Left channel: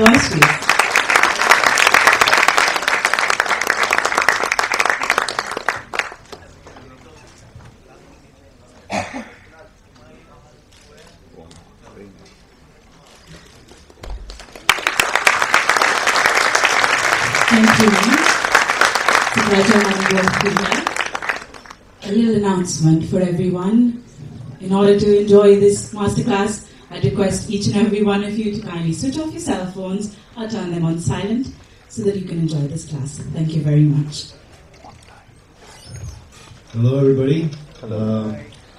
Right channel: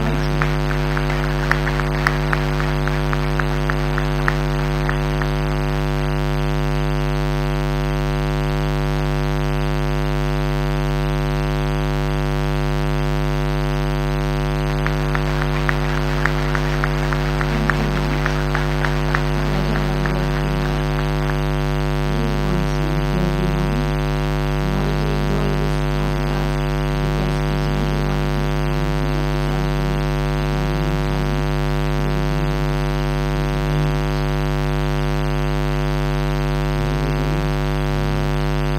bless you. Thank you. It's a pleasure having you here. A little announcement for everyone. In order to enjoy this masterclass, I request each and every one of you to kindly switch off your cell phones or turn them on silent so that you can enjoy this class. Thank you very much. Hello, everybody.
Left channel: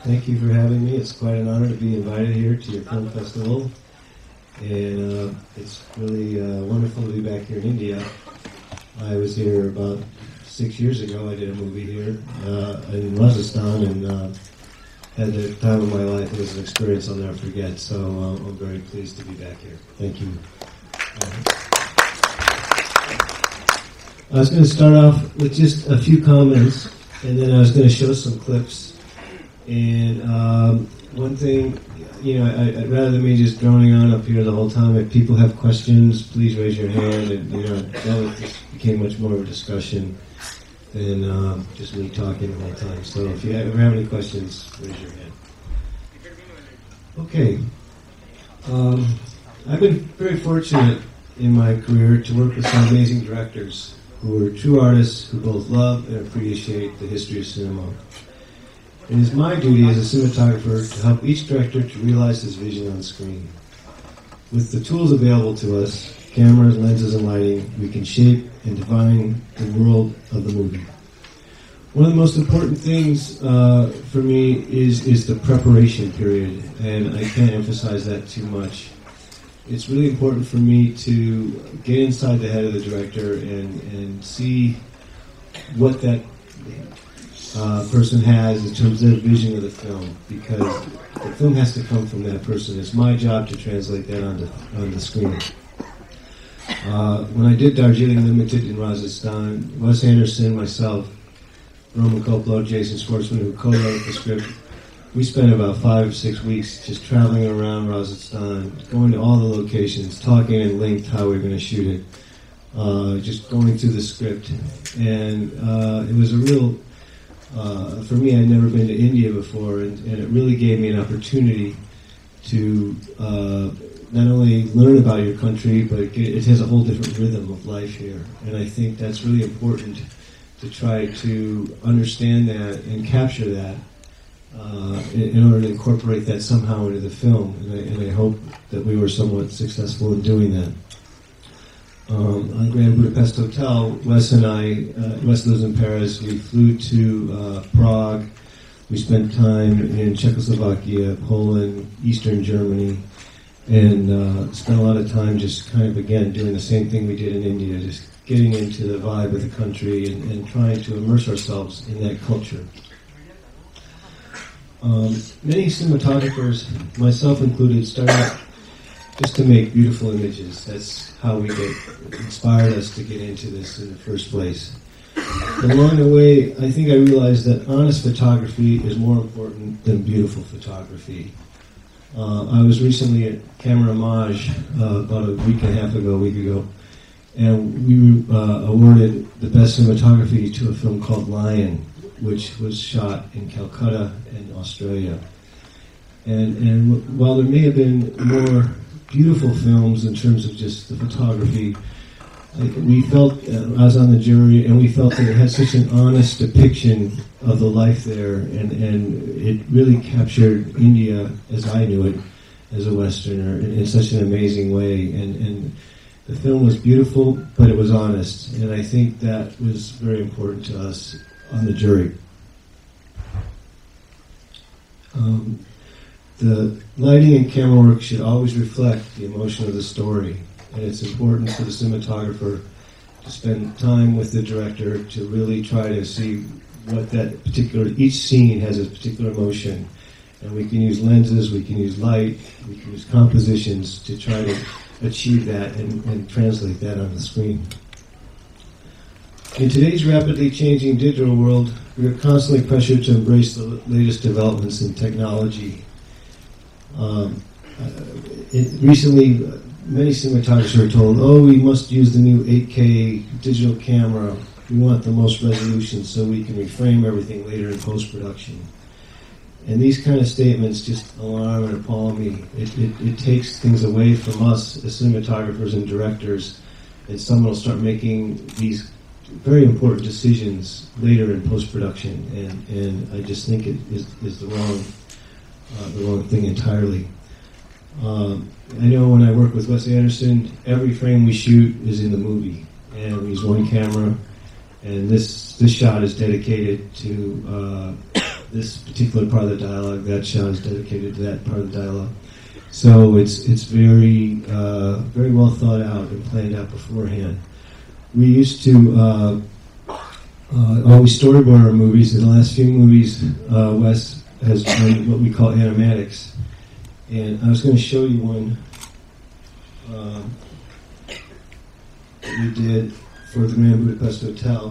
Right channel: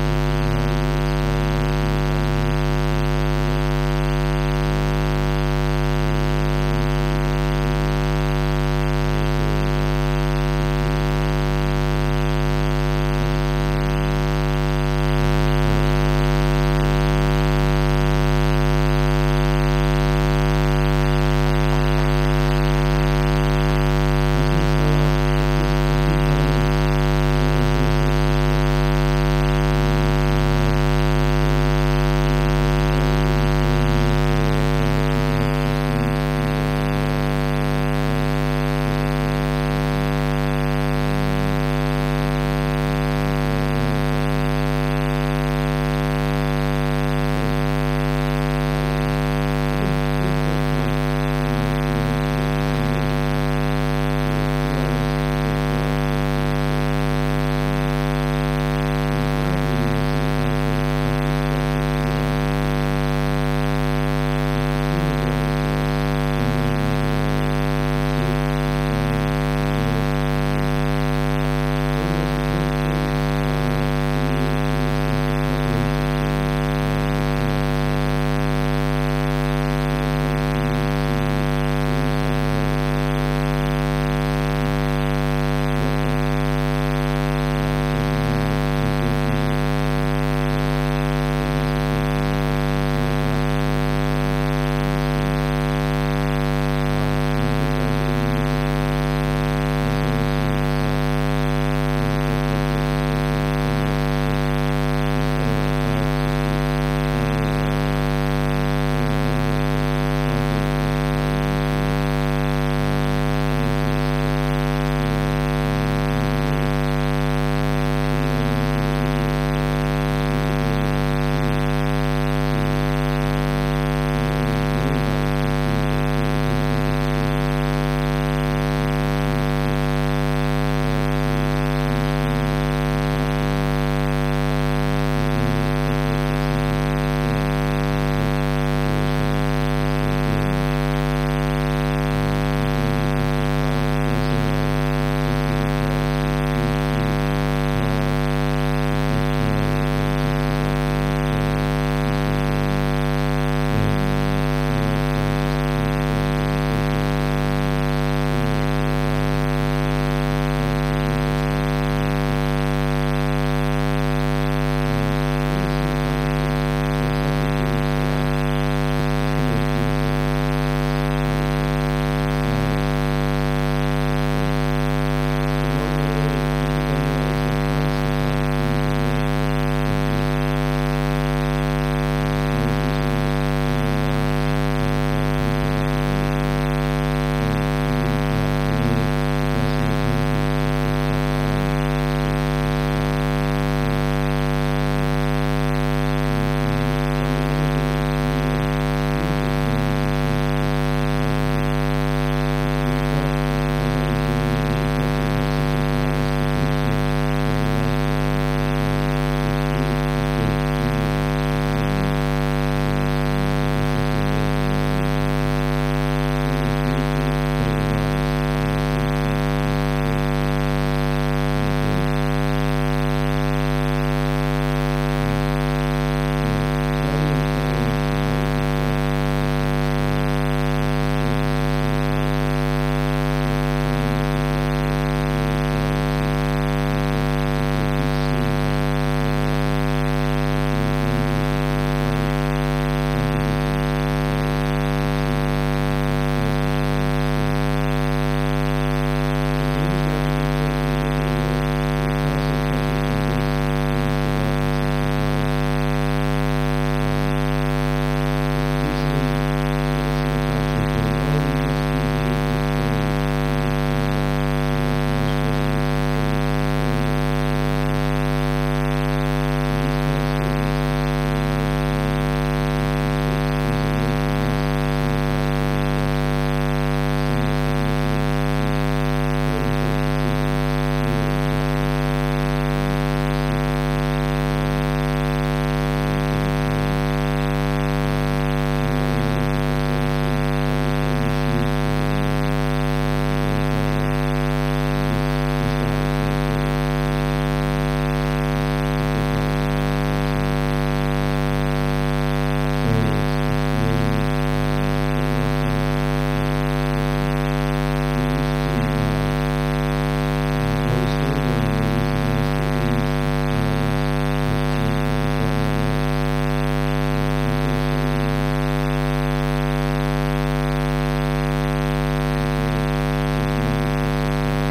Thank you for having me. It's my honor to be invited here to the film festival. And it's really wonderful to be back in India. I was here about 6 years ago. I got here in Rajasthan, and had a time of my life. It was an experience I'll never forget. So I'm very pleased to be back. Thank you. I was going to start off with just a few comments, and then I was going to show some clips. And one thing, I'd rather than me just droning on up here the whole time. If people have questions, please raise your hand. And try not to take much more of a discussion than just me talking all the time. So if you have any questions, okay. I've been very fortunate in my career to work with some amazing directors who are true artists who both love and appreciate the history of cinema. It is my duty as a cinematographer to help each director to realize his vision on the screen. With the tools available to us, camera, lenses, and lighting, we can shape and define the world of the movie. One of the most important things for me is the preparation period, and I can't emphasize that too much. It's really important for me to get inside the head of the director and see what that person has in terms of their vision of the film, because the film has to come from that person. It's my job to translate that on the screen. When I did Darjeeling Limited in Rajasthan, Wes Anderson, myself, Norman Coco, Jason Schwartzman, and co-wrote the script. We spent about 5 or 6 weeks just traveling around Rajasthan, going to all the locations, talking at length how we're going to shoot it, just going through the script. And it was a real, for me, I'd never been to India before, and it really gave me an opportunity to not only learn about your country, but it has a whole different rhythm of life here. And I think that's really important to try to understand that and capture that in order to incorporate that somehow into the film. And I hope that we were somewhat successful in doing that. At the Budapest Hotel, Wes and I, Wes lives in Paris, we flew to Prague, we spent time in Czechoslovakia, Poland, Eastern Germany, and spent a lot of time just kind of again doing the same thing we did in India, just getting into the vibe of the country and trying to immerse ourselves in that culture. Many cinematographers, myself included, start out just to make beautiful images. That's how we get inspired us to get into this in the first place. But along the way, I think I realized that honest photography is more important than beautiful photography. I was recently at Camera Homage about a week and a half ago with you, and we awarded the best cinematography to a film called Lion, which was shot in Calcutta, Australia. And while there may have been more beautiful films in terms of just the photography, we felt, I was on the jury, and we felt that it had such an honest depiction of the life there, and it really captured India, as I would, as a Westerner, in such an amazing way. And the film was beautiful, but it was honest, and I think that was very important to us on the jury. The lighting and camera work should always reflect the emotion of the story. And it's important for the cinematographer to spend time with the director to really try to see what that particular, each scene has a particular emotion. And we can use lenses, we can use light, we can use compositions to try to achieve that and translate that on the screen. In today's rapidly changing digital world, we're constantly pressured to embrace the latest developments in technology. Recently, many cinematographers are told, oh, we must use the new 8K digital camera. We want the most resolution so we can frame everything later in post-production. And these kind of statements just go on and on, and it takes things away from us as cinematographers and directors, and some will start making these very important decisions later in post-production, and I just think it's the wrong thing entirely. When I worked with Wes Anderson, every frame we shoot is in the movie, and there's one camera, and this shot is dedicated to this particular part of dialogue, that shot is dedicated to that part of dialogue. So it's very well thought out and planned out beforehand. We used to, while we storyboard our movies, in the last 3 movies, Wes has done what we call animatics. And I was going to show you one we did for the Man Who Plays Hotel.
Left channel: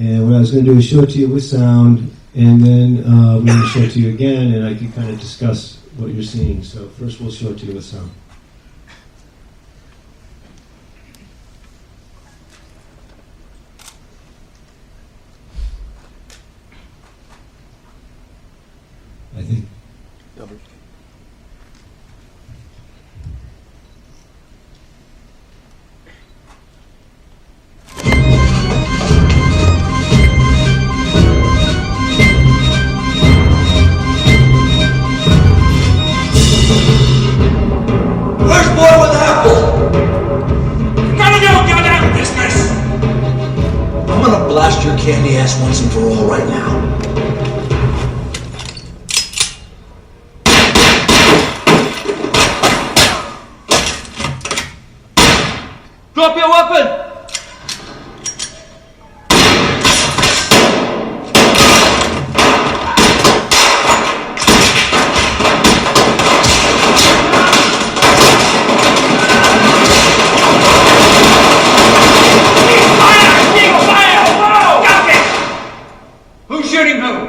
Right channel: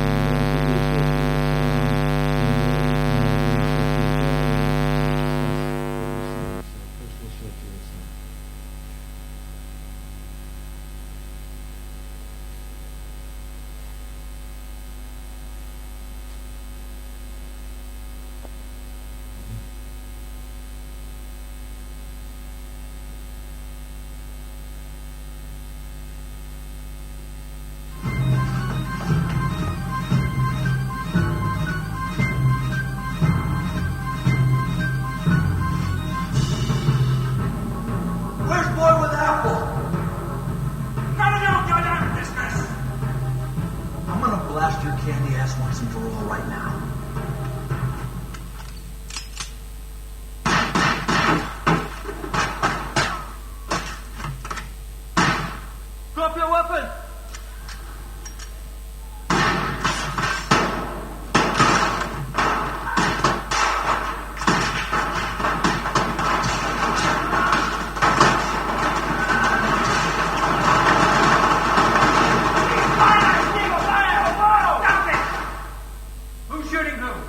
And what I was going to do is show it to you with sound, and then we're going to show it to you again, and I can kind of discuss what you're seeing. So first we'll show it to you with sound. I think. Where's boy with apple? None of your goddamn business! I'm gonna blast your candy ass once and for all right now. Drop your weapon! Who's shooting who?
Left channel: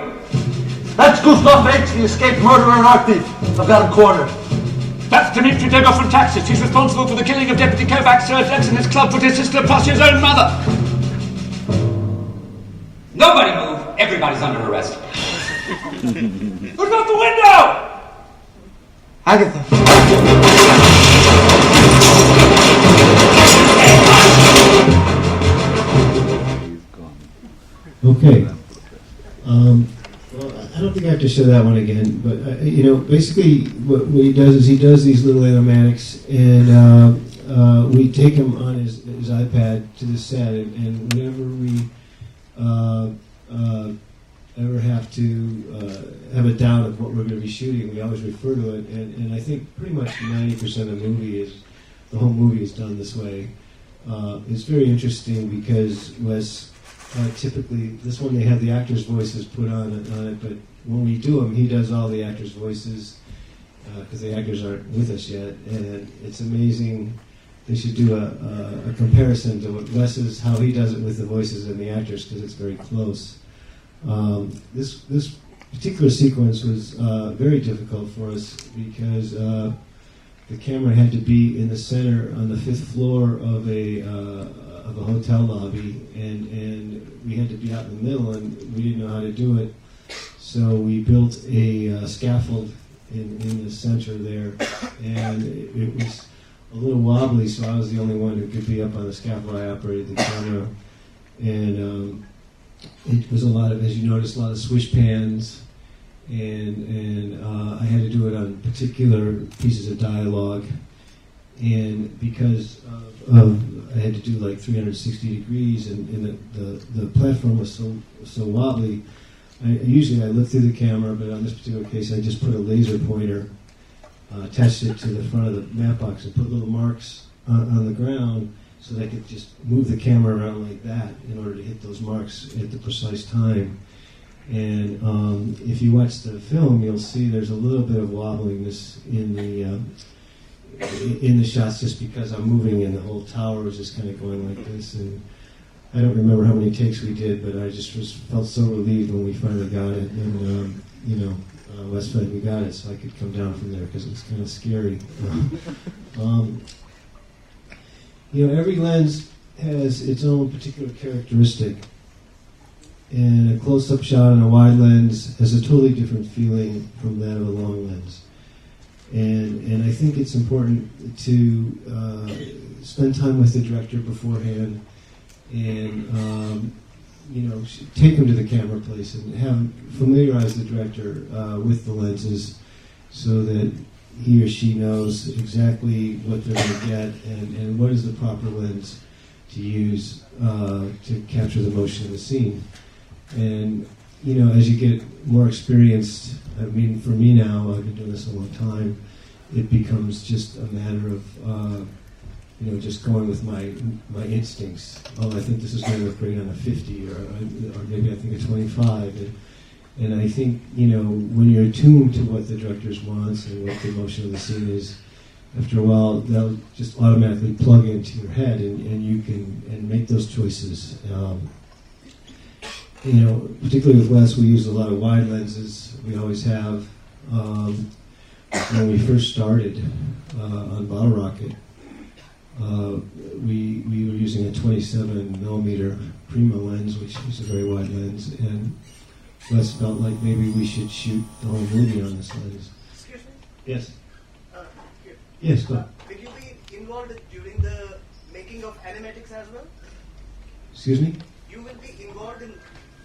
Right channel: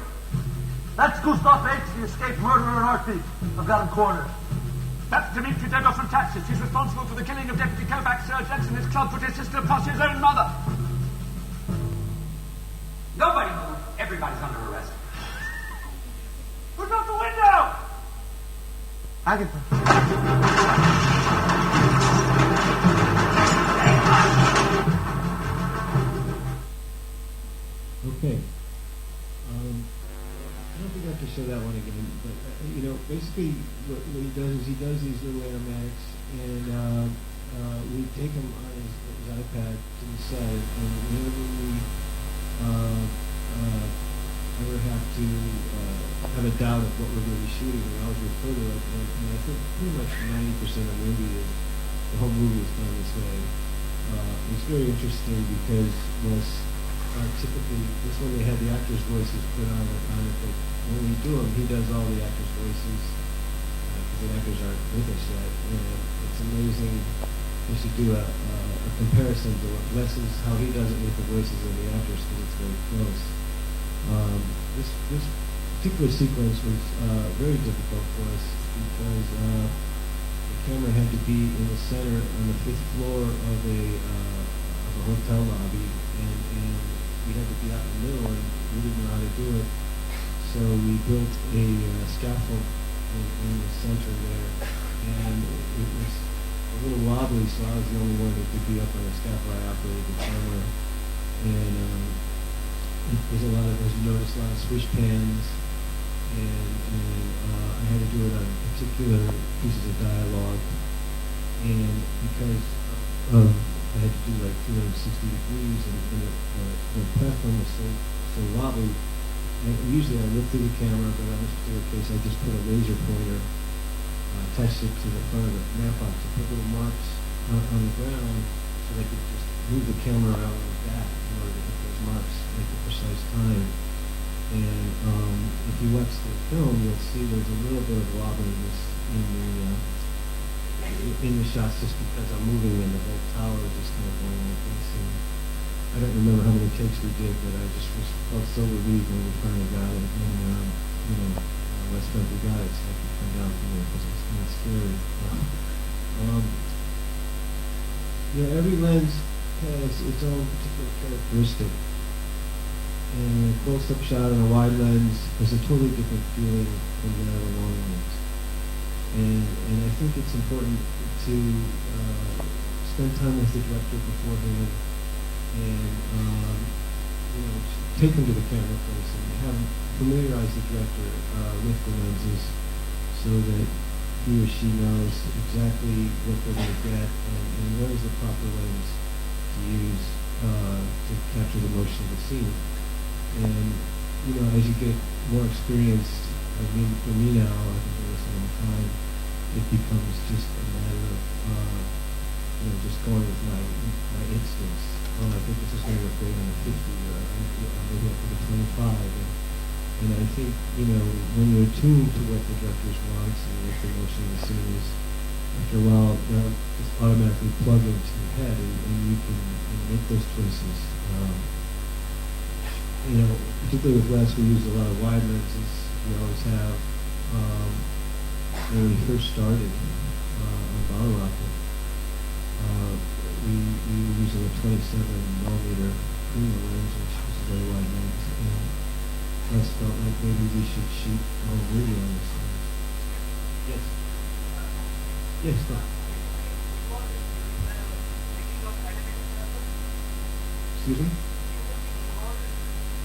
That's Gustav H., the escaped murderer and art thief. I've got him cornered. That's Dmitry Degov from Taxis. He's responsible for the killing of Deputy Kovacs, Serge X, and his club put his sister plus his own mother. Nobody move. Everybody's under arrest. Who's out the window? Agatha. Okay. Well, I don't think I have to show that one again, but basically what he does is he does these little animatics, and we take him on his iPad to the set, and whenever we ever have to have a doubt of what we're going to be shooting, we always refer to it, and I think pretty much 90% of the movie the whole movie is done this way. It's very interesting because typically, this one they have the actors' voices put on it, but when we do them, he does all the actors' voices because the actors aren't with us yet, and it's amazing. We should do a comparison to what Wes is, how he does it with the voices and the actors, because it's very close. This particular sequence was very difficult for us because the camera had to be in the center on the 5th floor of a hotel lobby, and we had to be out in the middle, and we didn't know how to do it. So we built a scaffold in the center there, and it was a little wobbly, so I was the only one who could be up on the scaffold. I operated the camera, and it was a lot of, as you noticed, a lot of swish pans, and I had to do it on particular pieces of dialogue, and because I had to do like 360 degrees, and the platform was so wobbly. And usually I look through the camera, but on this particular case, I just put a laser pointer, attached it to the front of the map box, and put little marks on the ground so they could just move the camera around like that in order to hit those marks at the precise time. And if you watch the film, you'll see there's a little bit of wobbliness in the shots, just because I'm moving and the old tower is just kind of going like this. And I don't remember how many takes we did, but I just felt so relieved when we finally got it. And West Fed, you got it, so I could come down from there because it's kind of scary. um, every lens has its own particular characteristic. And a close-up shot on a wide lens has a totally different feeling from that of a long lens. And I think it's important to spend time with the director beforehand and take him to the camera place and familiarize the director with the lenses so that he or she knows exactly what they're going to get and what is the proper lens to use to capture the motion of the scene. And as you get more experienced, I mean, for me now, I've been doing this a long time, it becomes just a matter of just going with my instincts. Oh, I think this is going to look great on a 50, or maybe I think a 25. And I think, when you're attuned to what the director wants and what the emotion of the scene is, after a while, they'll just automatically plug into your head, and you can make those choices. Particularly with Wes, we use a lot of wide lenses. We always have. When we first started on Bottle Rocket, we were using a 27mm Prima lens, which was a very wide lens, and Wes felt like maybe we should shoot the whole movie on this lens. Yes. Yes, go. Will you be involved during the making of animatics as well? Excuse me? You will be involved in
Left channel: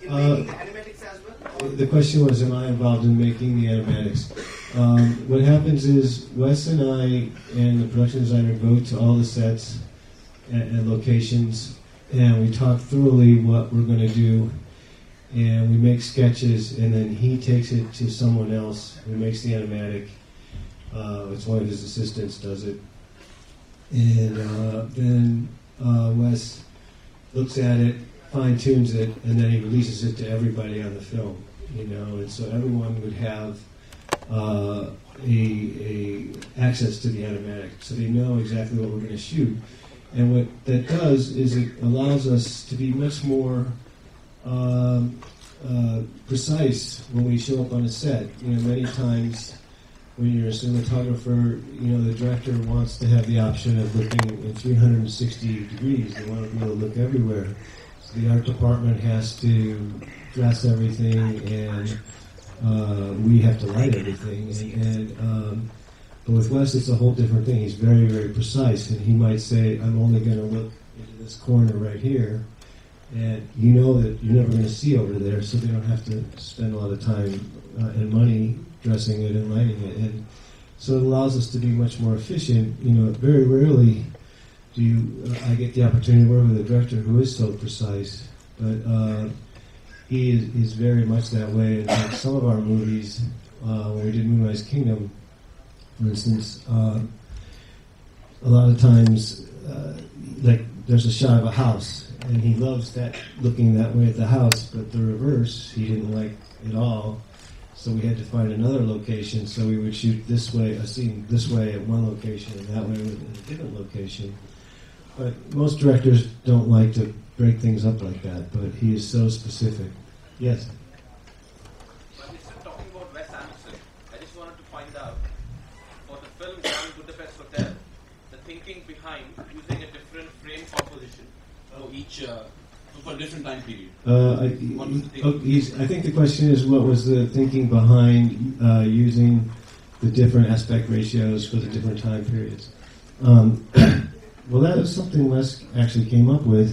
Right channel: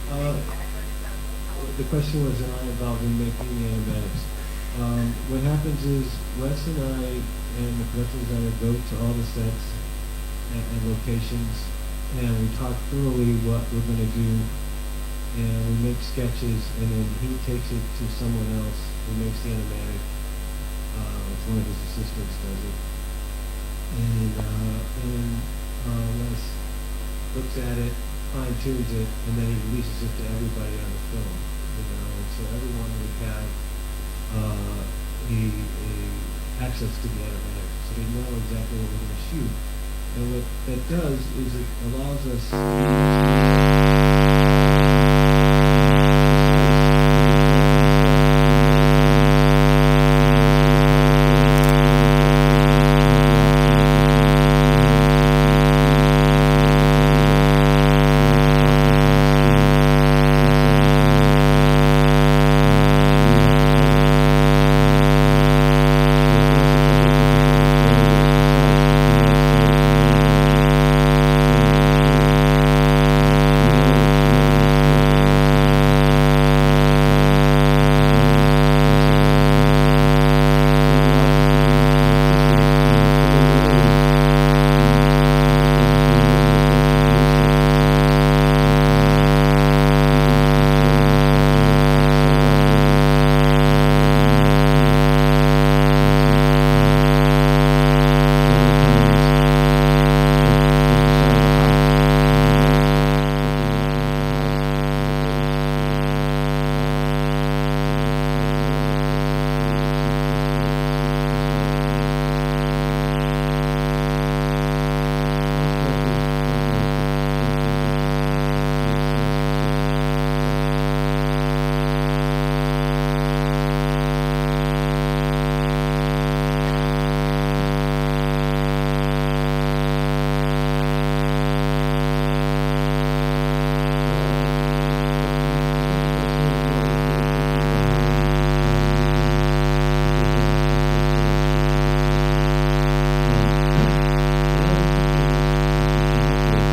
making the animatics as well? The question was, am I involved in making the animatics? What happens is Wes and I and the production designer go to all the sets and locations, and we talk thoroughly what we're going to do, and we make sketches, and then he takes it to someone else who makes the animatic. It's one of his assistants does it, and then Wes looks at it, fine tunes it, and then he releases it to everybody on the film. And so everyone would have a access to the animatic, so they know exactly what we're going to shoot. And what that does is it allows us to be much more precise when we show up on the set. And many times, the cinematographer or the director wants to have the option of looking at 360 feet everywhere. And our department has to guess everything, and we have to edit everything. So it's nice it's a whole different thing. It's very precise. If you might say, I'm going to do a spring right here, you know what you're going to see over there, so you don't have to spend all the time and money messing around with it. So it allows us to be much more efficient. And early on, I think the opportunity to work with so precise. He is very much that way in some of our movies. In the US Kino, for instance, a lot of times there's a shot of a house, and you don't expect looking at the house, but in reverse, you didn't want it at all. So you have to find another location, so you would shoot this way, this way at one location, and that way at another location. But most directors don't like to break things up like that, but if he is so specific. Yes. I think the question was, what was the thinking behind using the different aspect ratios for the different time periods? Well, that was something else actually came up with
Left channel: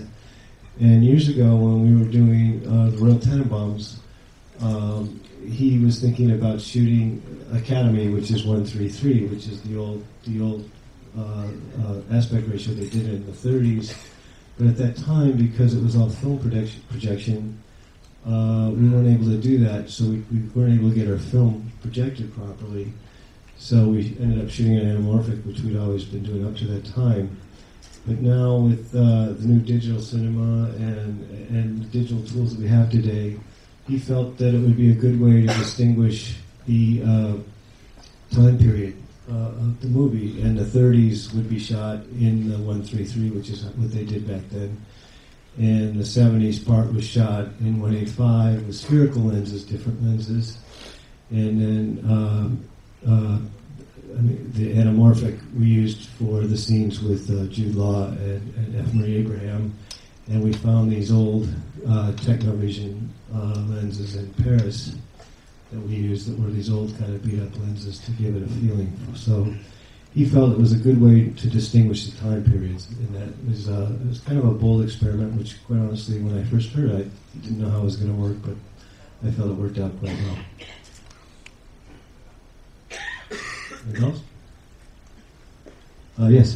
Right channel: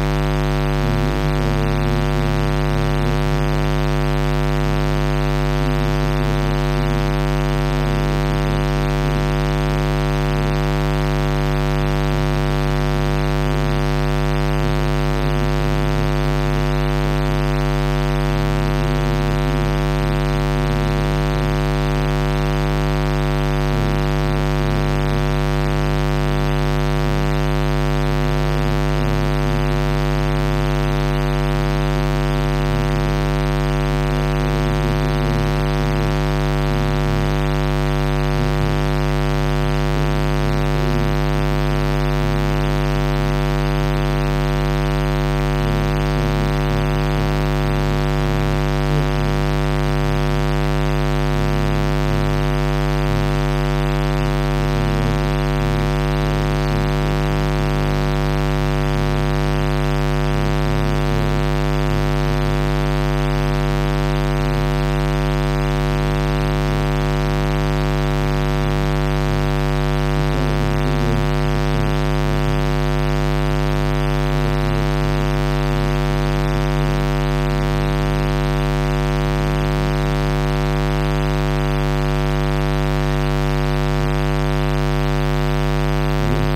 years ago when we were doing Red Tenenbaums. He was thinking about shooting Academy, which is 1:3:3, which is the aspect ratio was doing in the 30s. And at that time, because it was all film projection, we weren't able to do that, so we couldn't do our film projected properly. So we ended up shooting on an oven for 2 hours for pretty much the next he felt it was a good way to distinguish the time periods. It's kind of a cornerstone that was close, and there's kind of bars on it, but I thought I'd get that done. Yes.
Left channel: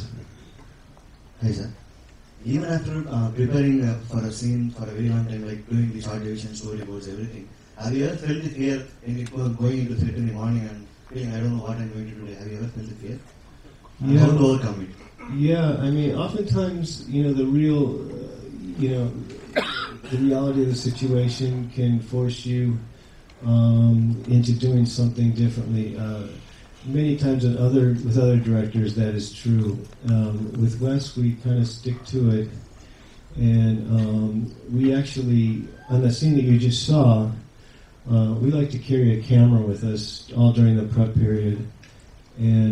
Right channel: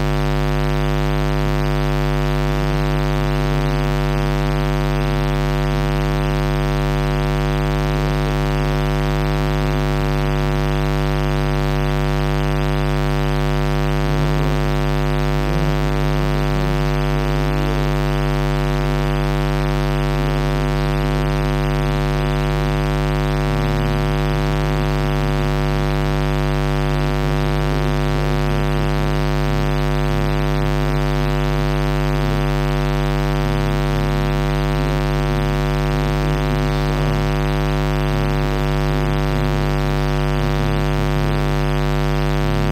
You had been preparing some film designers and story designers. Have you ever felt the fear going into something non-film you have no doubt. Yeah, I mean, oftentimes, the reality of the situation can force you into doing something differently. Many times with other directors, that is true. With Wes, we kind of stick to it. And we actually, on the scene that we just saw, we like to carry a camera with us all during the cut period. And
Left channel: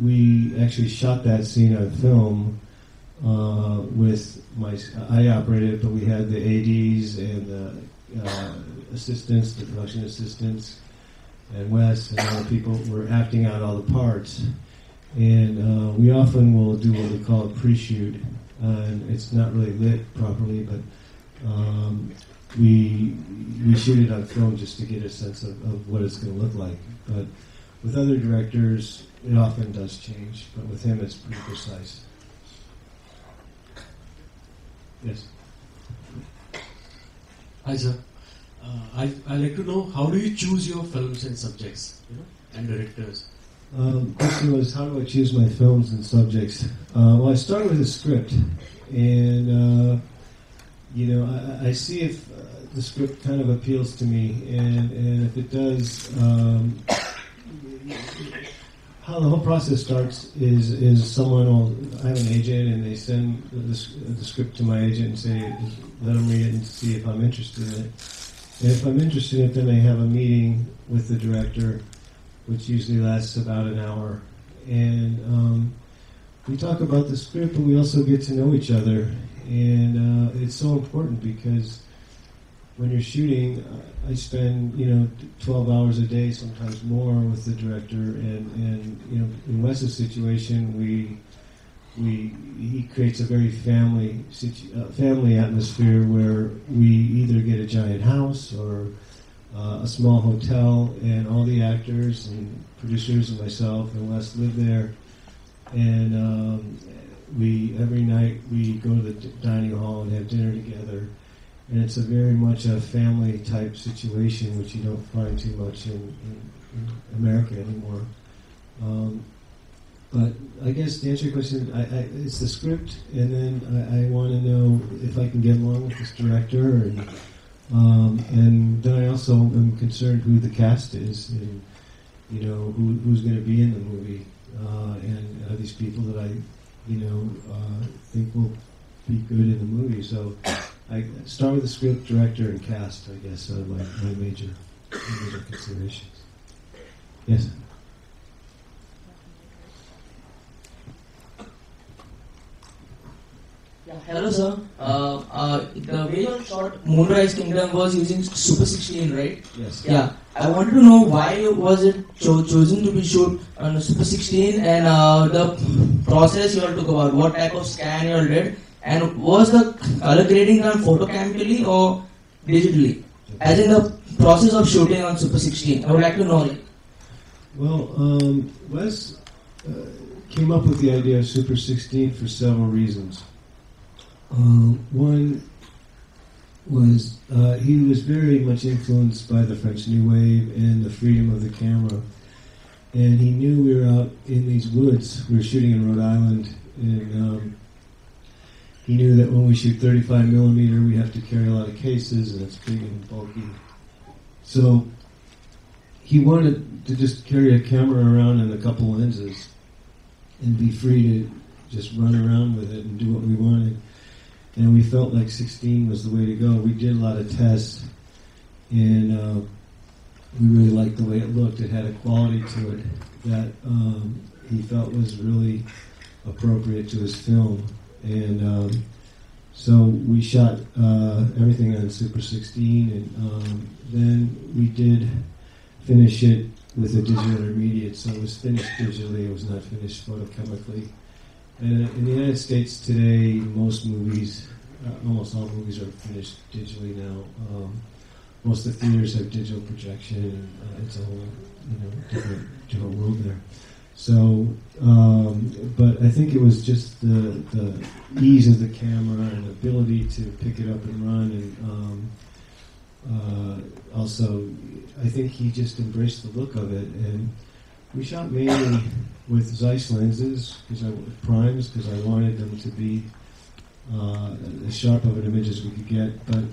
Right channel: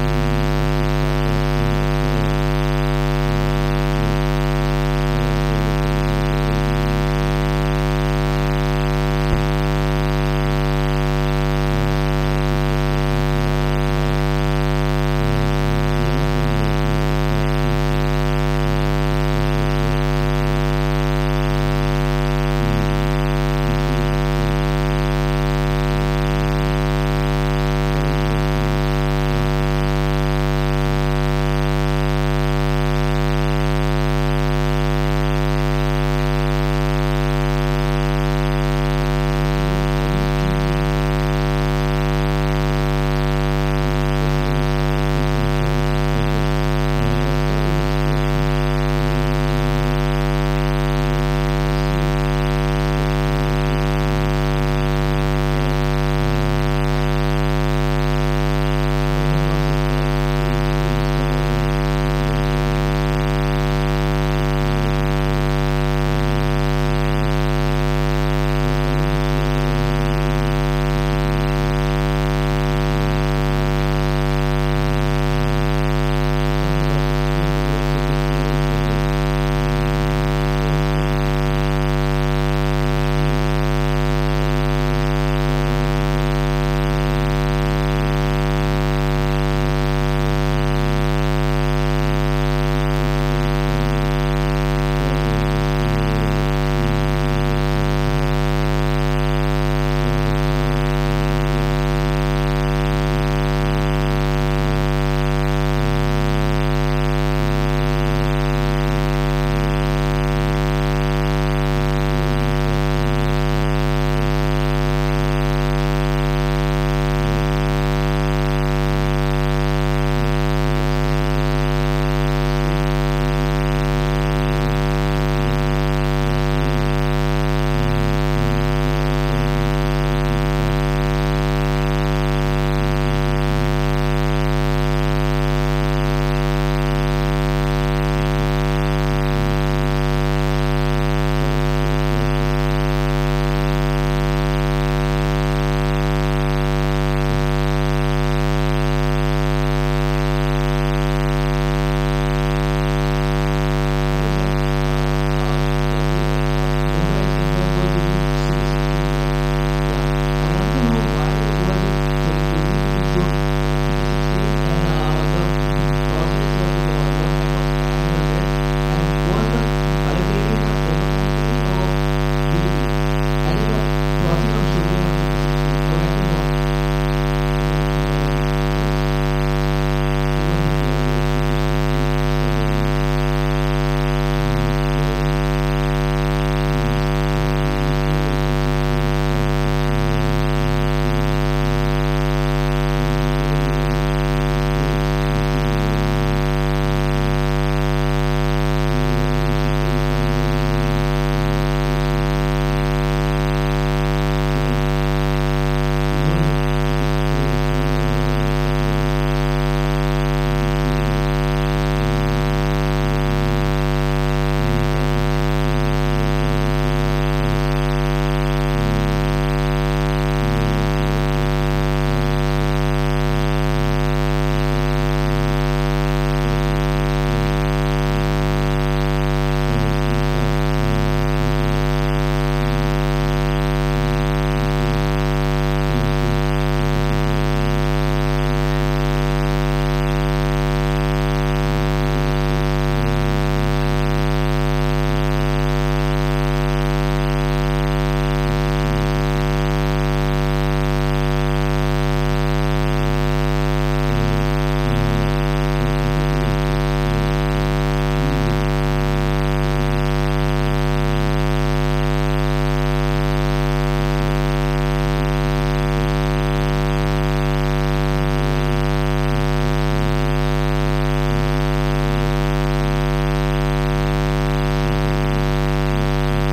we actually shot that scene on film with night operator, but we had the ADs and assistants, Wes, and all people who were acting out our parts. And we often will do what we call a pre-shoot. It's not really work properly, but we shoot it on film just to give us that sense of where it's going to end up. With other directors, it often does change. I think it's the process. Hi sir. I like to know how do you choose your films and subjects? Question is, how do I choose my films and subjects? Well, I start with a script, and I see if the script kind of appeals to me, and if it does, how the whole process starts is somewhere on kind of the day. I send the script to my agent and say, run me in to see if I'm interested. And if I'm interested, then I have a meeting with the director, which usually lasts about an hour. We talk about the script, and we also get to know each other. And it's so important because when you're shooting, you spend 12 hours a day, sometimes more on something like that. In Wesley's situation, he creates a very family atmosphere where we either get a giant house or a small hotel, and all the actors, producers, and myself, we just live there. And every night we go to the party all and have dinner together. And it's a very much a family type situation if you don't care too much America anymore. But I guess the answer is it's the script, and then I learn if I can get along with this director, and then I also am concerned who the cast is. Who's going to be in the movie. Those people that think that would be in the movie. So start with the script, director, and cast. Hello sir. The way you shot motorized camera was using Super 16, right? Yeah. I wanted to know why was it chosen to be shoot Super 16, and the process you had to go on, what type of scan you did, and was the color grading done photochemically or digitally? As in the process of shooting on Super 16, I would like to know. Wes came up with the idea of Super 16 for several reasons. One is he was very much influenced by the facsimile and the freedom of the camera. And he knew that in his woods, he was shooting in the island, and he knew that when you shoot 35mm, you have to film a lot of faces and extremely bulky. So he wanted to just carry a camera around with a couple lenses and be free to just run around with it and do what we wanted. And we felt like 16 was the way to go. We did a lot of tests, and we really liked the way it looked. It had a quality to it that think it was just ease of the camera, ability to pick it up at a moment. And so I think he just embraced to get there. He's not really emphasized lenses, cameras, because I wanted them to be as sharp as images we could get.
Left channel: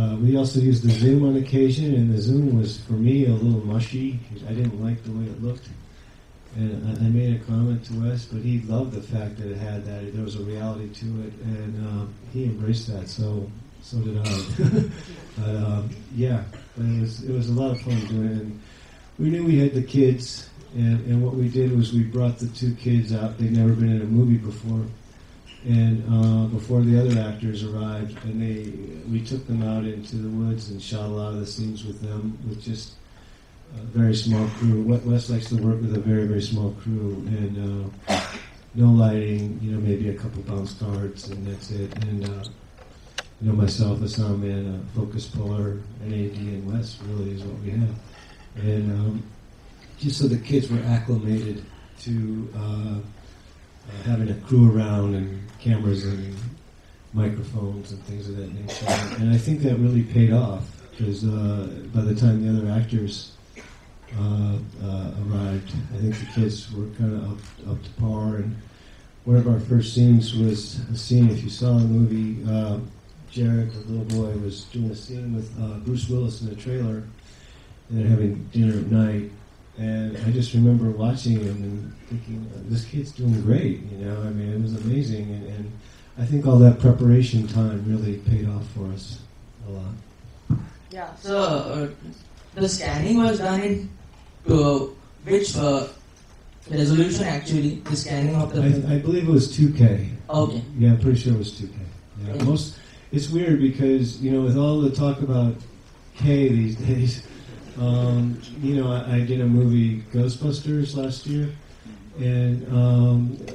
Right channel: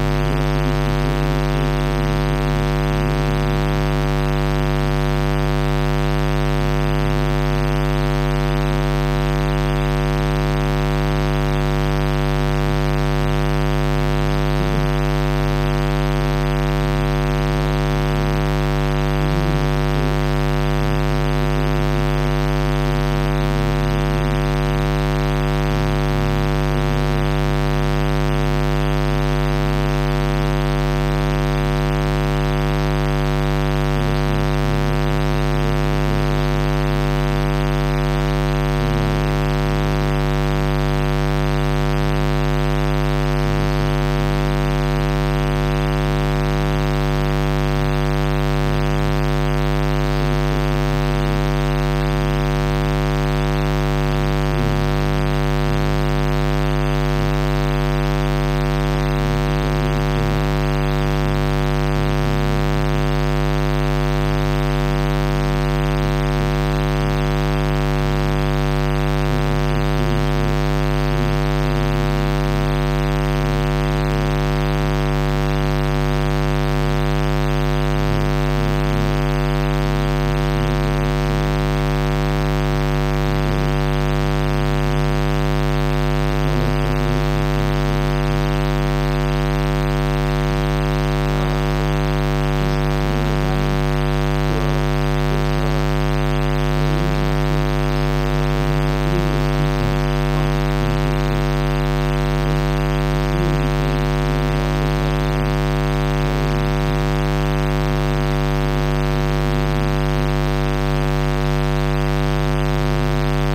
But he also used the zoom on occasion, and the zoom was, for me, a little rushy. I didn't like the look. And I love the fact that it had user reality to it, and he embraced that. So yeah, it was a lot of fun doing it. And then we had the kids, and what we did was we brought the two kids out that never been in a movie before, and before the other actors arrived, we took them out into the woods and shot a lot of the scenes with them, with this very small crew. Most of the work they did, very small crew, and one lighting, and maybe a couple bounce lights, and that's it. And the sound designer and focus guy, just so the kids were acclimated to being around cameras and microphones. And I think that really paid off, because by the time the other actors arrived, commercial kids walked in, one of our first scenes was a scene, if you saw in the movie, Jared Leto was doing a scene with Bruce Willis in the trailer, and had a band. And I just remember watching it and this kid's doing great. It was amazing. I think all that preparation time really paid off for us. The scanning was done in which resolution actually the scanning happened? I believe it was 2K. Okay. Yeah, I'm pretty sure it was 2K. It's weird because, Hal would talk about, hey, I did a movie, Ghostbusters, last year, and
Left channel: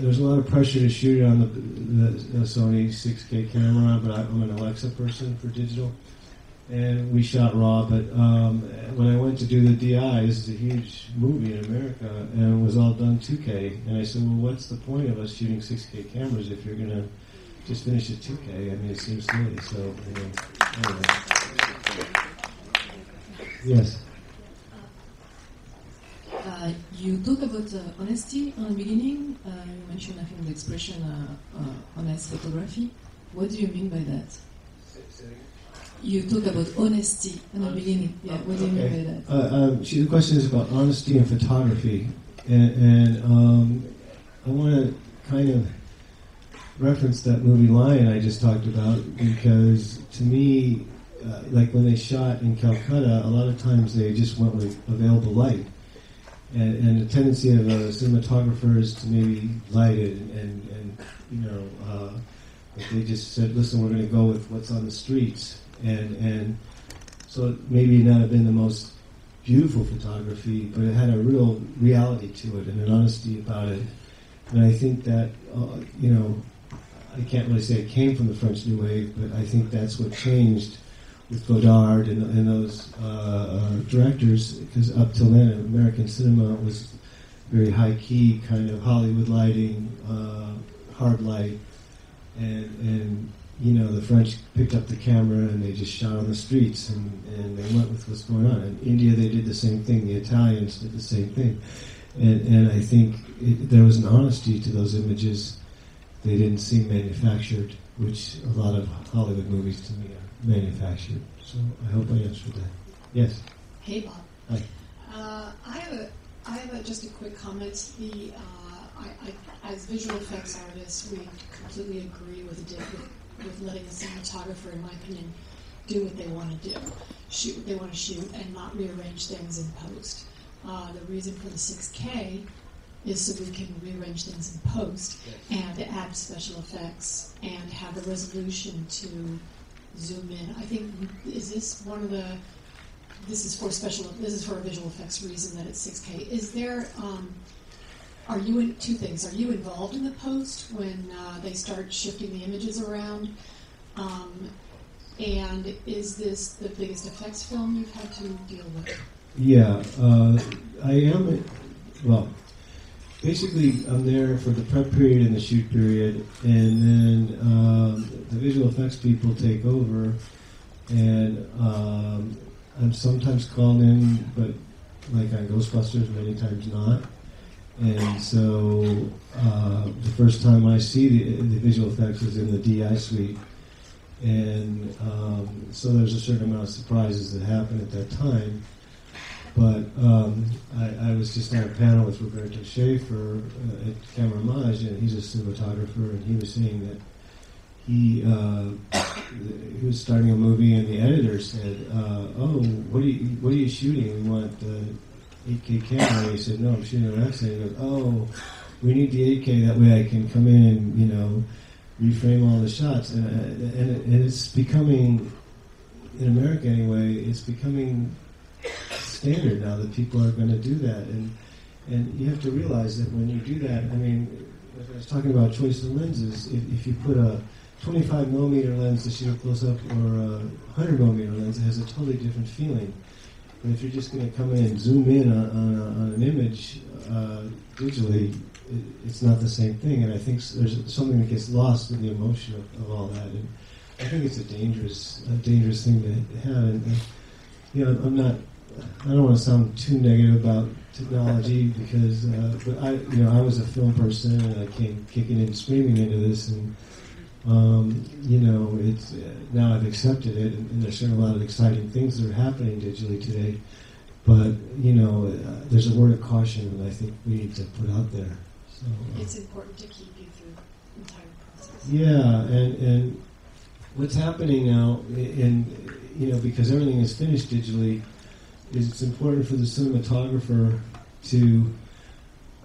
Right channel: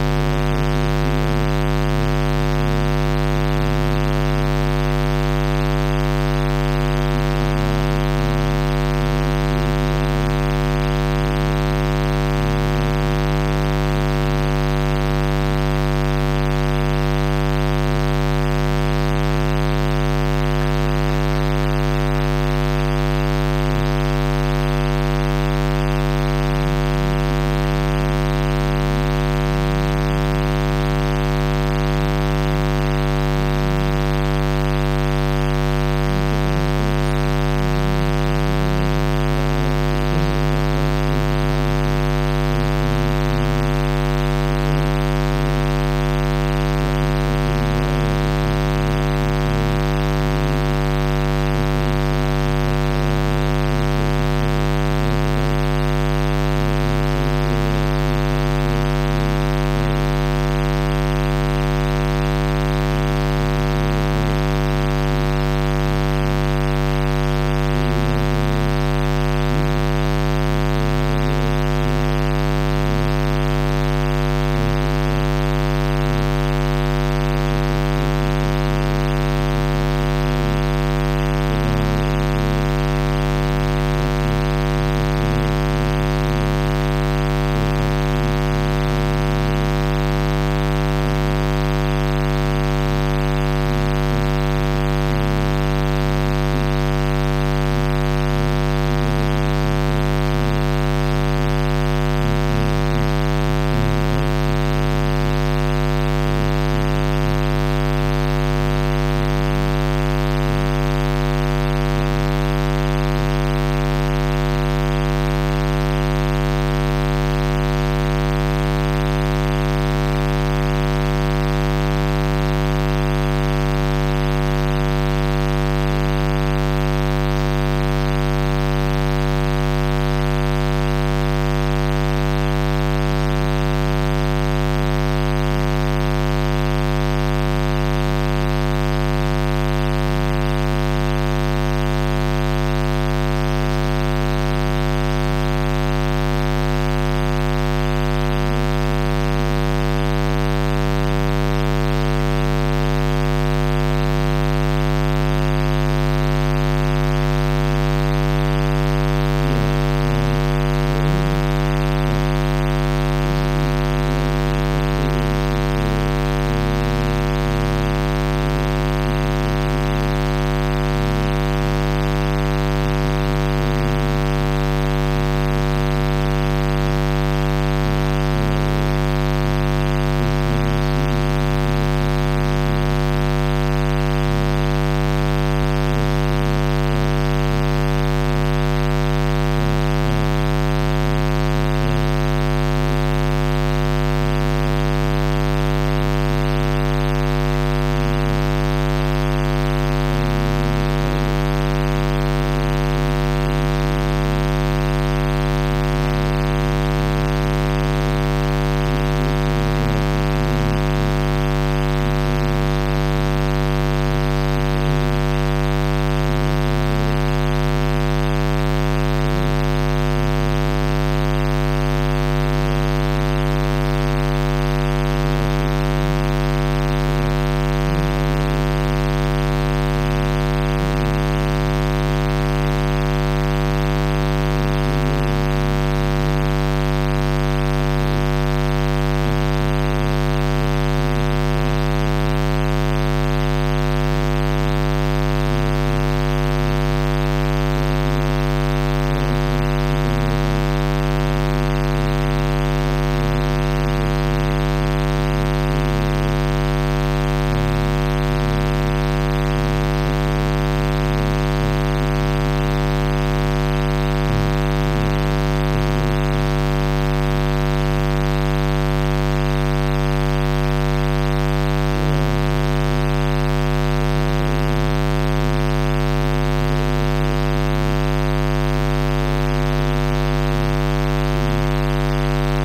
there's a lot of pressure to shoot on a Sony 6K camera, but I took those shots with digital, and we shot raw, but I wanted to do with the eyes, the huge movie in America, and it was all done 2K, and I said, well, what's the point of us shooting 6K cameras if we're going to just go shoot 2K and get the same thing? So, yes. The question is about honesty of photography, and I'm going to kind of reference that movie Maya I just talked about, because to me, like when they shot in Calcutta, a lot of times they just never right, and the tendency of the cinematographer is to hide it, they just said, listen, we're going to go what's on the streets, and so maybe that would have been the most beautiful photography, but it had a real reality to it, an honesty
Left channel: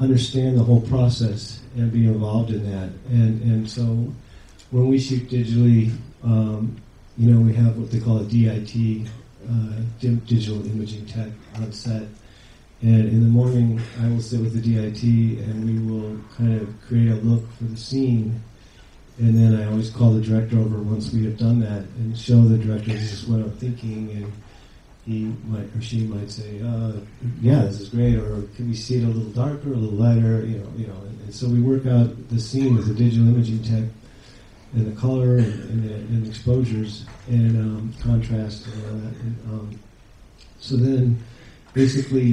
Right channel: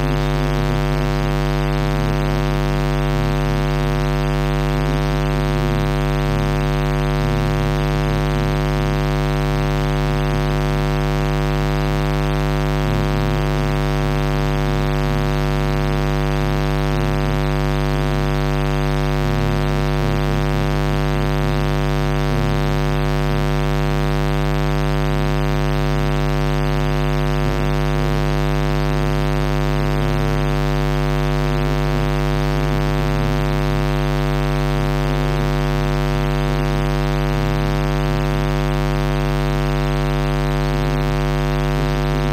understand the whole process and be involved in that. And so we always think that we only have what they call DIT, digital imaging tech on site. And in the morning, I would sit at the DIT and we would kind of get a look at the scene. And then I was part of that then, and once we had done that, and shown the blood bases from the picking, the machine would say, yeah, it's great, or you see it in darker or lighter. So we work out the scene with the digital imaging tech for the color and exposures, and then contrast and all that. So then, basically,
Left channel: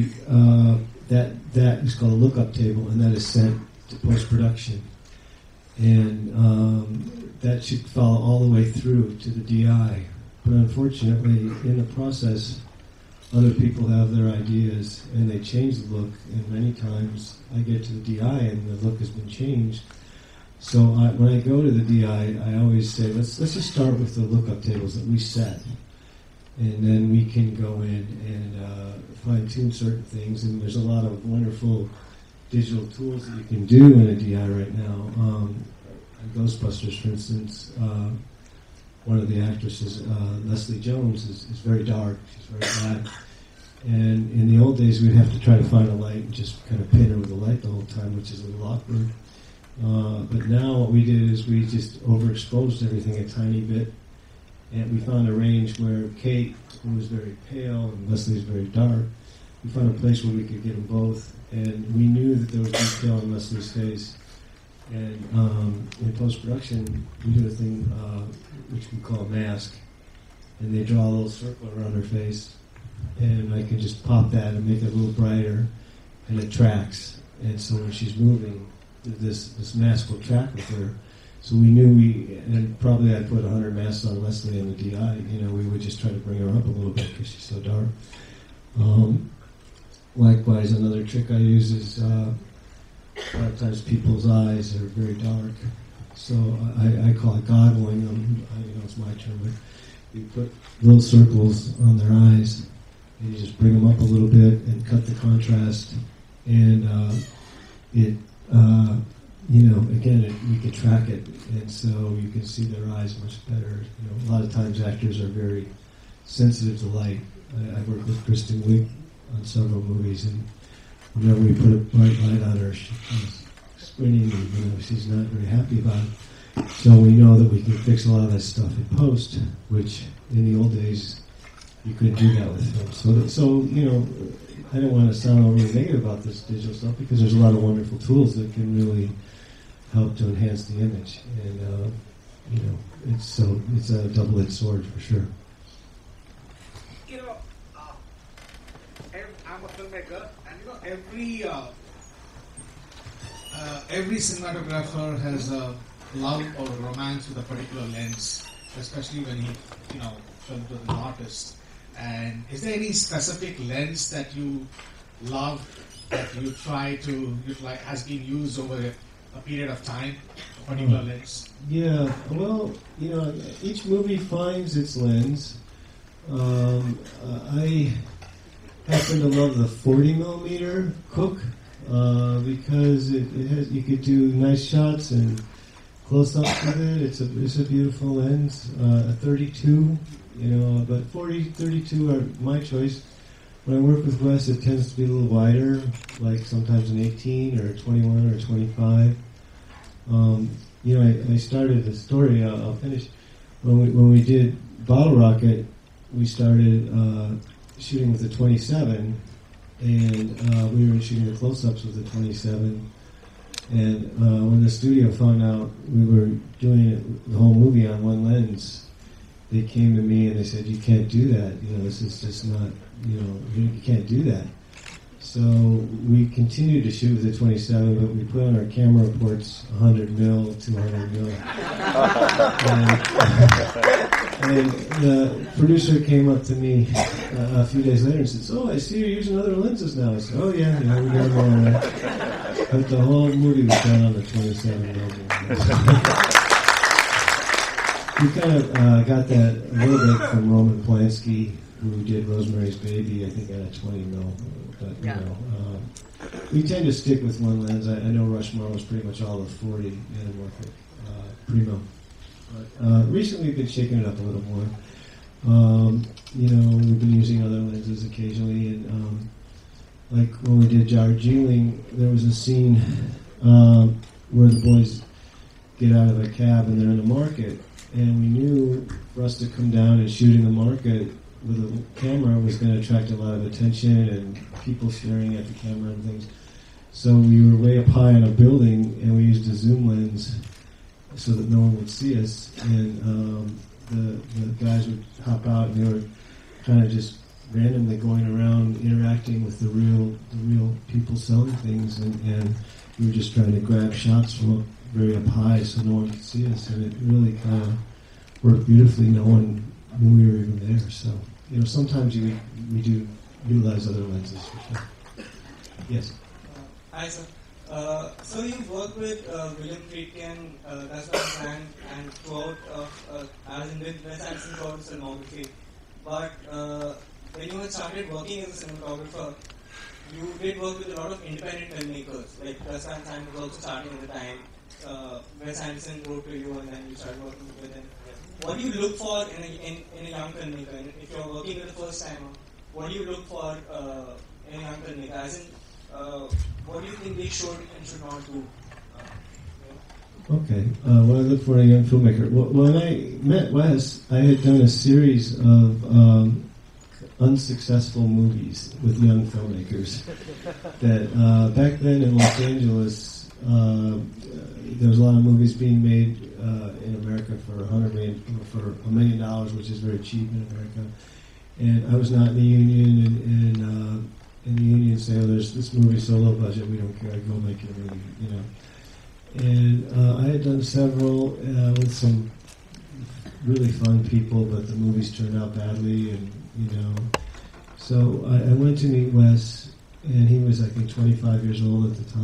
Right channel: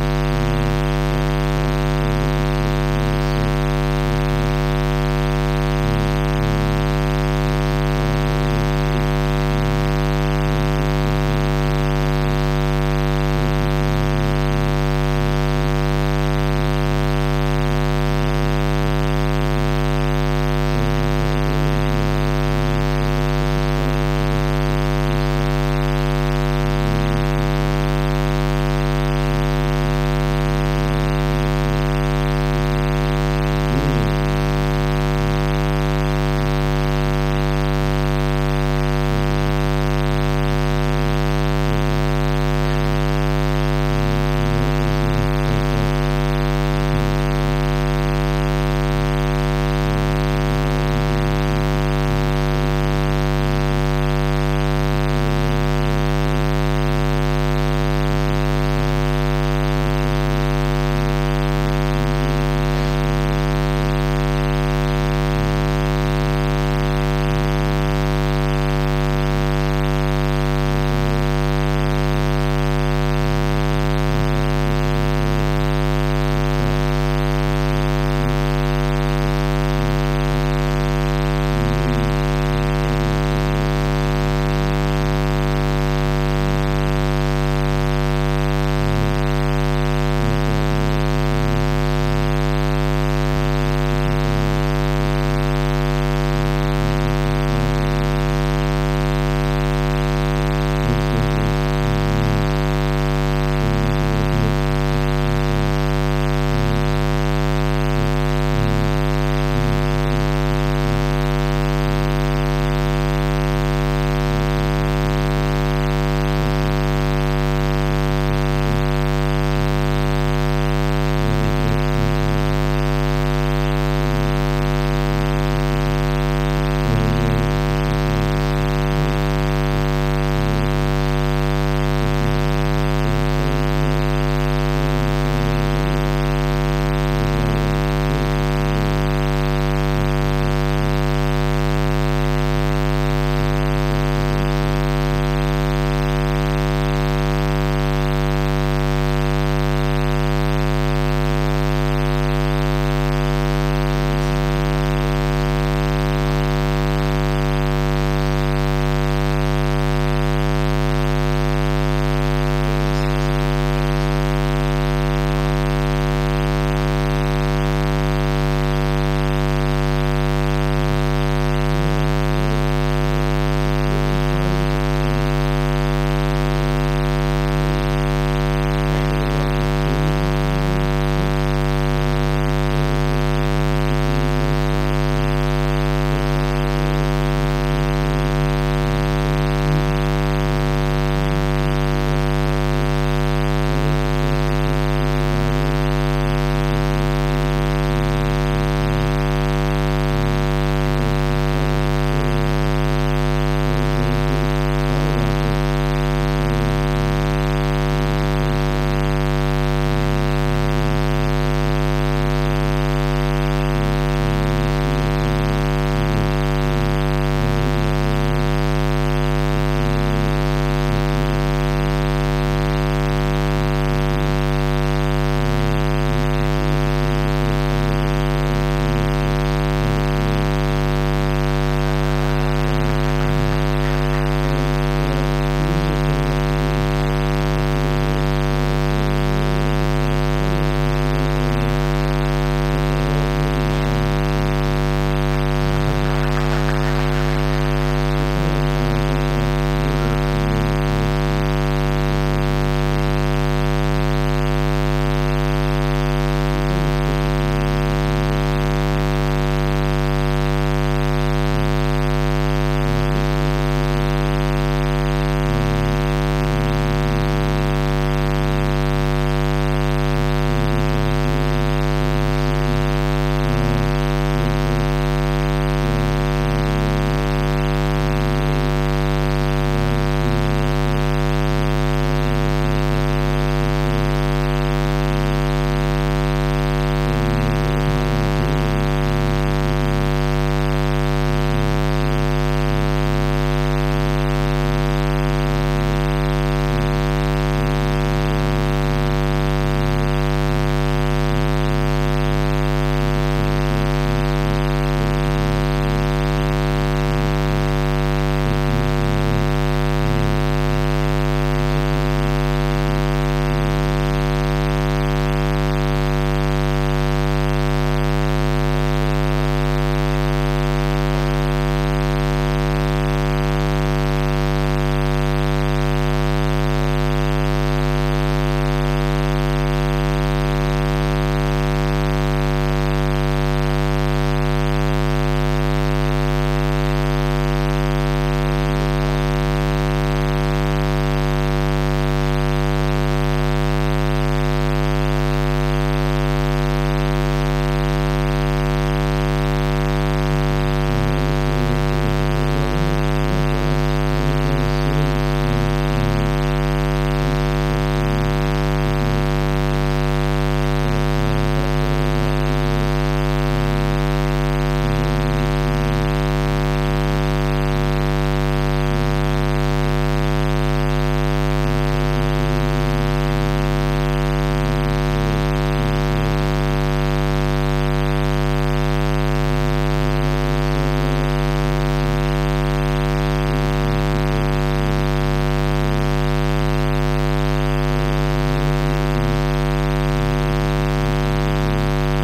that is my work-up table, and then it's sent to post-production. And that should follow all the way through to the DI. But unfortunately, in the process, other people have new ideas and they change the work underneath it. I get to the DI and the work has been changed. So when I go to the DI, I always say, let's just start with the work-up tables that you set up. And then we can fine-tune certain things. And there's a lot of wonderful visual tools that you can do in the DI right now. Ghostbusters, for instance, one of the actresses, Leslie Jones, is very dark. And in the old days, we'd have to try to find a light and just kind of put it in the light box and watch it go off. But now what we do is we just overexpose everybody to the light. We find a range from either pink, either pale, just like very dark. We find a place where we can do both. And we really kind of keep telling Leslie's face. In post-production, one of the things we have is we call a mask. And we draw a little circle around her face, and then we just pop that and use a little glider in the tracks. And so when she's moving, this mask will track her through. So we really, probably after the one night I saw Leslie, I was like, oh, we just try to bring her up a little bit because she's so dark. Likewise, another trick I use is black light people's eyes and very dark. So I call it God viewing. Red circles in the eyes, bring them up a little bit, affect the contrast, and again, you can track it. So you can see the eyes. Eye contractors are very sensitive to light. They're supposed to loop in so many ways. And then we put right now scanning since we can after that. So we know that we can fix all this stuff in post, which in the old days we could do that. So I don't want to sound like we're worried about this type of stuff because there's a lot of wonderful tools that can really help to enhance the image. It's a double-edged sword for sure. Every cinematographer has a love or a mindful problems, especially when you work with an artist. And is there any specific lens that you love that you try to that has been used over a period of time? Particular lens? Yeah, well, each movie finds its lens. I happen to love the 40mm book because if you could do nice shots, but it's not stunning. It's a beautiful lens. 32, but 40-32 like my face. My work is best. It tends to be a little lighter, sometimes a little 21 or 35. I started the story about my face. When we did Bottle Rocket, we started shooting to 27, and we were shooting a close-up to 27. And when the studio found out we were doing one movie on one lens, they came to me and they said, "You can't do that. This is just not, you can't do that." So we continued to shoot it to 27. But before my camera was 100 mil, it's now 1 mil. And the producer came up to me a few days later and said, "So I see you're using other lenses now." I said, "Oh yeah, and we got like the whole movie is done with 27." We kind of got that little bit from Roman Polanski, who did Rosemary's Baby. We tend to stick with one doing things to get out of our cab and in the market. And we knew for us to come down and shoot in the market, the camera was going to attract a lot of attention and people staring at the camera. So we were way up high on a building and we used the zoom lens so that no one would see us. And the guys would pop out and they would kind of just randomly going around interacting with the with the sound things, and we just kind of grab shots from way up high so no one could see us. So it really kind of looked beautiful in a way that many of the effects. And sometimes you utilize other lenses. Right, sir. So you worked with premium lenses and shot around with SLC also mostly. But when you started working on the cinematographer, you did work with a lot of comparative lenses like Samsung was starting to buy SLC to and then they started working with it. What do you look for when trying to make a film? What do you look for starting? What do you look for in a film as what do you think will show cinematography? Okay. What I look for in a filmmaker. When I met Wes, I had done a series of unsuccessful movies with many filmmakers. That back then in Los Angeles, there were a lot of movies being made in the market for $1 million if they achieved it. And I was not doing any, and one would say this movie's old, I don't want to go again. And I had done several with some really fine people, but the movies turned out badly. So I went to meet Wes, and he was, I think, 25 years old at the time.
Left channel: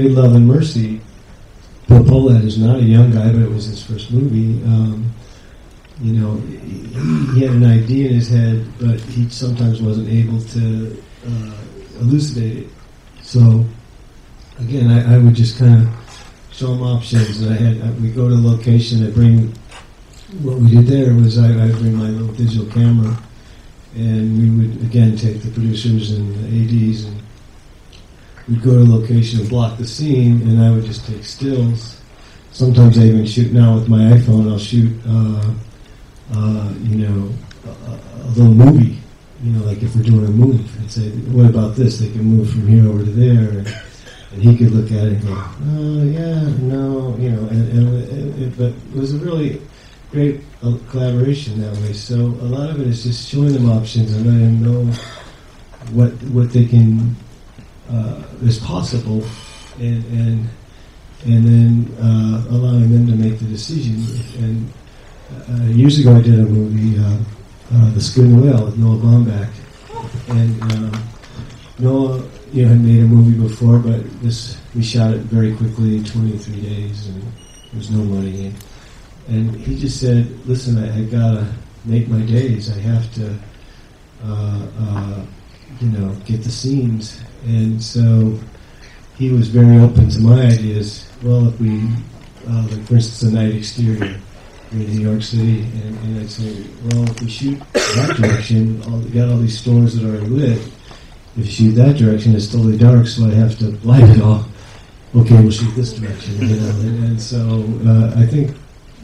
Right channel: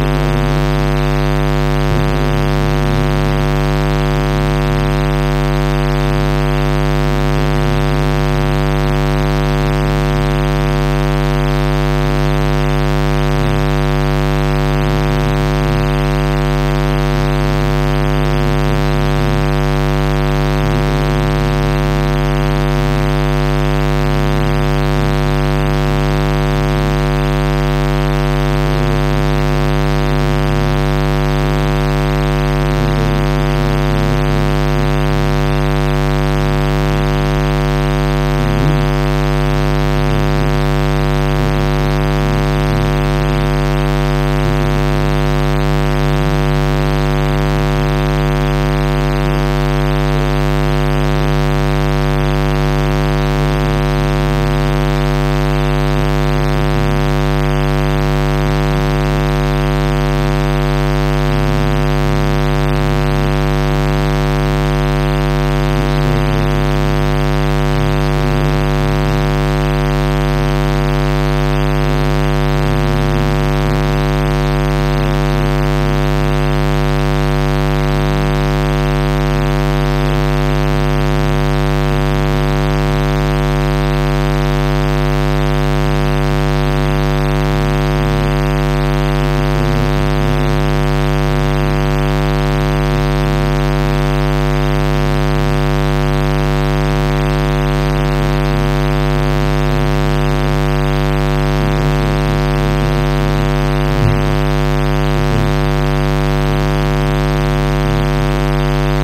Holy Love and Mercy. Bill Pullman was young. I think it was his first movie. He had an idea in his head that he'd sometimes maybe say useful. So, I would just kind of draw options, and I'd go to a location with him. When you're there, there's your camera, and again, to producers and ADs. You go to a location, you block the scene, and now you just take stills. Sometimes I even shoot with my iPhone. I'll shoot the movie, like if you're doing a move, and say, what about this? Like you move from here over there. Who could look at it? But there's a really great collaboration that way. So a lot of it is just showing options and letting them know what they can is possible, and then allowing them to make a decision. Years ago, I did it in the Spin Whale in Alabama, and Bill, we hadn't made a movie before, but he shot it very quickly in 2 or 3 days. And he just said, listen, you gotta work on days. You have to, get the scenes. And so he was very open to my ideas right at the first Cinematography studio in New York City. And I said, well, if you shoot that direction, then all these stones are going to live. If you shoot that direction, it's still dark, so I have to light it off. Okay, we shoot this direction. And so I think,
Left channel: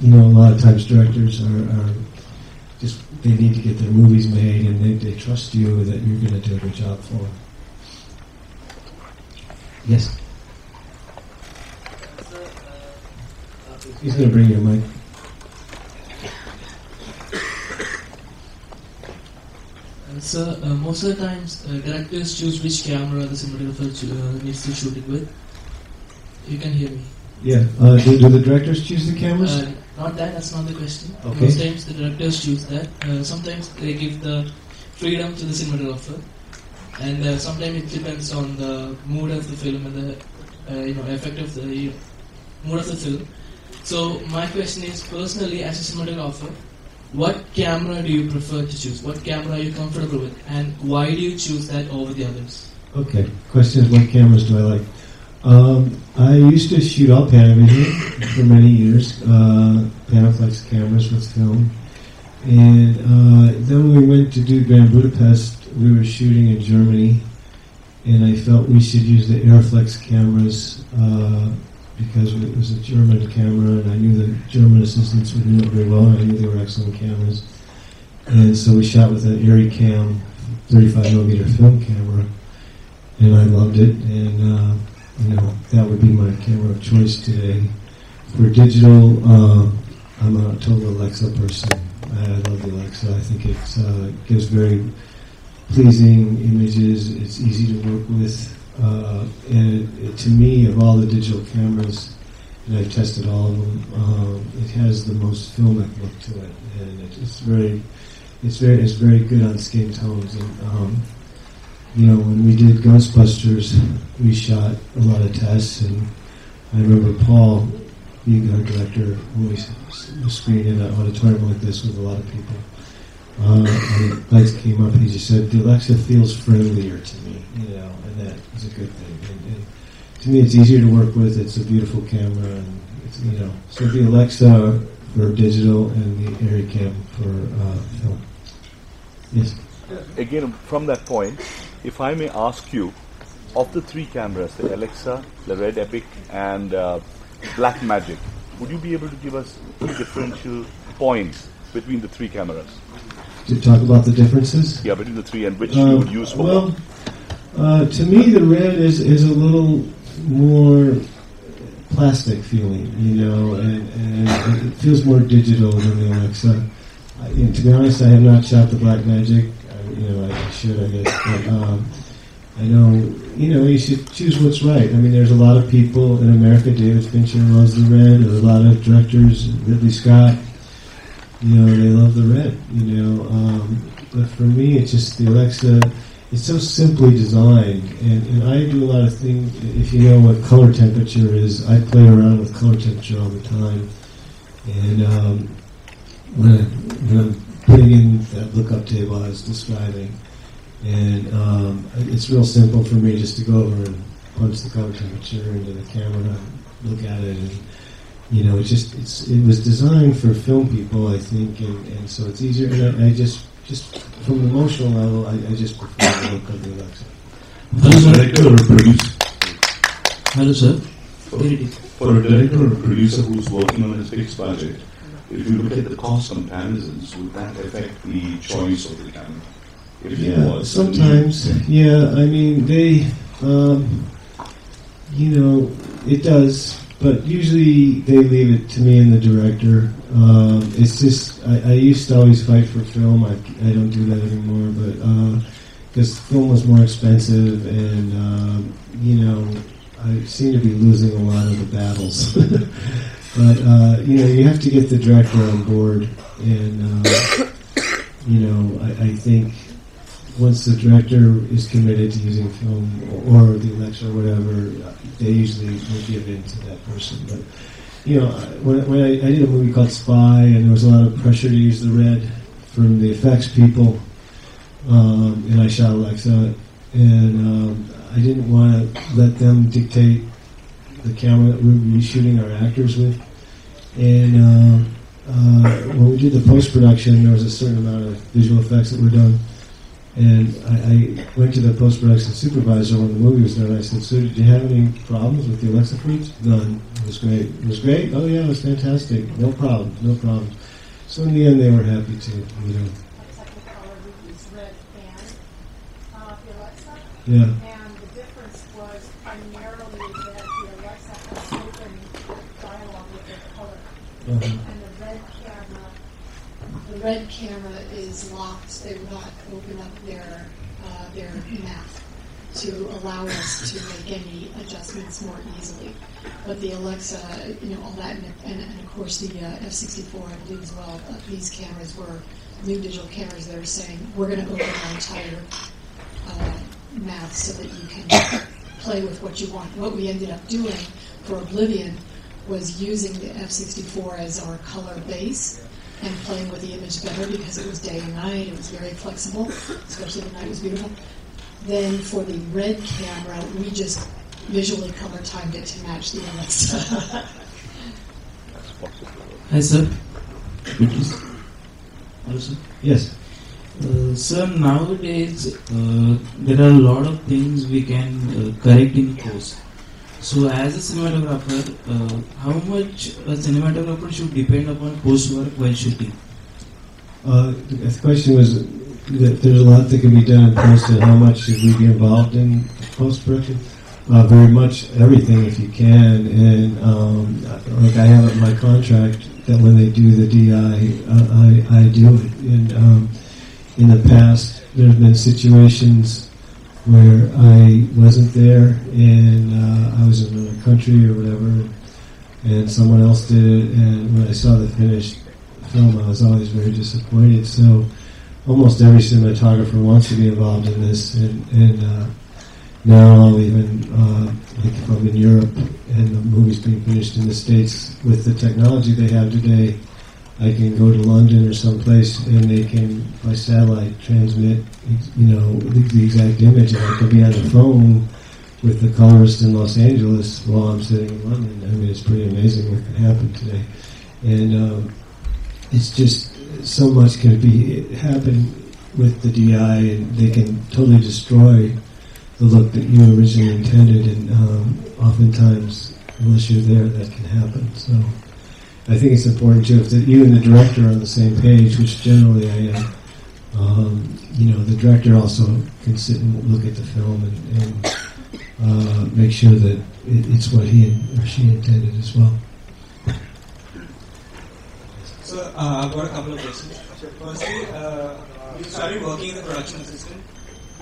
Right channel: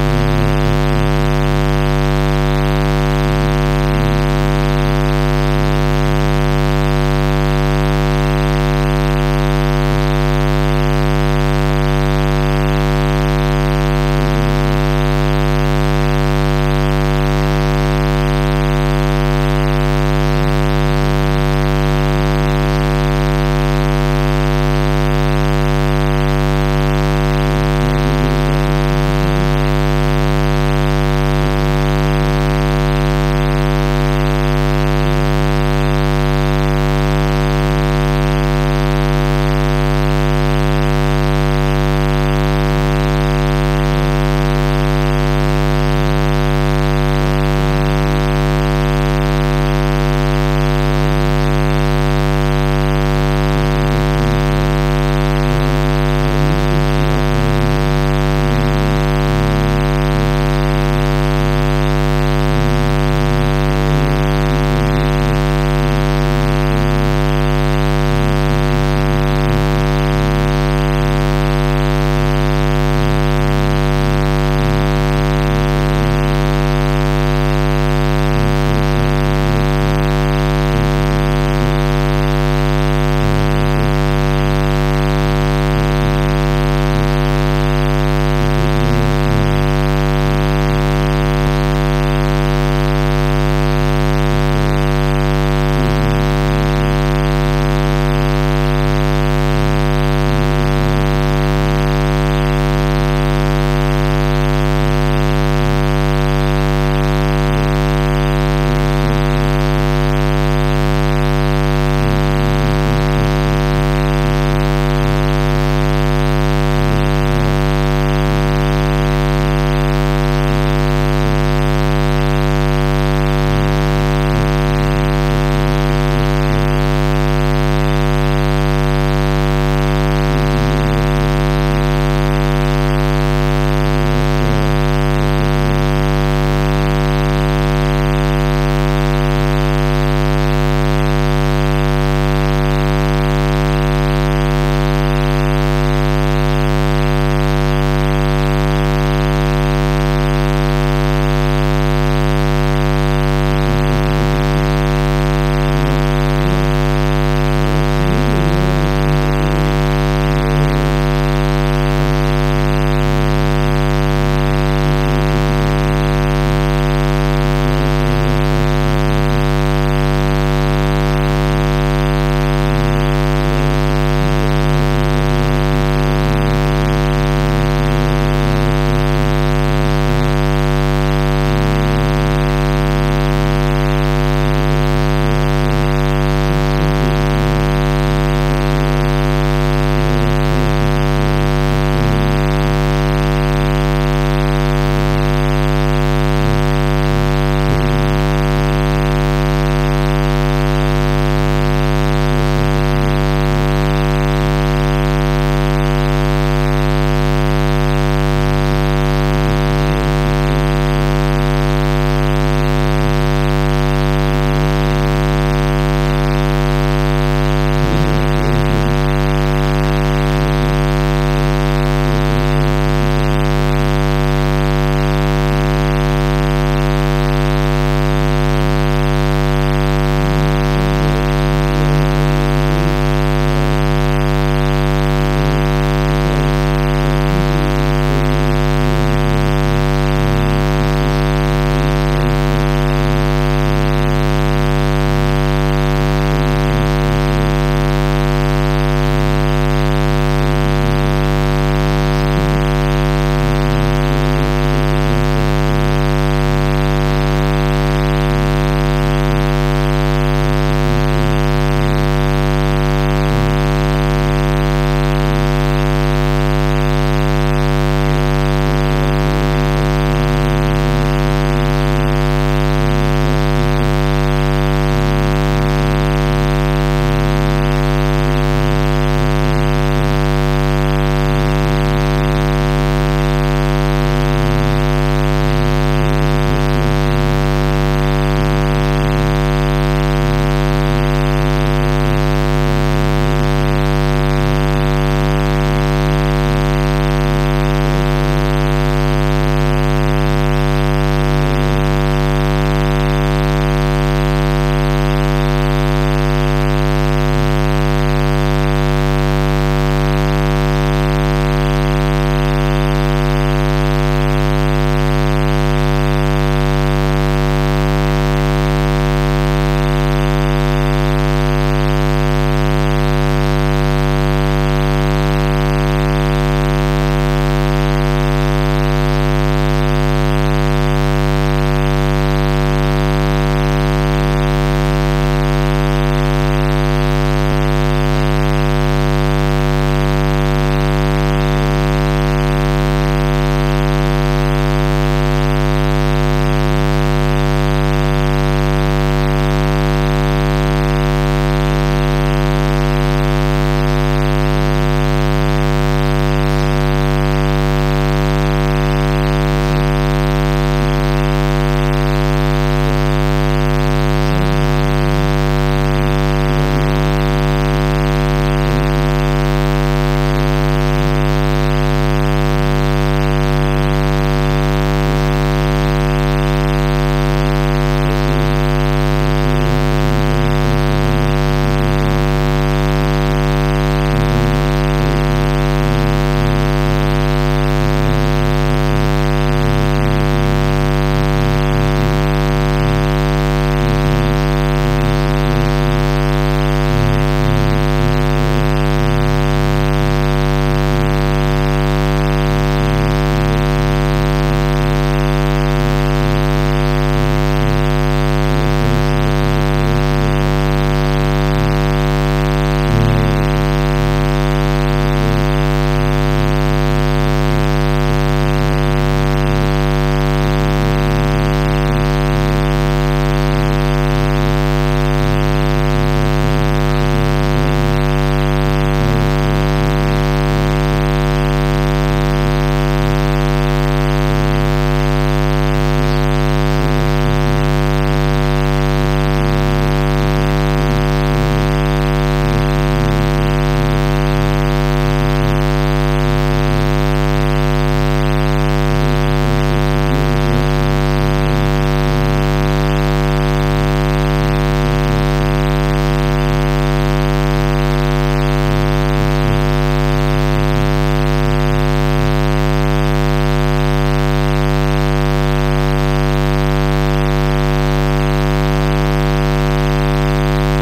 a lot of times directors they need to get the movies made and they trust you and they need to do a job for you. Yes? Let's go bring it in. So, most of the times, directors choose which camera and cinematography to use to shoot the book. You can hear me. Yeah, do the directors choose the cameras? Not necessarily just. Most times, directors choose that, and sometimes they give freedom to the cinematographer. And sometimes it depends on the mood of the film and the effective mood of the film. So, my question is, personally, as a cinematographer, what camera do you prefer to choose? What camera are you comfortable with? And why do you choose that over the others? Okay, question, what cameras do I like? I used to shoot upright usually for many years. That's cameras, that's fine. And when we went to do Grand Budapest, we were shooting at Yeoman, and I thought we should use the Airflex cameras because it was a German camera, and I knew Germans since we didn't go wide, they really like some cameras. And so we shot with a very 35mm film camera, and I loved it. That would be my camera of choice today. The digital, totally likes it personally. So I think it's very pleasing and easy to work with. And to me, of all the digital cameras that I tested out, it has the most fun. It's very good on stills. When we did Ghostbusters, we shot a lot of tests, and we would call even the director who screwed it up, but it's not like this when you like it. And basically he would just say, okay, watch the first frame and to me it's easier to work with. It's a beautiful camera. So the Rockstar, the digital, and again, from that point, if I may ask you, of the three cameras, the Alexa, the Red Epic, and Blackmagic, would you be able to give us two different points between the three cameras? to talk about the differences? Yeah, between the three and which you would use for them? To me, the Red is a little more plastic feeling. It feels more digital than the Alexa. To be honest, I have not shot the Blackmagic. You should choose what's right. There's a lot of people in America do functional in there. There's a lot of directors who do Scott, and they love the Red. But for me, it's just the Alexa. It's so simply designed, and I do very much everything if you can. And like I had in my contract that when I do the DI, I did. In the past, there have been situations where I wasn't there and I was in the country or whatnot, and someone else did it, and I decided how much time I was out, very disappointed. So almost every cinematographer wants to be involved in this, and Marlon of the Europe, movies being produced in the States with the technology they have today, they can go to London or someplace and they can decide with the exact image that could be on the phone with the colorist in Los Angeles volunteering. It's pretty amazing what happens there. And it's just so much can happen with the DI, and you can totally destroy what you originally intended, and oftentimes initially didn't happen. So I think it's important to either the director on the same page, which generally I am. The director also can sit and look at the film and make sure that it's what he actually intended to show. So I've got a couple of questions. Say you started working as a production assistant,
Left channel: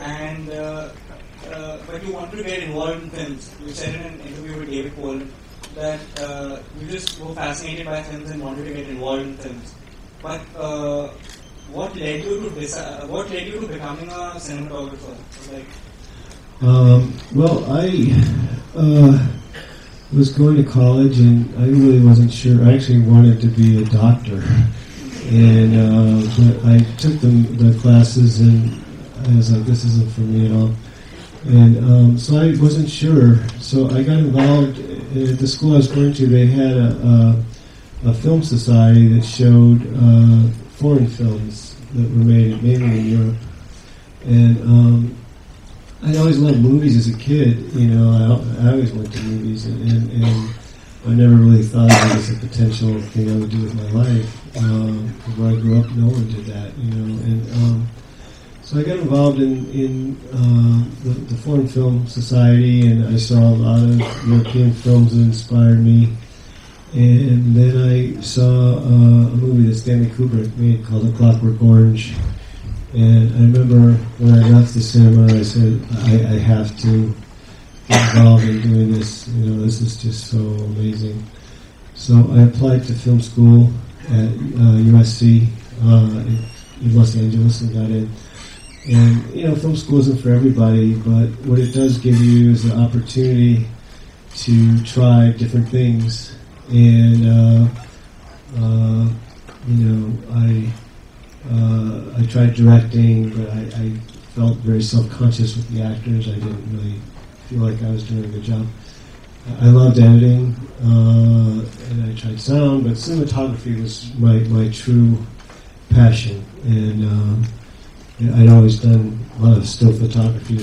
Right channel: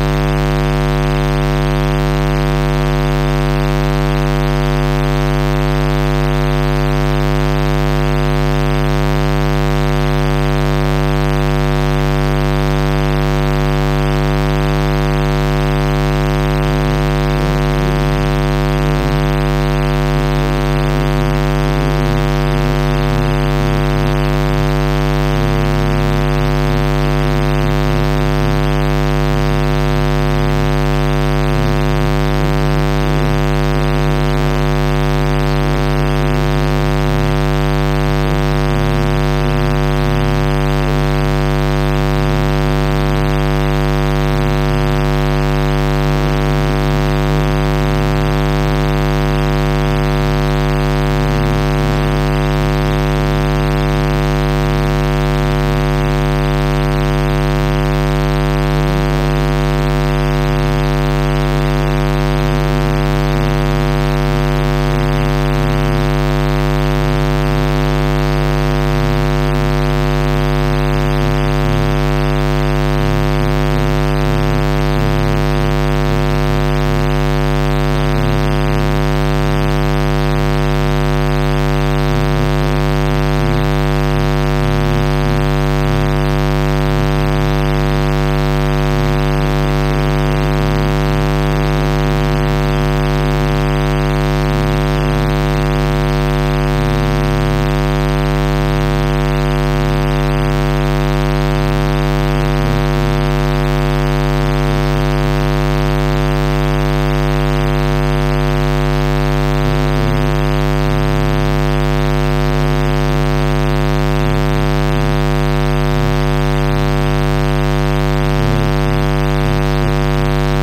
and when you wanted to get involved in films, you're setting up a particular film, or you just were fascinated by films and wanted to get involved in films. But what led you to decide? What led you to becoming a cinematographer? Well, I was going to college and I really wasn't sure. I actually wanted to be a doctor, and I took my classes and I was like, this isn't for me at all. And so I wasn't sure. So I got involved in the school I was going to. They had a film society which showed foreign films that were made later in the year. And I always loved movies as a kid, I was making movies, and I never really thought of it as a potentially a career I could play. I grew up wanting to do that. So I got involved in the foreign film society, and I saw a lot of European films that inspired me. And then I saw a movie Stanley Kubrick made called A Clockwork Orange. And I remember when I got to Sony, I said I have to get involved in doing this. This is just so amazing. So I applied to film school at USC, Western University, by the way. And film school isn't for everybody, but what it does give you is an opportunity to try different things. And I tried directing, and I felt very self-conscious with the actors I worked with. I felt like I was doing a good job. I loved editing, sound, but cinematography was my true passion. And I'd always wanted still photography.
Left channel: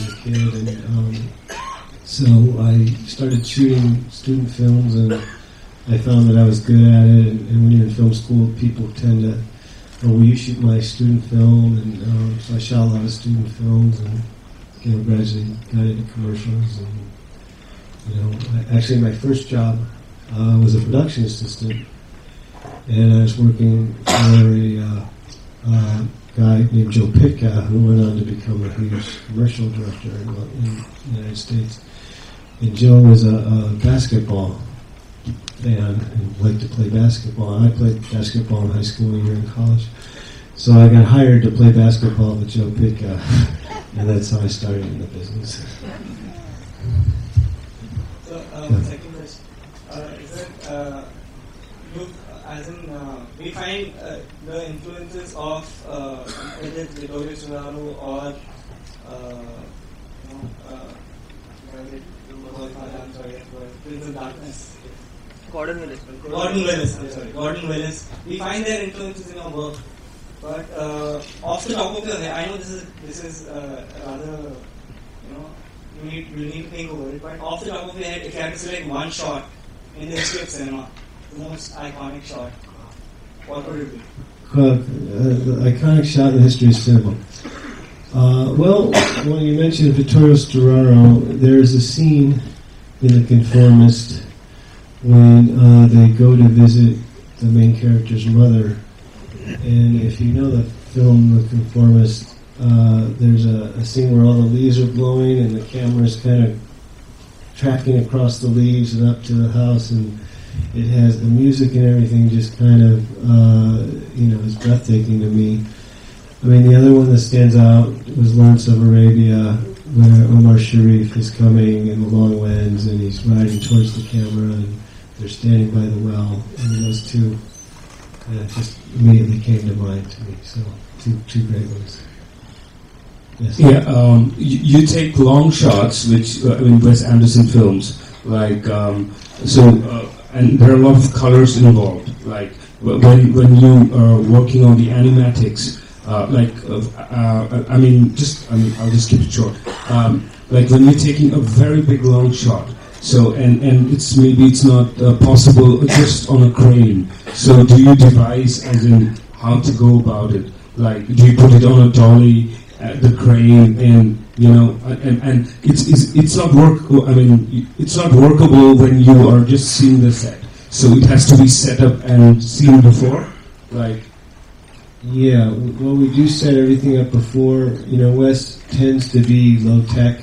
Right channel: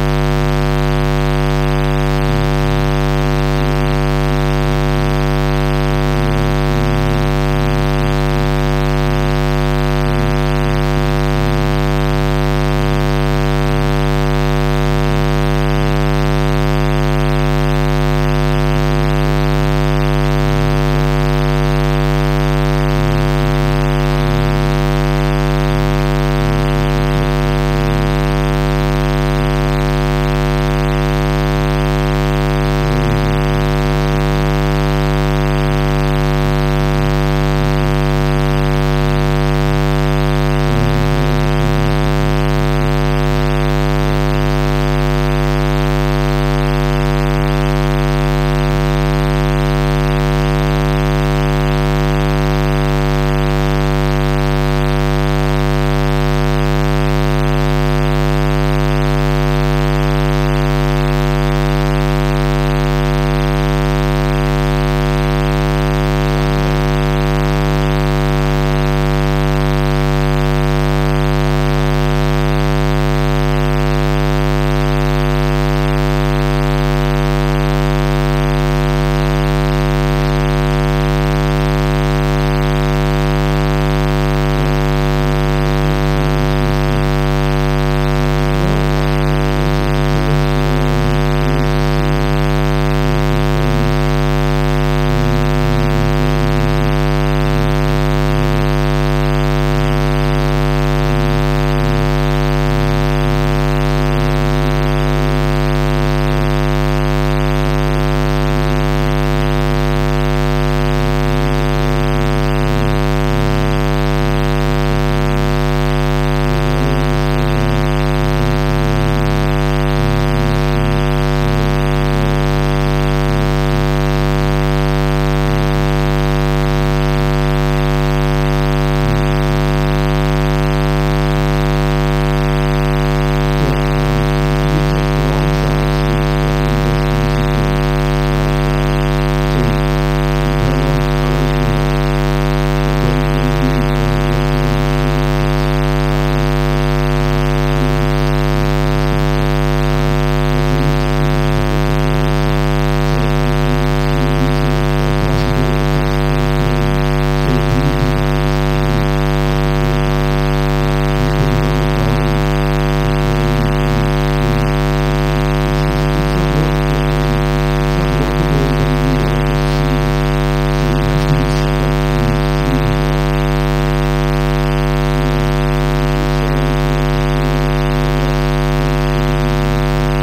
So I started shooting student films, and I found that I was good at it. And we were first film people told me, maybe you should get a student film. So I shot a lot of student films and gradually got into commercials. Actually, my first job go to visit the main character's mother. And if you know the film making premise, there's a scene where all the leaves are blowing and the camera's kind of tracking across the leaves and up to the house, and it has the music and everything just kind of breathtaking to me. And then the other one that stands out is Lawrence of Arabia, where Omar Sharif is kind of in the lowlands and there's no other place to camera. There's very, very loud. And those two just really have taken my heart. Two great ones. Yeah, you take long shots, which in Wes Anderson films, like and there are a lot of colors involved. Like when you working on the animatics, I'll just keep it short. Like when you're taking a very big long shot, so and it's not possible just on a crane. So do you devise as in how to go about it? Like do you put it on a dolly at the crane, and and it's not workable. I mean, it's not workable when you are just seeing the set. So it has to be set up and seen before, right? Yeah, when we do set everything up before, Wes tends to be low tech.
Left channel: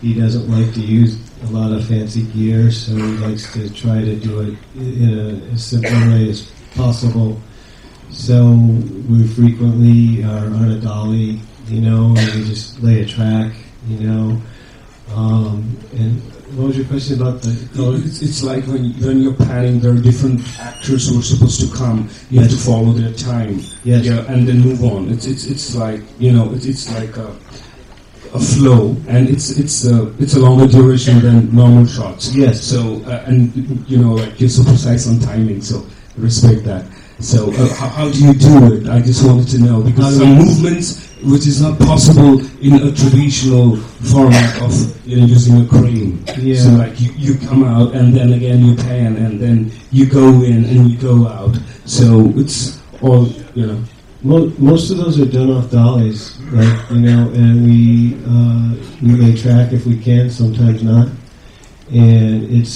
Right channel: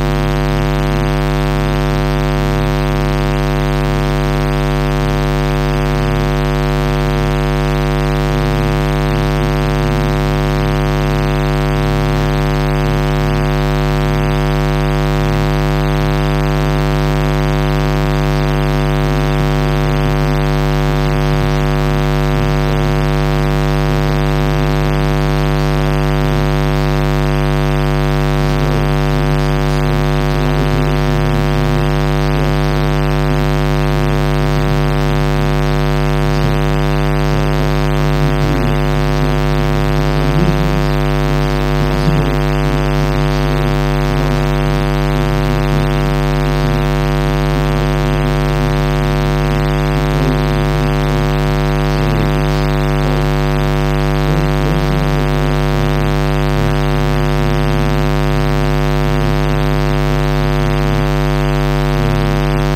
He doesn't like to use a lot of fancy gear, so he likes to try to do it, as simply as possible. So we frequently run a dolly, and just lay a trap, what was your question about that? It's like when you're planning when different actors who are supposed to come, you have to follow their time, and then move on. It's like it's like a flow, and it's a longer duration than normal shots. Yes. So like gives a precise timing. So respect that. So how do you do it? I just wanted to know because some movements which is not possible in a traditional format of using a crane. Yeah. So like you come out and then again you pan and then you go in and you go out. So it's all most of those are done off dollies, and we may trap if we can, sometimes not. And it's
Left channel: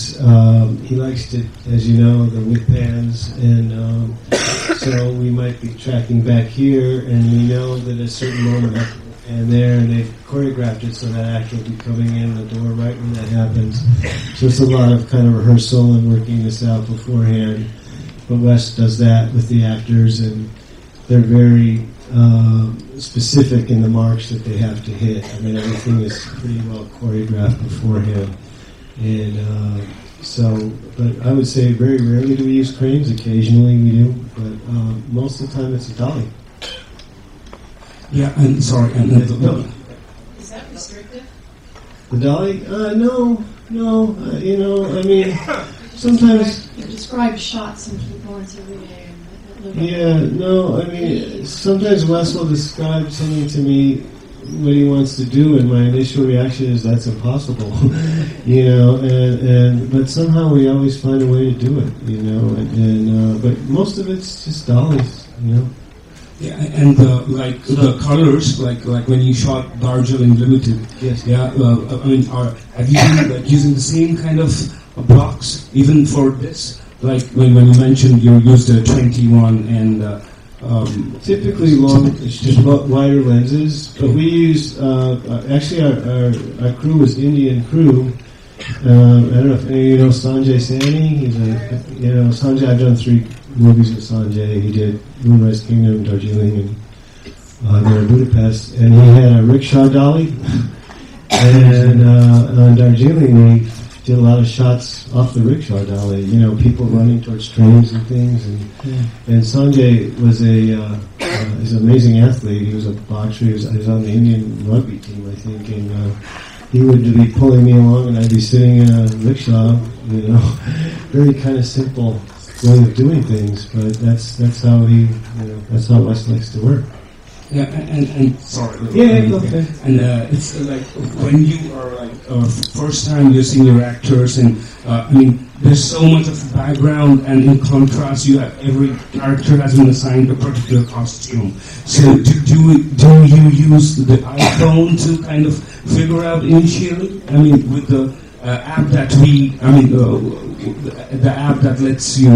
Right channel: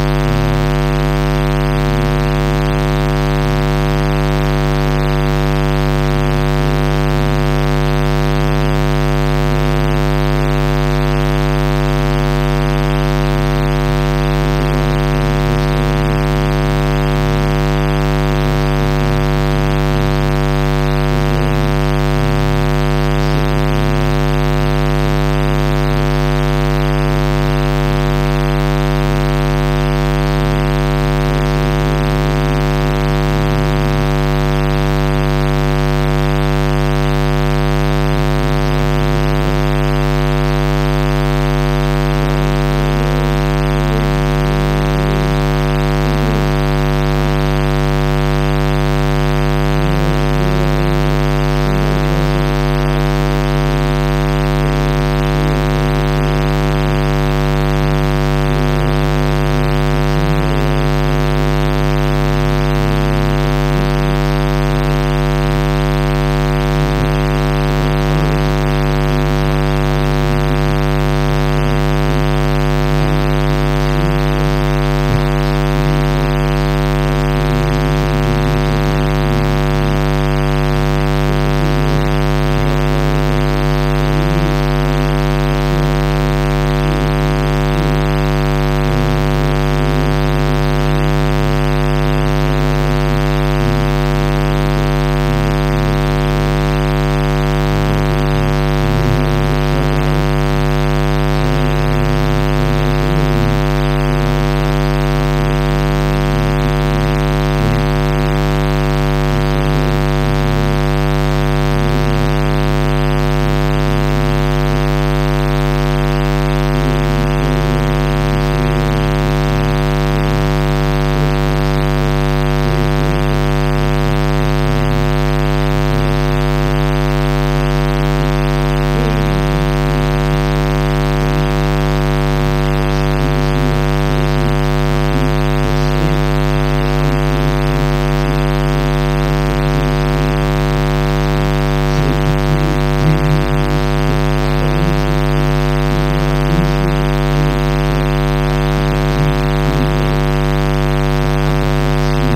he likes to, as you know, the whip hands, and so we might be trapping back here, and we know that a certain moment down there, and they photograph you, so that after we come in there, we know right when that happens. So it's a lot of kind of rehearsal and working this out beforehand. But Wes does that with the actors, and they're very specific in the marks that they have to hit, and everything is choreographed beforehand. And so I would say very rarely do we use cranes, it's occasionally we do, but most of the time it's dolly. Yeah, and sorry, I know the dolly. The dolly? No, I mean, sometimes. Describe shots. Yeah, no, I mean, sometimes Wes will describe something to me that he wants to do, and my initial reaction is that's impossible. But somehow we always find a way to do it. But most of it's just dollies. And like the colors, like when you shot Darjeeling Limited, have you been like using the same kind of blocks even for this? Like when you mentioned you used the 21 and typically wider lenses, but we use actually our crew is Indian crew. I don't know if you know Sanjay Sani. Sanjay, I've done 3 movies with Sanjay. He's a humorist in Nigerian. They're in Budapest, and we had a rickshaw dolly, and on Darjeeling we did a lot of shots off the rickshaw dolly. People running from springs and things. And Sanjay is an amazing athlete. He was a boxer. He was on the Indian rugby team, I think. And he would be pulling me along, and I'd be sitting there on a rickshaw. Really kind of simple way of doing things, but that's how Wes likes to work. Sorry. Yeah, go ahead. And it's like when you are like first time using your actors, and there's so much of background, and in contrast, every character has been assigned a particular costume. So do you use the iPhone to kind of figure out initially? With the app that the app that lets you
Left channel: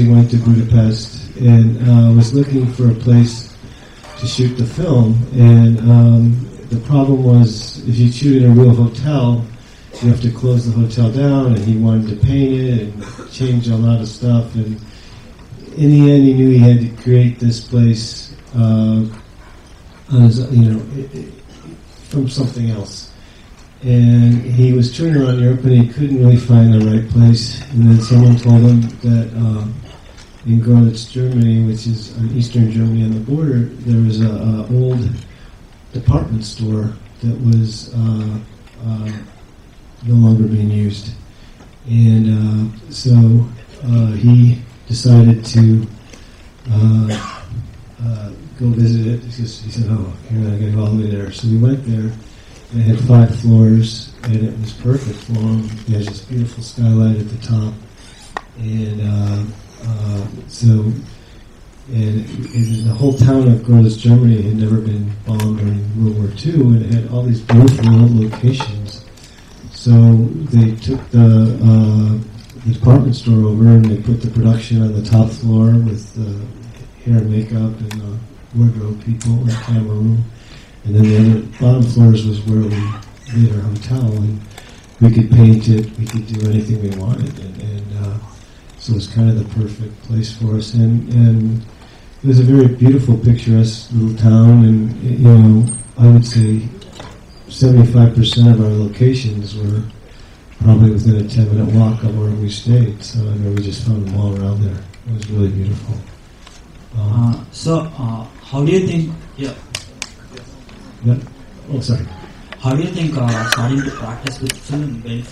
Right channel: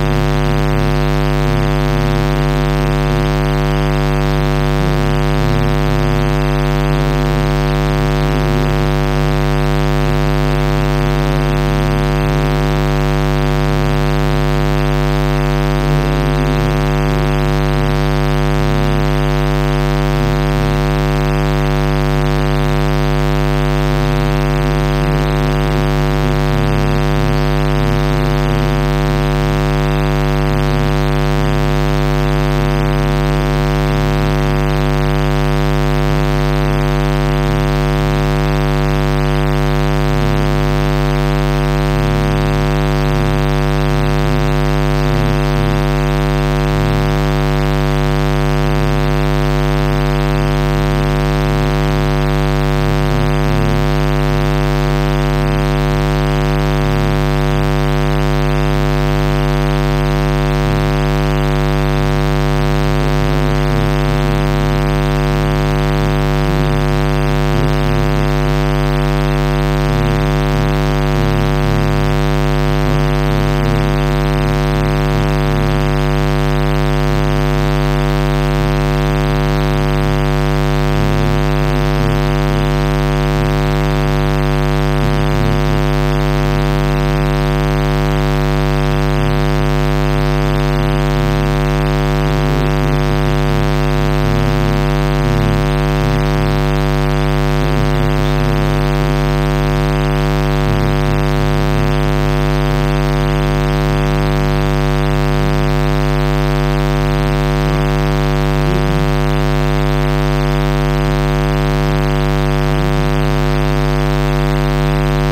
obviously want to be the best, and I was looking for a place to shoot the film, and the problem was if you shoot in a real hotel, you have to close the hotel down if you wanted to paint it, change a lot of stuff, and in the end we really had to create this place from something else. And he was touring on one day, couldn't really find the right place, and then someone told him that in Glen Extreme, this is Eastern Germany on the border, there was an old department store that was underutilized. And so we decided to go visit it to see how long it was. So we went there. It had flat floors, and it was perfect for lunch because it was beautiful skylight at the top. The whole town of Glen Germany had never been gone by World War II, and it had all these beautiful old locations. So they took the department store over and they put the production on the top floor with all the way back with the people in the room. And then the bottom floors was where the hotel, and you could paint it, you could do anything you wanted. So it was kind of a perfect place for us. And it was a very beautiful, picturesque town, and I would say 75% of our locations were probably within a 10-minute walk on one of their streets, and we just found them all around. It was very beautiful. So, how do you think? Yeah. What's that? How do you think starting to practice with so many things,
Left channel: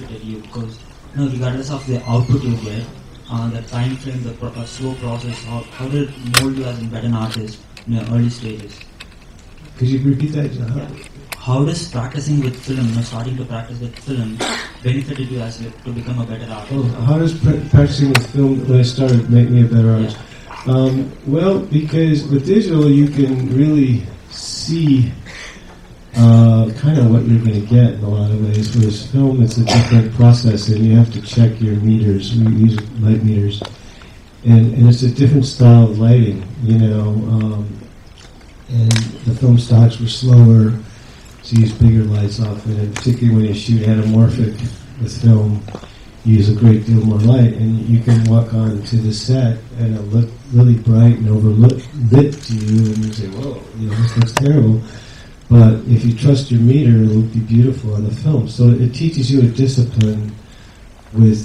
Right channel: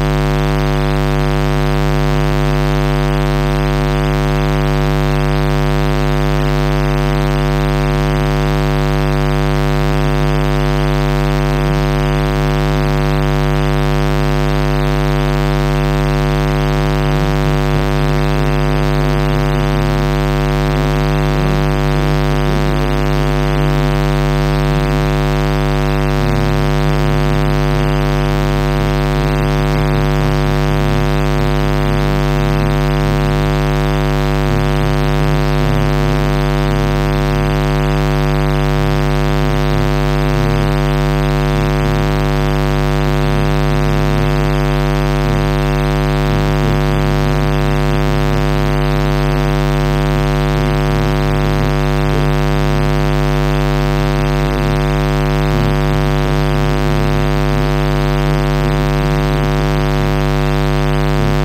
regardless of the output you get, the time frame, the slow process, how they mold you as an artist in the early stage? Can you repeat that again? How does practicing with film, starting to practice with film, benefited you as to become a better artist? How does practicing with film when I started making a better artist? Well, because with digital you can really see kind of what you're going to get a lot of ways. Whereas film, it's a different process, and you have to check your readers, your light readers, and it's a different style of writing. The film stocks were slower, so you bring your eyes up, and it took me to shoot that enough of the film. Use a great deal of my life, and you can walk out to the set at any point, and it'll look to you, and you say, oh, this looks terrible. But if you trust your reader, it'll look beautiful on the film. So it teaches you a discipline with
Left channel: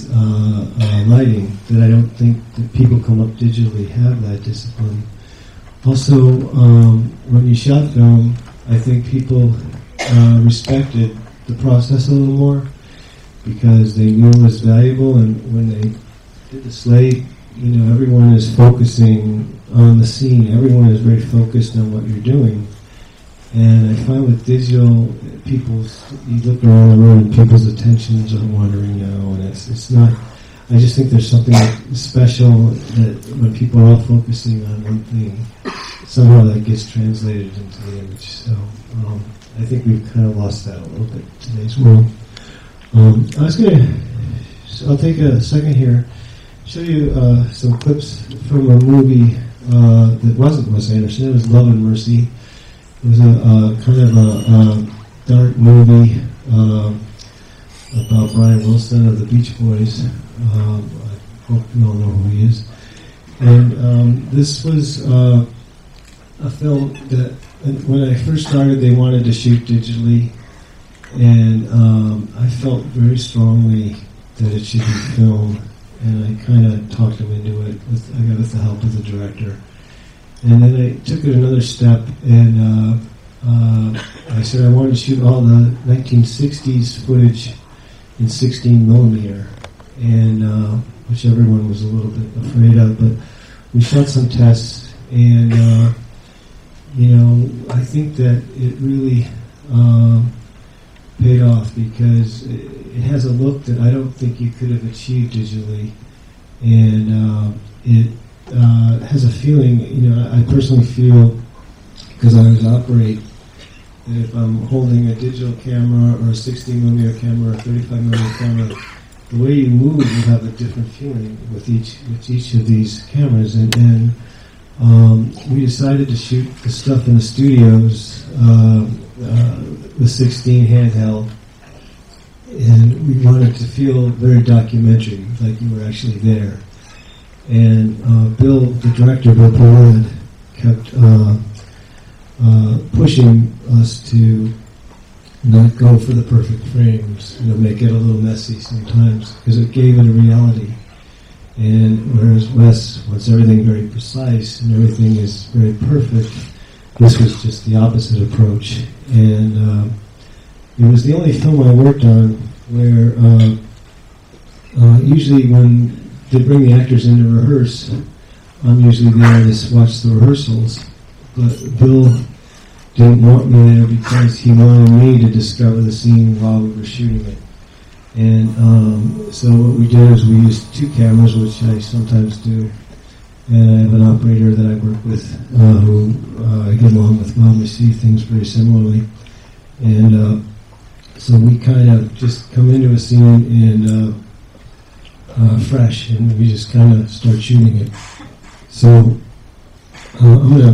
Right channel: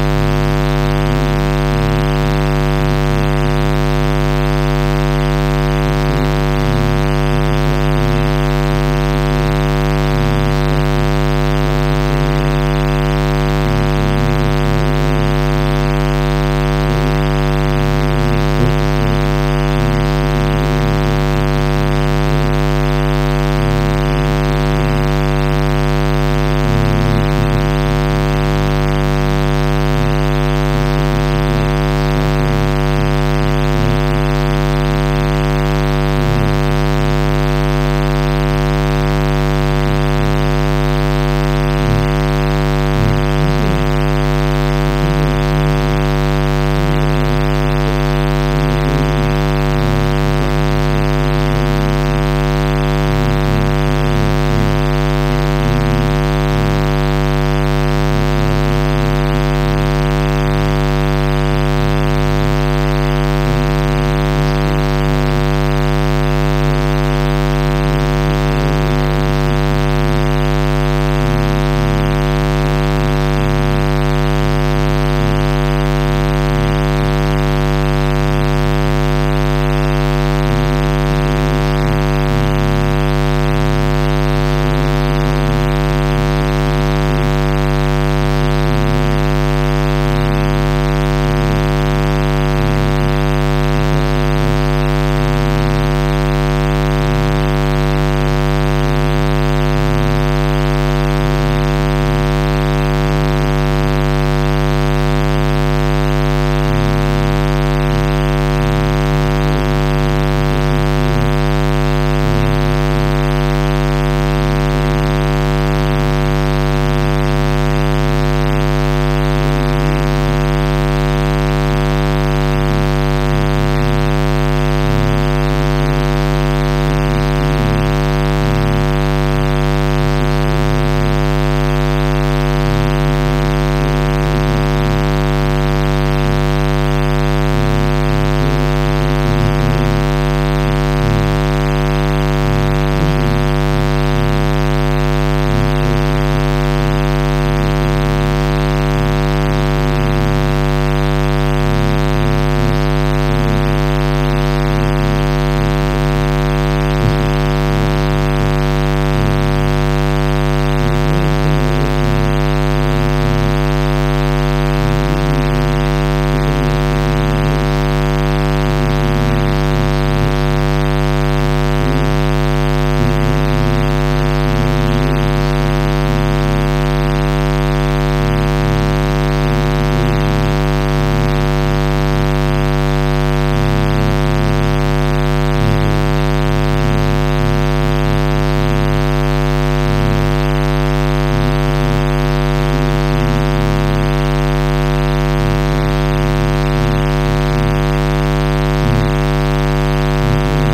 writing that I don't think people who work digitally have that discipline. Also, when you shot film, I think people respected the processing more, because the room was valuable, and it's late, everyone was focusing on the scene, everyone was very focused on what you're doing. And I find with digital, people, you get the wrong way, people's attention to the wrong way. It's not, I just think there's something special that people are focusing on, and somehow it gets translated. I think we kind of lost that. I was going to, I'll take a second here, show you some clips from a movie that wasn't digital. His name is Love and Mercy. Kind of a dark movie about Bonnie Wilson and the Beach Boys. And this was a film that when I first started, they wanted to shoot digitally, and I felt very strongly that it should be filmed, and kind of talked about it with the help of the director. And then I took another step, and I said I want to shoot all my 1960s actors in the rehearse, and usually various reps and rehearsals. Bill did it that way because he wanted me to discover the scene while we were shooting. And so what we did is we used 2 cameras, which I sometimes do, and went out there with whoever didn't want to film the scene first anyway. And so we kind of just went into the scene and fresh, and we just kind of start shooting it. So I'm going to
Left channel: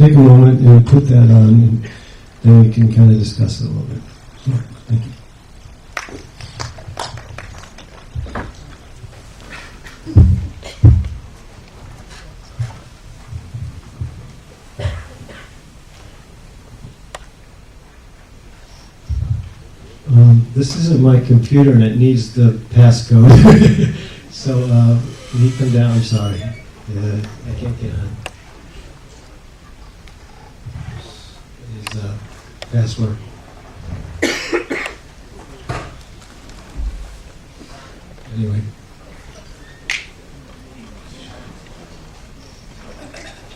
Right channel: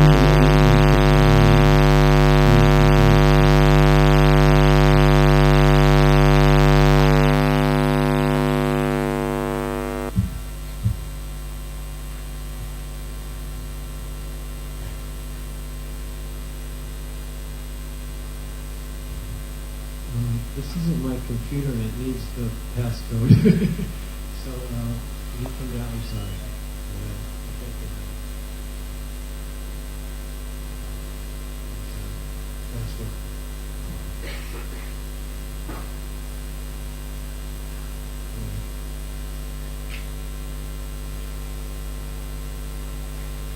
take a moment and put that on, and we can kind of discuss it. This isn't my computer and it needs the passcode. So can you come down? I'm sorry. I can't get on. His password. Anyway.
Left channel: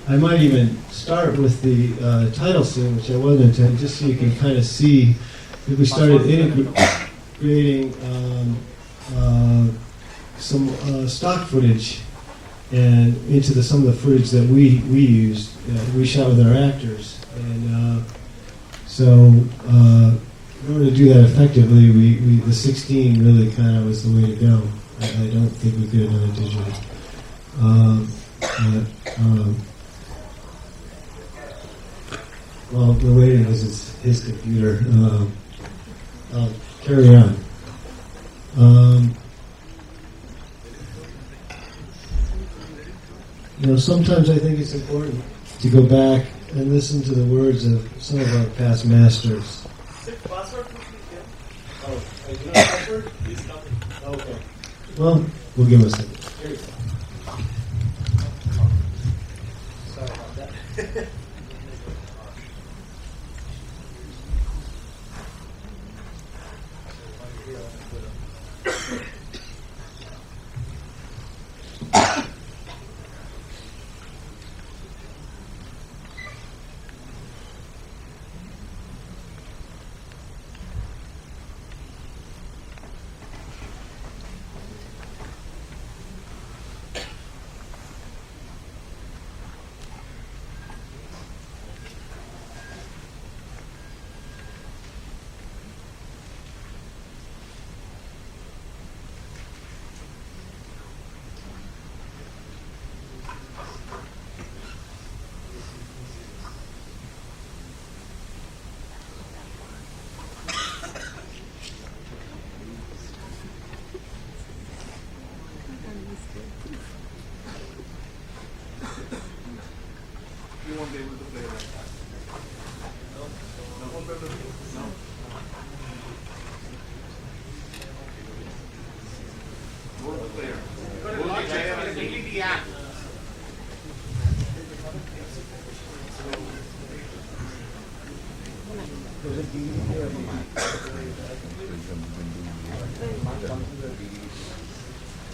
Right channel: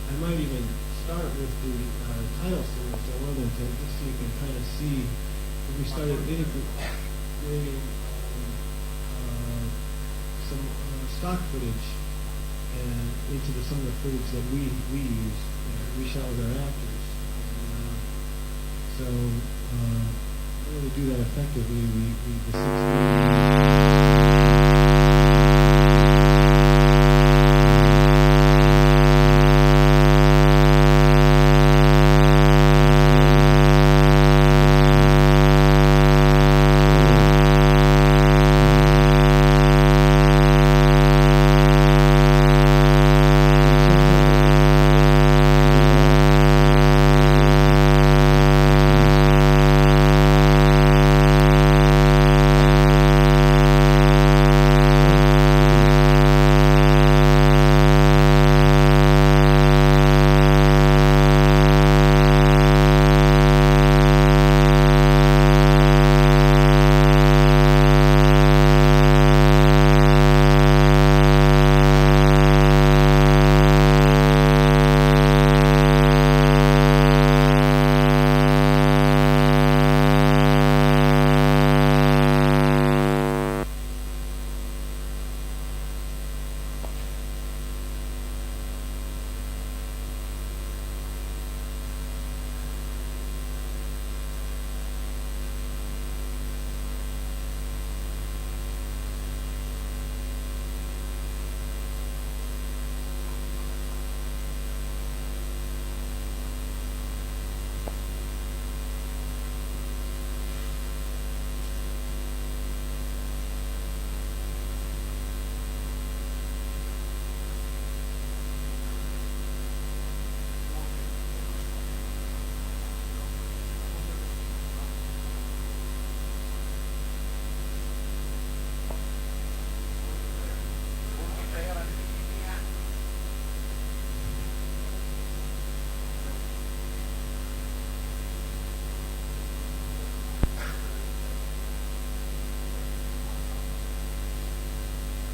I might even start with the title scene, which I wasn't intending, just so you can kind of see that we started creating some stock footage and into some of the footage that we used, we shot with our actors. And so in order to do that effectively, the 16-minute file is the way to go. Sometimes I think it's important to go back and listen to the words of some of our past masters. Well, we'll do this.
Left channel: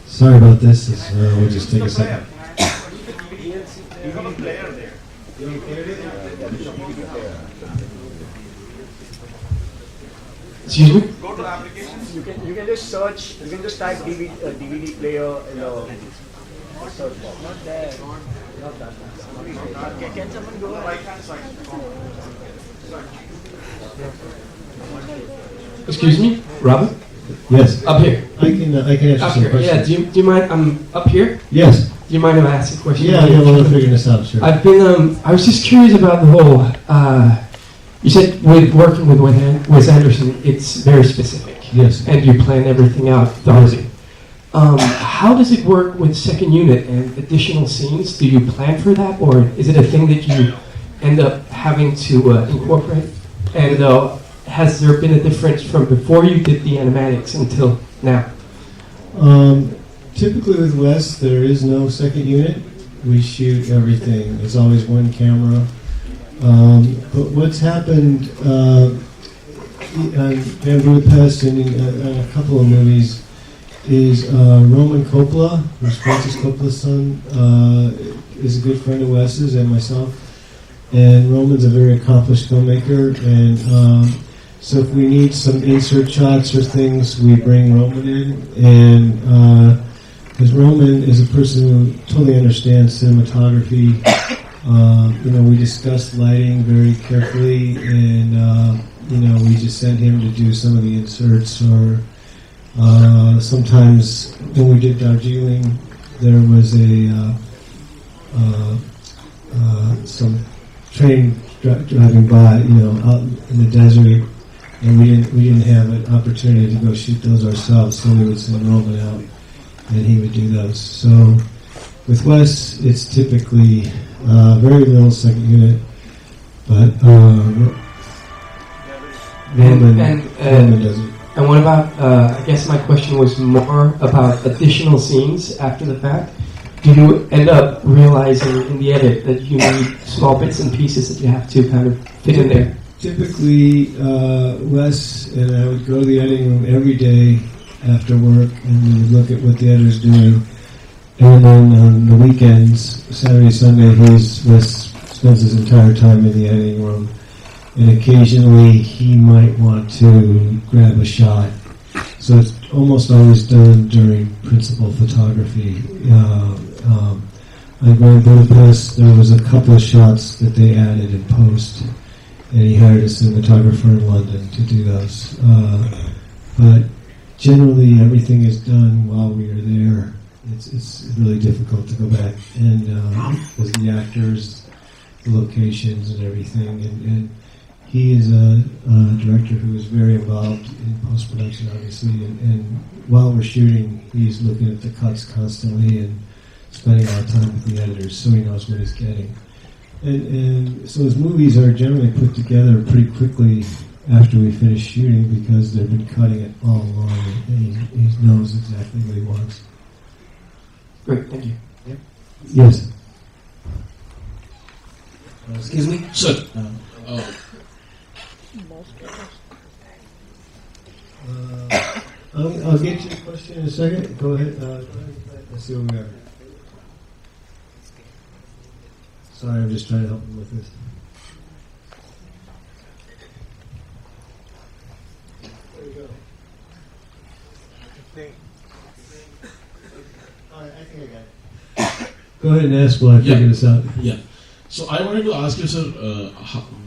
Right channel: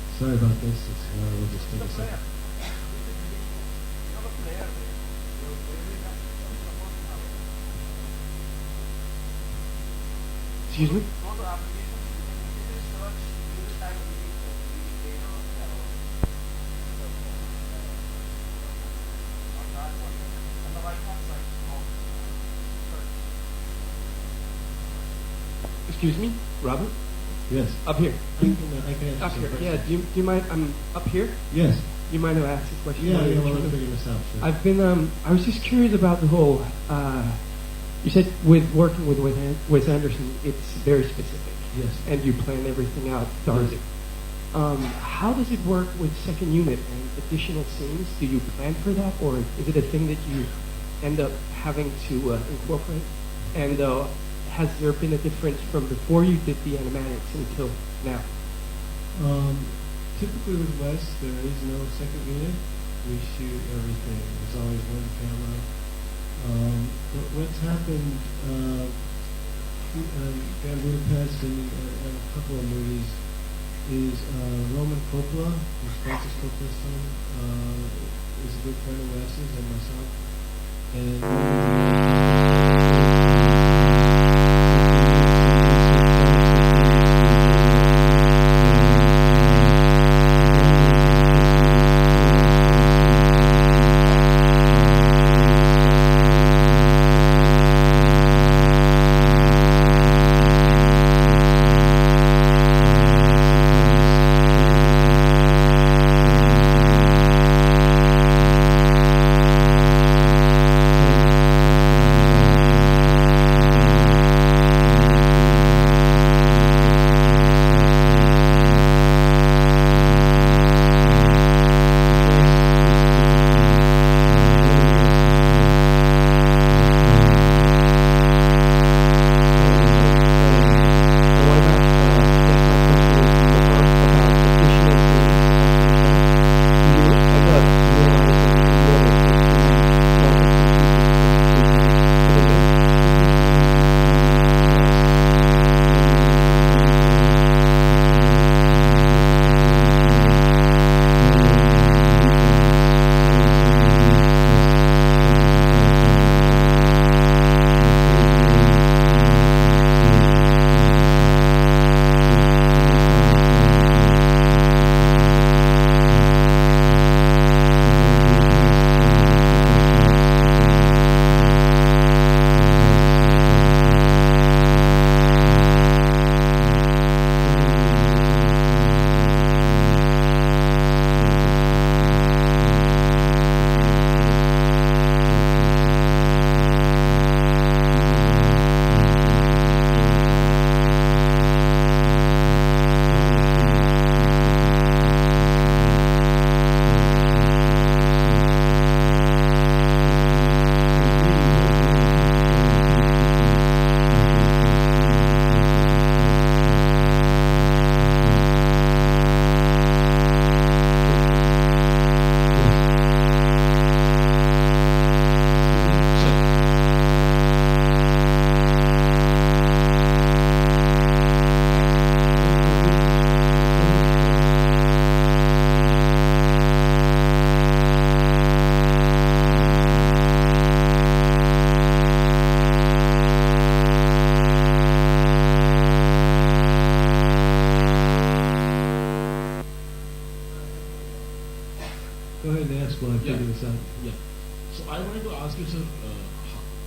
Sorry about this. We'll just take a second. Excuse me? Go to applications. You can just search. You can just type DVD player in the search box. Not there. Not that. Can someone go right hand side? Excuse me, Robert? Yes. Up here. I can answer Up some here. questions. Yeah. Do you mind? I'm up here. Yes. Do you mind if I ask a question? Yeah, we'll figure this out. Sure. I've been. I was just curious about the whole. You said with working with Wes Anderson, it's very specific. Yes. And you plan everything out thoroughly. How does it work with second unit and additional scenes? Do you plan for that, or is it a thing that you end up having to incorporate? And has there been a difference from before you did the animatics until now? Typically with Wes, there is no second unit. We shoot everything. It's always one camera. But what's happened in Budapest and in a couple of movies is Roman Coppola, who's Francis Coppola's son, is a good friend of Wes's and myself. And Roman's a very accomplished filmmaker, and so if we need some insert shots or things, we bring Roman in. And Roman is a person who totally understands cinematography. We discussed lighting very carefully, and we just sent him to do some of the inserts. Sometimes when we get done doing, there was some train that we got, out in the desert, and we didn't have an opportunity to go shoot those ourselves, so we sent him over that, and he would do those. So with Wes, it's typically very relatively and what about, I guess my question was more about additional scenes after the fact. Do you end up realizing in the end that you need small bits and pieces that you have to kind of fit in there? Typically, Wes go to the editing room every day after work and look at what the others do. Yeoman on the weekends, Saturday, Sunday, Wes spends his entire time in the editing room. And occasionally he might want to grab a shot. So it's almost always done during principal photography. One place, there's a couple of shots that they added in post, and we hired a cinematographer in London to do those. But generally, everything is done live in the unit. It's very difficult for that. And with the actors, the locations, and everything. And he is very involved in post-production of the scene. And while we're shooting, he's looking for cuts constantly, spending a lot of time with the editors, seeing that's what he's doing. So his movies are generally put together pretty quickly after we finish shooting because they can cut it all along and he knows exactly what it is. Great, thank you. Yes. Excuse me? Sir. I'll get to the question in a second. Go ahead. Sorry, I was trying to... Go ahead and ask while I figure this out. Yeah. So I wanted to ask you, sir,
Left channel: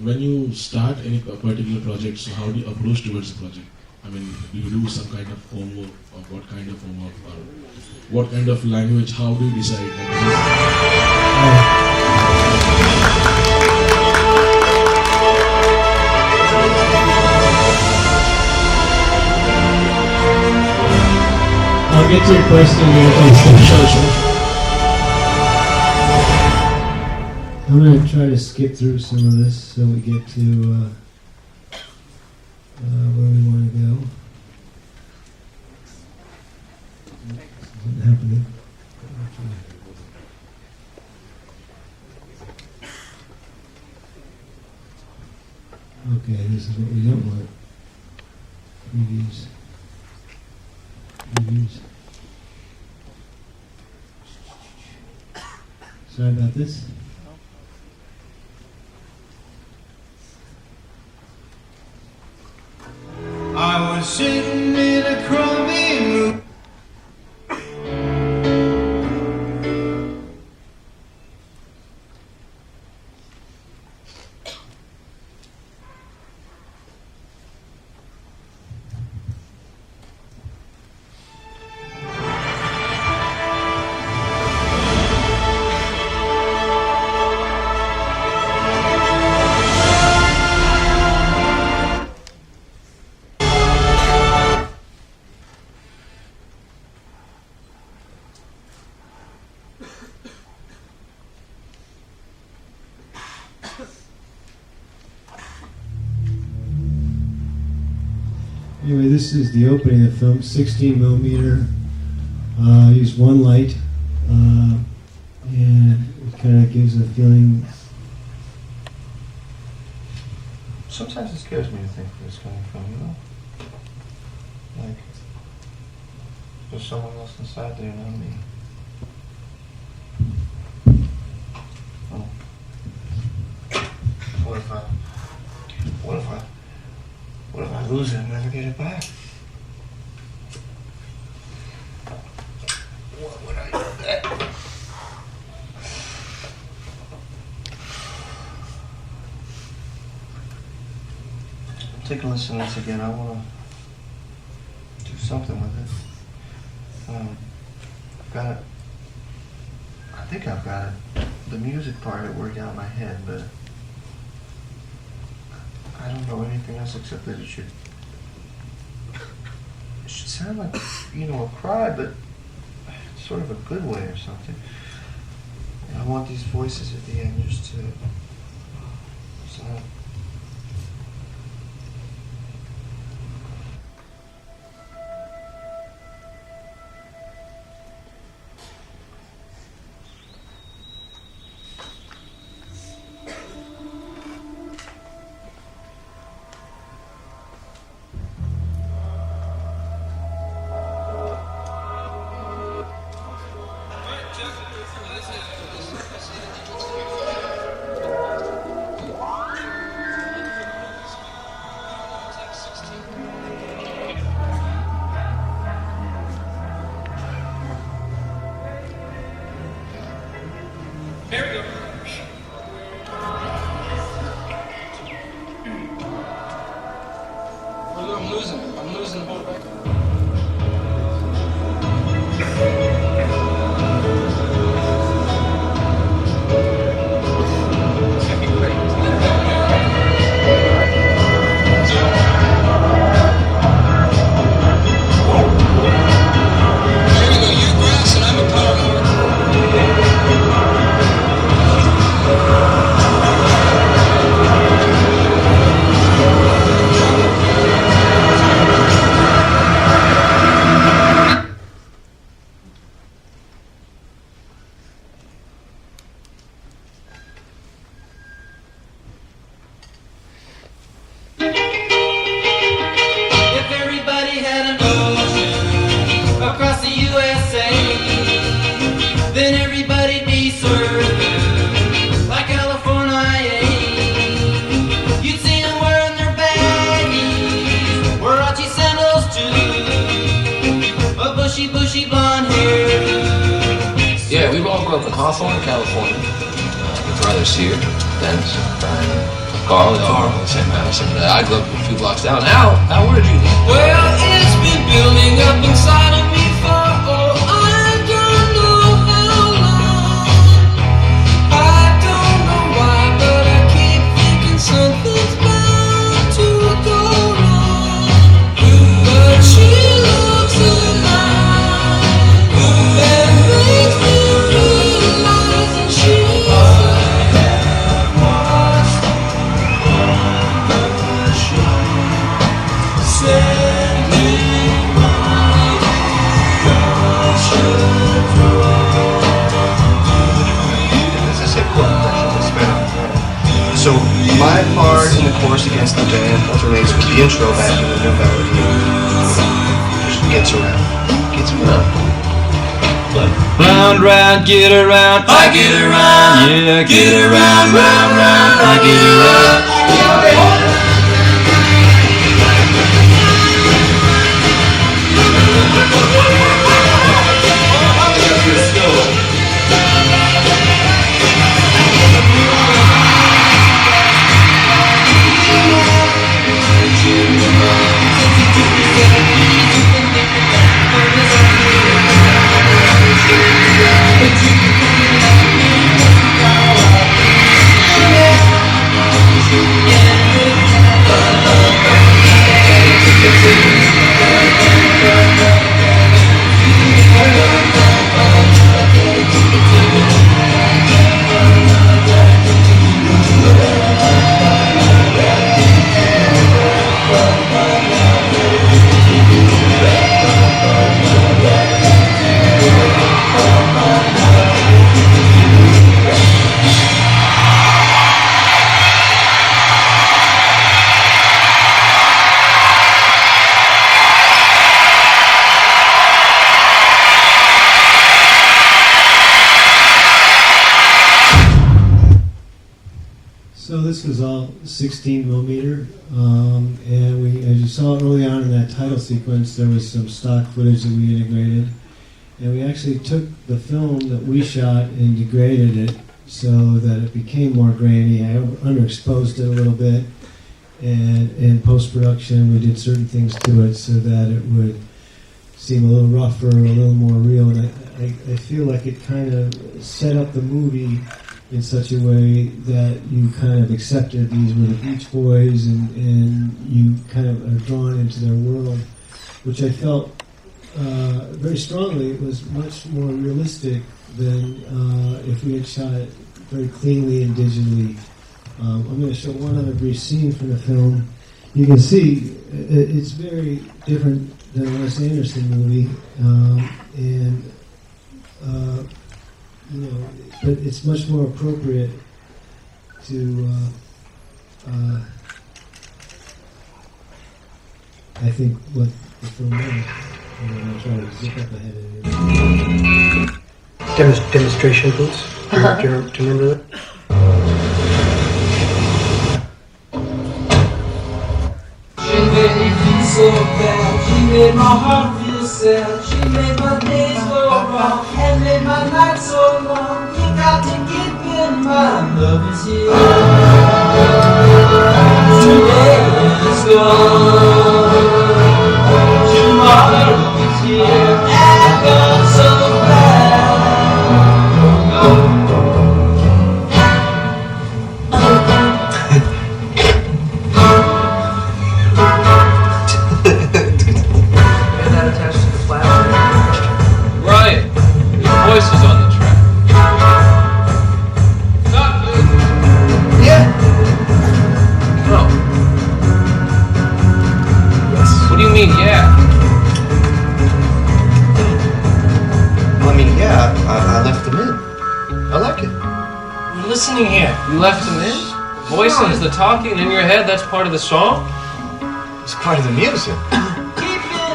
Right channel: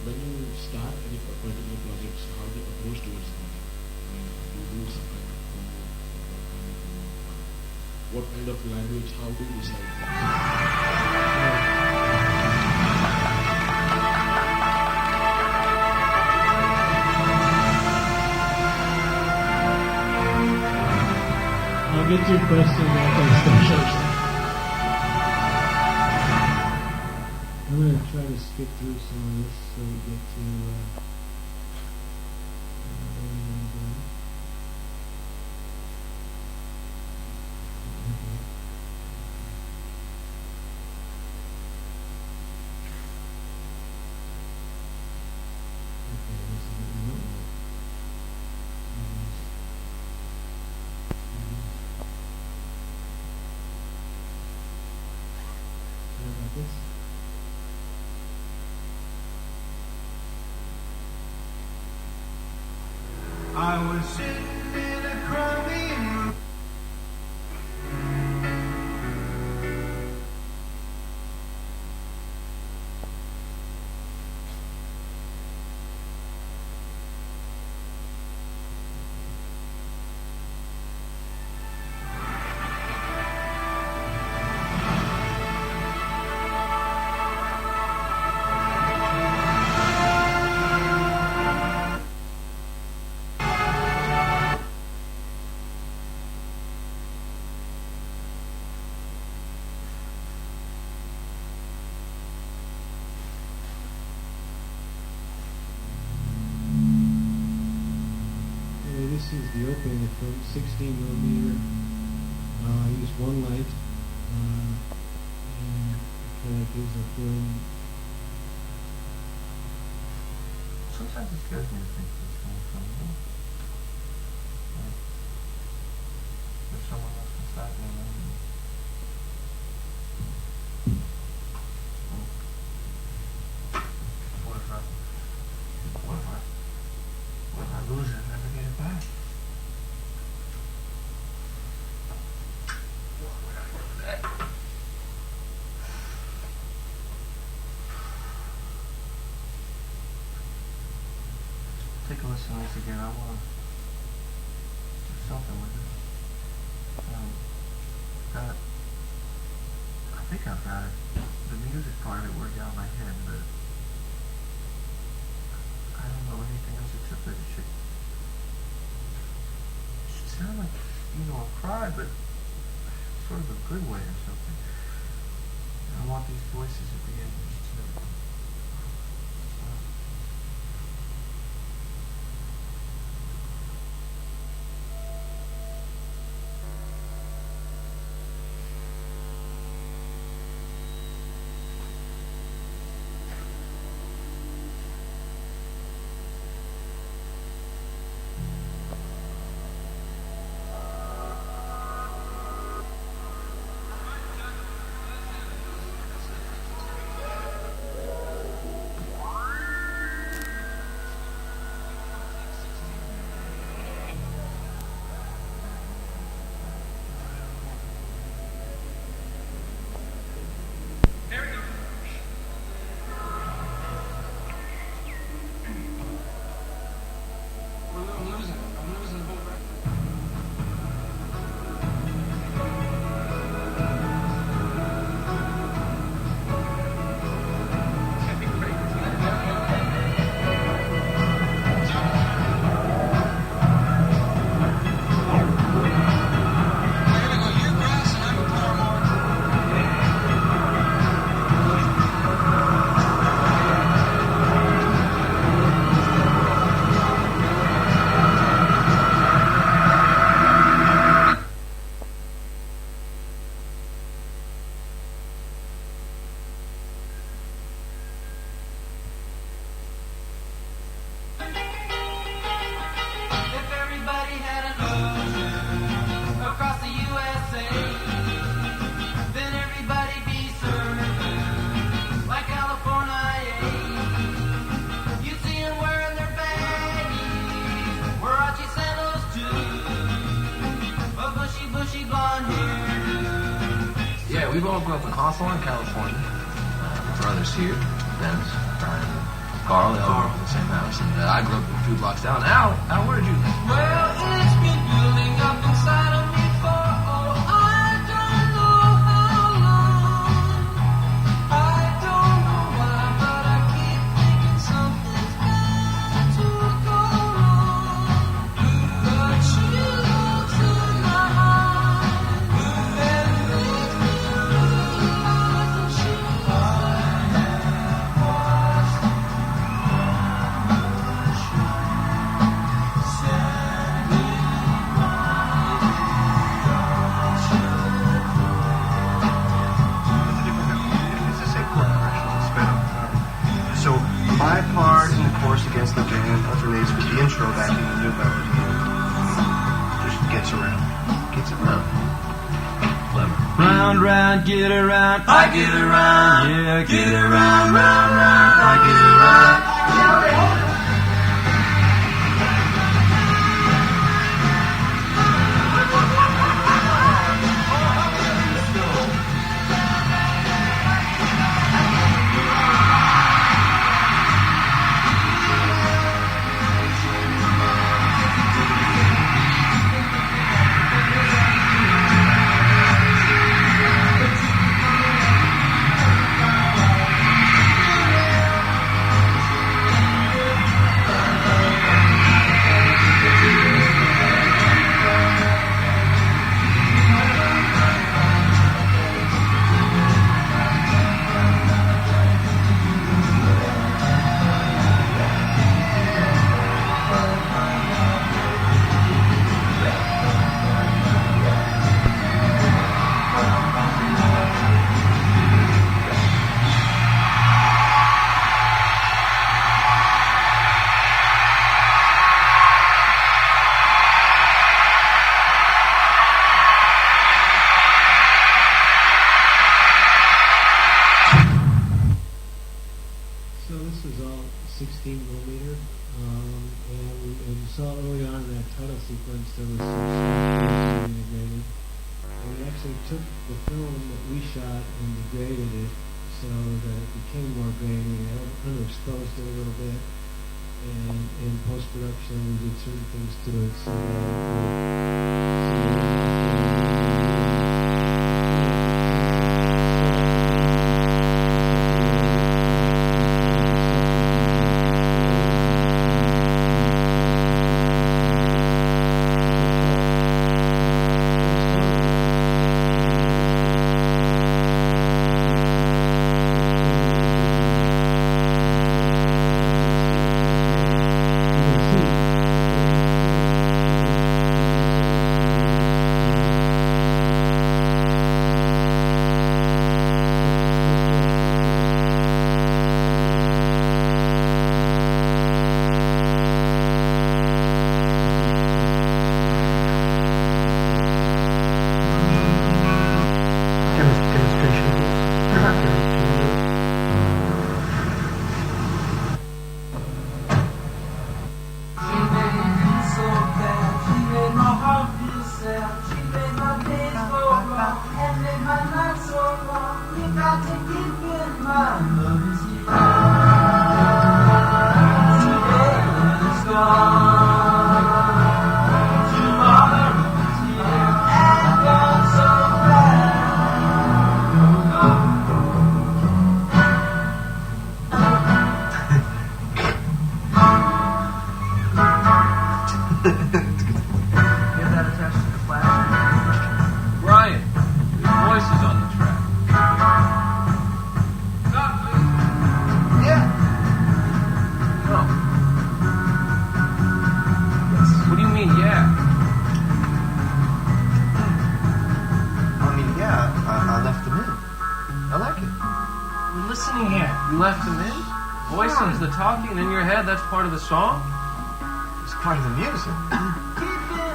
when you start any particular project, so how do you approach towards the project? I mean, do you do some kind of homework, or what kind of homework, or what kind of language? How do you decide I'll get to your question. Sure. I'm going to try to skip through some of this so we get to where we want to go. Isn't happening. Okay, this is what we don't want. Previews. Sorry about this. I was sitting in a crummy room. Anyway, this is the opening of the film, 16 millimeter. I used one light, and it kind of gives a feeling. Sometimes it scares me to think where it's coming from, Like, there's someone else inside there, not me. Oh. What if I lose it and never get it back? What would I do then? Take a listen to this again. I want to do something with it. Got it. I think I've got it. The music part it worked out in my head, but I don't know anything else except that it should sound like, a cry, but sort of a good way or something. And I want these voices at the end just to sound. I'm losing the whole record. bushy blonde hair. Yeah, we all grew up in Hawthorne, California. My brother's here, Dennis, Brian, Carl, they all grew up in the same house. And I grew up a few blocks down. Al, where did you live? Well, it's been building up inside of me for, I don't know how long. I don't know why, but I keep thinking something's bound to go wrong. But she looks in my eyes and makes me realize that she's So my part in the chorus against the band alternates with the intro back in the new melody. Just gets around. Round, round, get around, I get around, yeah, get around, round, round, I get around. So this was all 16 millimeter, and we, as you saw early on in that title sequence, there was some stock footage that we integrated, and we actually took the film that we shot and degraded it so that it became more grainy. I underexposed it a little bit, and in post-production we did certain things to it so that it would seem a little rougher and a little more real. I feel like it kind of set up the movie in such a way that we kind of accepted the Beach Boys and we kind of were drawn into their world, which I felt very strongly was much more realistic than if we had shot it more cleanly and digitally. I'm going to show one other scene from the film. You will see it's very different than almost every scene we did. But it's much more appropriate to I think Demonstration, please. Do you remember it? She made me feel so bad. She made my heart feel sad. She made my days go wrong and made my nights so long. You got to keep in mind, love is here. Today is gone. Tomorrow is here and gone so bad. Brian, your voice is on the track. Not good. Yeah. No. Yes. What do you mean, yeah? Well, I mean, yeah, I left them in. I like it. You're listening here. You left him in? Voices, the talking in your head, that's part of the song? It's part of the music.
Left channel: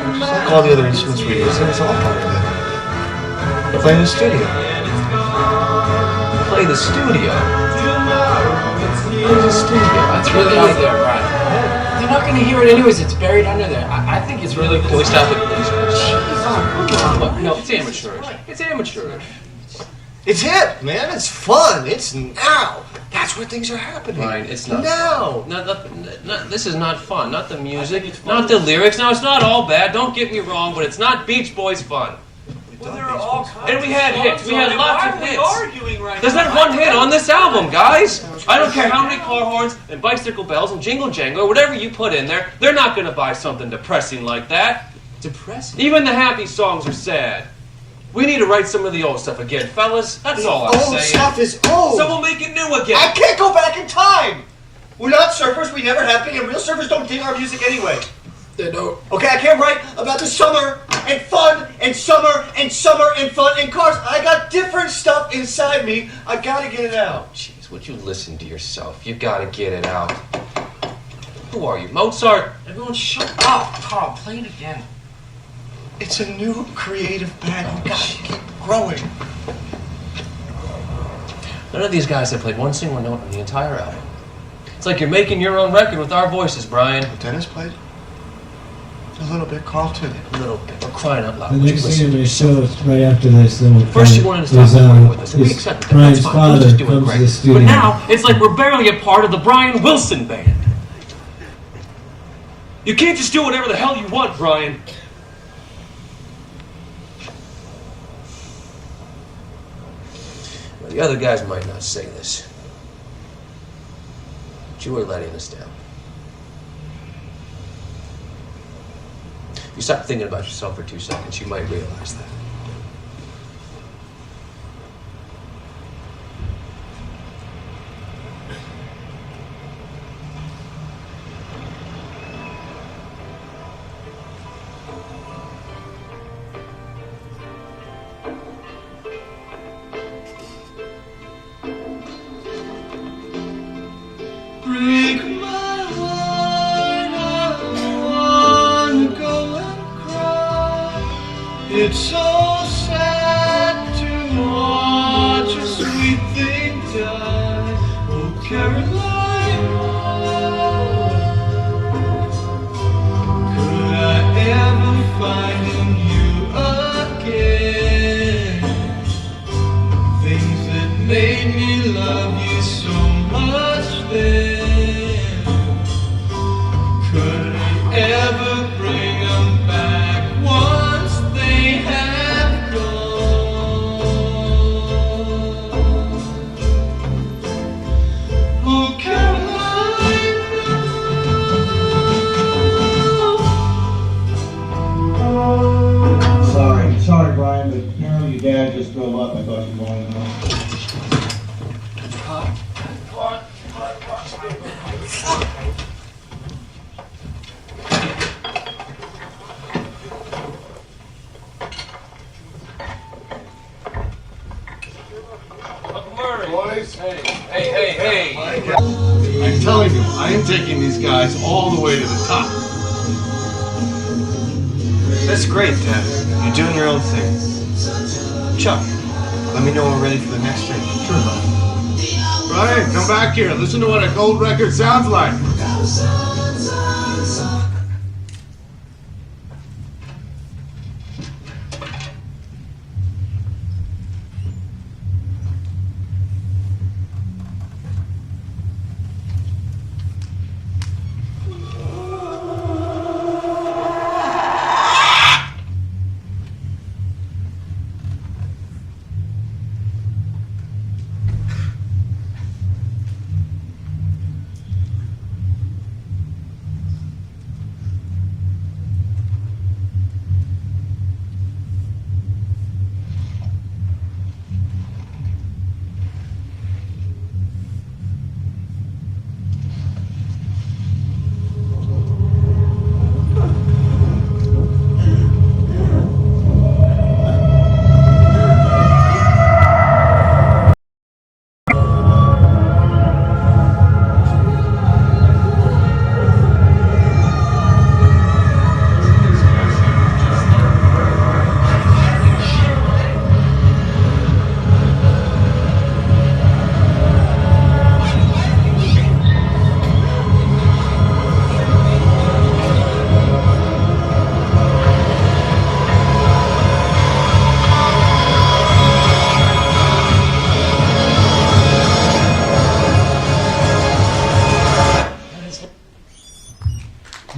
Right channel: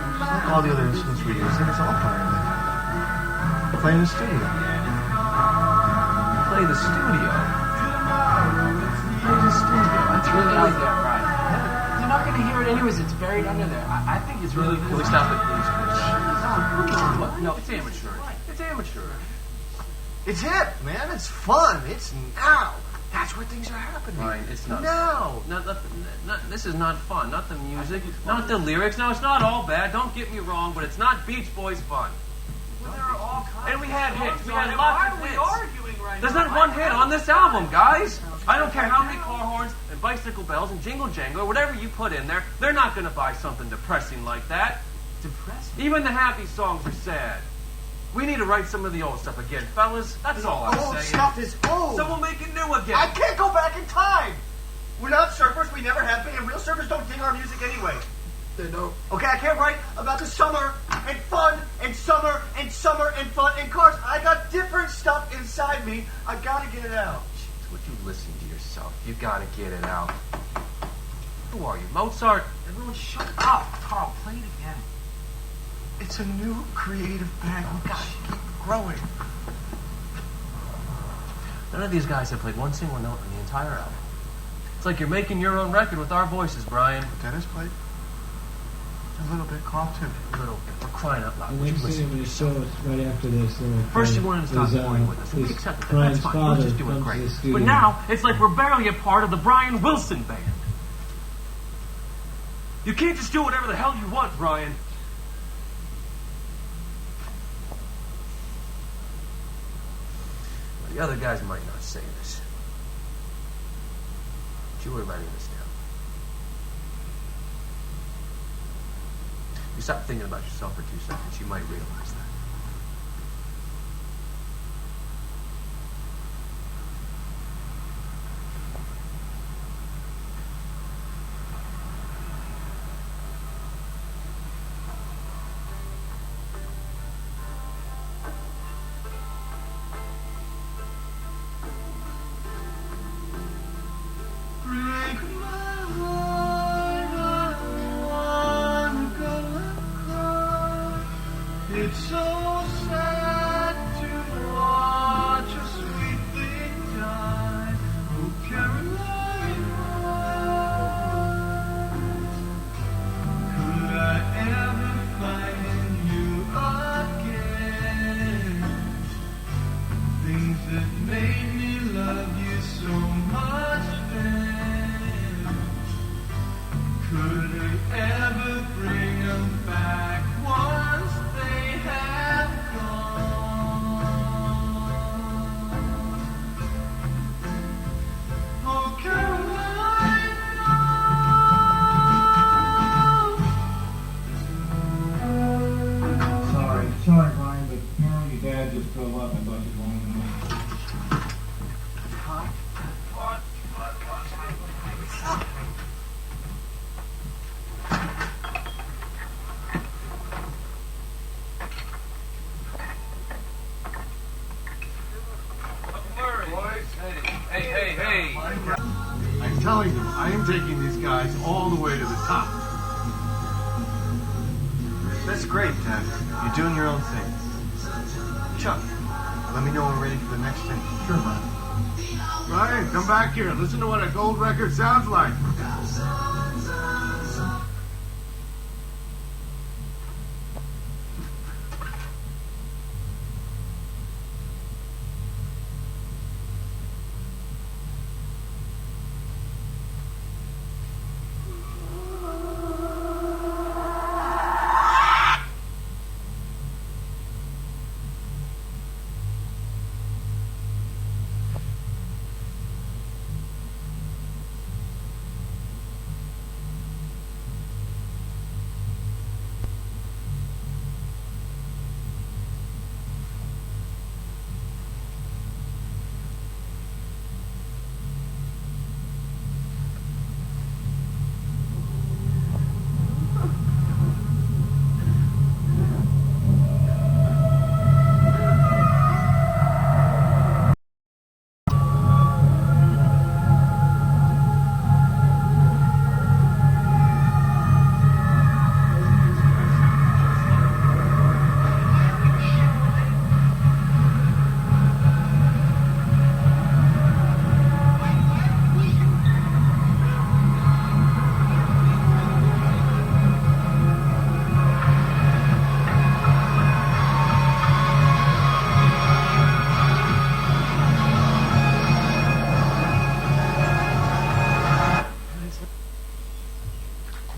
Just like all the other instruments we're using, it's all part of it. Play in the studio. Play the studio. Play the studio. That's really out there, Brian. They're not going to hear it anyways. It's buried under there. I think it's really cool. Can we stop it, please? Look, no, It's amateurish. It's amateurish. It's hip, man. It's fun. It's now. That's where things are happening. Brian, it's not. Now. This is not fun. Not the music, not the lyrics. Now, it's not all bad. Don't get me wrong, but it's not Beach Boys fun. Well, there are all kinds And we had hits. We had lots of hits. arguing right There's not one hit on this album, guys. I don't care how many car horns and bicycle bells and jingle jangle or whatever you put in there. They're not going to buy something depressing like that. Depressing? Even the happy songs are sad. We need to write some of the old stuff again, fellas. That's all I'm saying. Old stuff is old. So we'll make it new again. I can't go back in time. We're not surfers. We never have been. And real surfers don't dig our music anyway. They don't. Okay, I can't write about the summer and fun and summer and summer and fun and cars. I got different stuff inside me. I gotta get it out. Jeez, would you listen to yourself? You gotta get it out. Who are you, Mozart? Everyone shut up. Carl, play it again. It's a new creative band. We gotta keep growing. None of these guys have played one single note on the entire album. It's like you're making your own record with our voices, Brian. Dennis played? A little bit, Carl too. A little bit. We're crying out loud. The Would you next listen thing I'm to going to yourself? show is right after this. Then we'll First you wanted to stop recording with us, and we accepted that. Brian's That's fine. We'll father just do it comes to great. the studio. But now, it's like we're barely a part of the Brian Wilson band. You can't just do whatever the hell you want, Brian. Well, the other guys might not say this, but you are letting us down. You stop thinking about yourself for 2 seconds, you might realize that. Break my heart, I wanna go and cry. It's so sad to watch a sweet thing die. Oh, Caroline. your dad just drove up. I thought you wanted to know. Boys. Hey. I'm telling you, I am taking these guys all the way to the top. That's great, Dad. You're doing your own thing. Chuck, let me know when we're ready for the next thing. Sure, bud. Brian, come back here. Listen to what a gold record sounds like.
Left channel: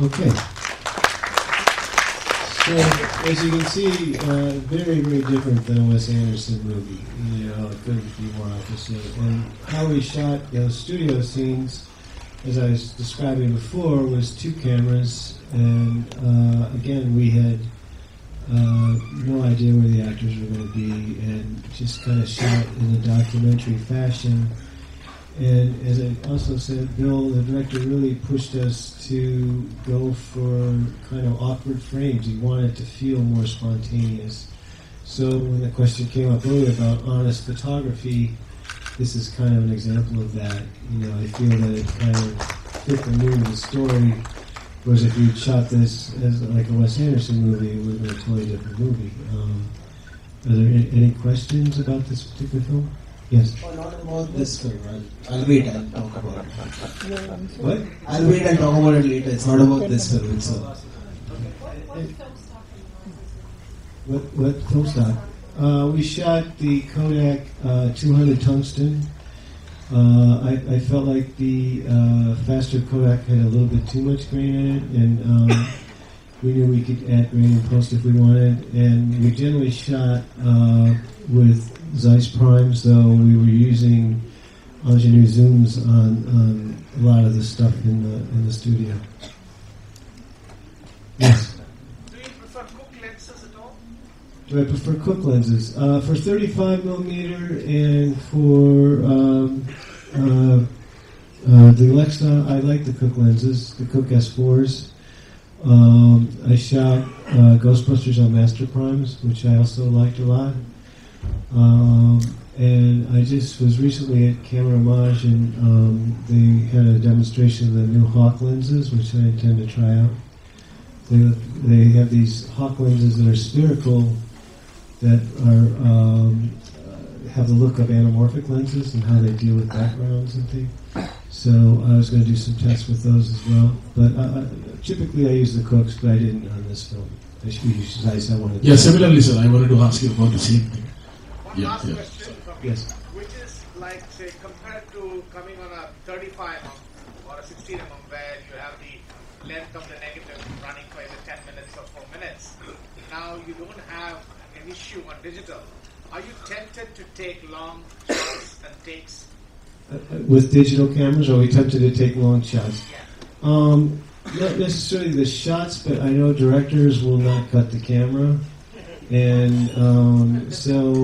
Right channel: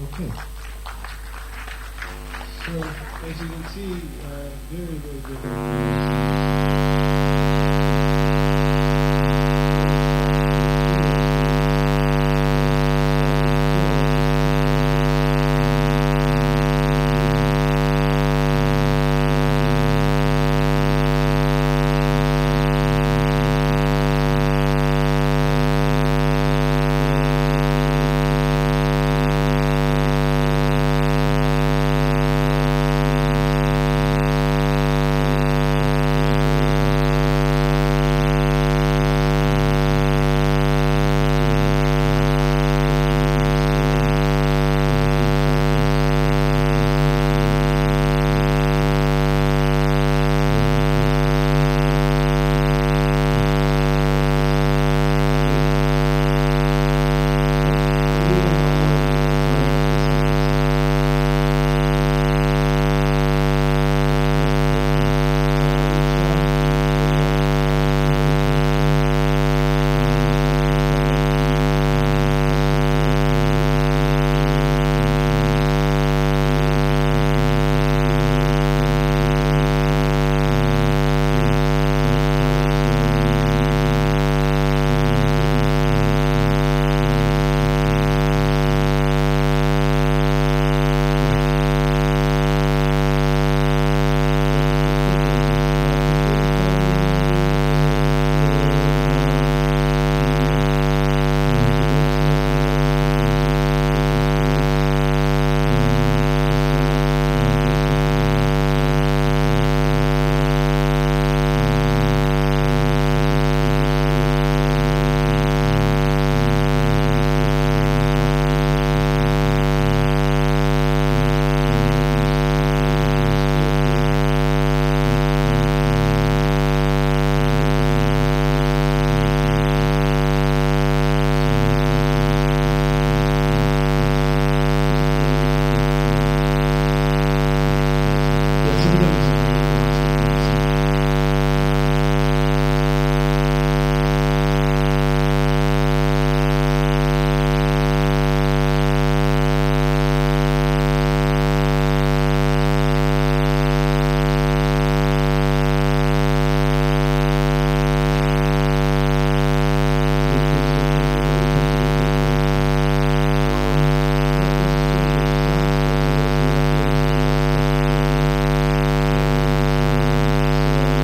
Okay. So, as you can see, very, very different things in the how we shot the studio scenes, as I was describing before, was two cameras, and again, we had no idea where the camera would be, just kind of shot in a documentary fashion. And as I said, Bill, the director really pushed us to go for kind of awkward frames. We wanted to feel more spontaneous. So when the question came up earlier about artist photography, this is kind of an example of that. You know, the feel of fit the mood of the story. Whereas if we shot this like a Wes Anderson movie, we would feel really good. Any questions about this particular? Yes. This I'll wait and talk about it. What? I'll wait and talk about it later. It's not about this film. We shot the plant 200 tungsten. I felt like the plaster collector a little bit too much for me, and we didn't get that many plaster together. And the day we shot with Zeiss cards, though, we were using engineer zooms on a lot of the stuff in the studio. Yes. For quick lenses, for 35 millimeter and for the next one, I like the quick lenses, the quick S4s. I shot Ghostbusters on Masterclass, which I also like a lot. And I just was recently at Homage and had a demonstration of new crop lenses, which I was going to try. And we have these crop lenses that are spherical that have a look like anamorphic lenses and how they do macro lenses. So I was going to do some tests with those as well. But typically I use the correct frame. Yeah, similarly, sir, I wanted to ask you about the same. With digital cameras, or attempting to take long shots? Not necessarily the shots, but I know directors will want that the camera, and so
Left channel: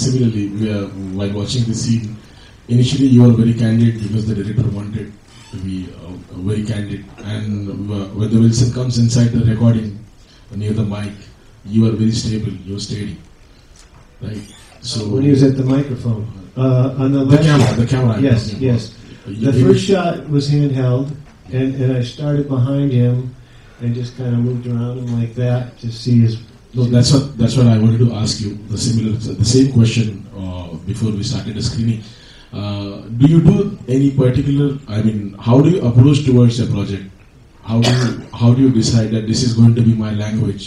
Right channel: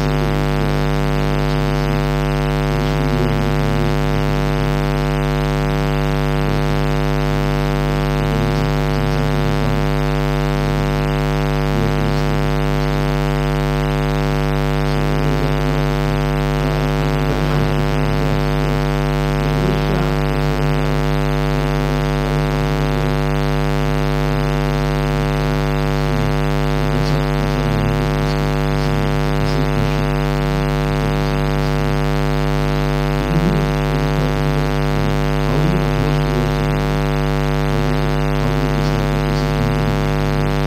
similarly, while watching the scene, initially you are very candid, even the director wanted to be very candid, and when the Wilson comes inside the recording near the mic, you are very stable, very steady. So when he was at the microphone, on the camera. Yes. The first shot was handheld, and I started behind him and just kind of moved around him like that to see his. That's what I wanted to ask you. The same question before we started the screening. Do you do any particular? I mean, how do you approach towards a project? How do you decide that this is going to be my language?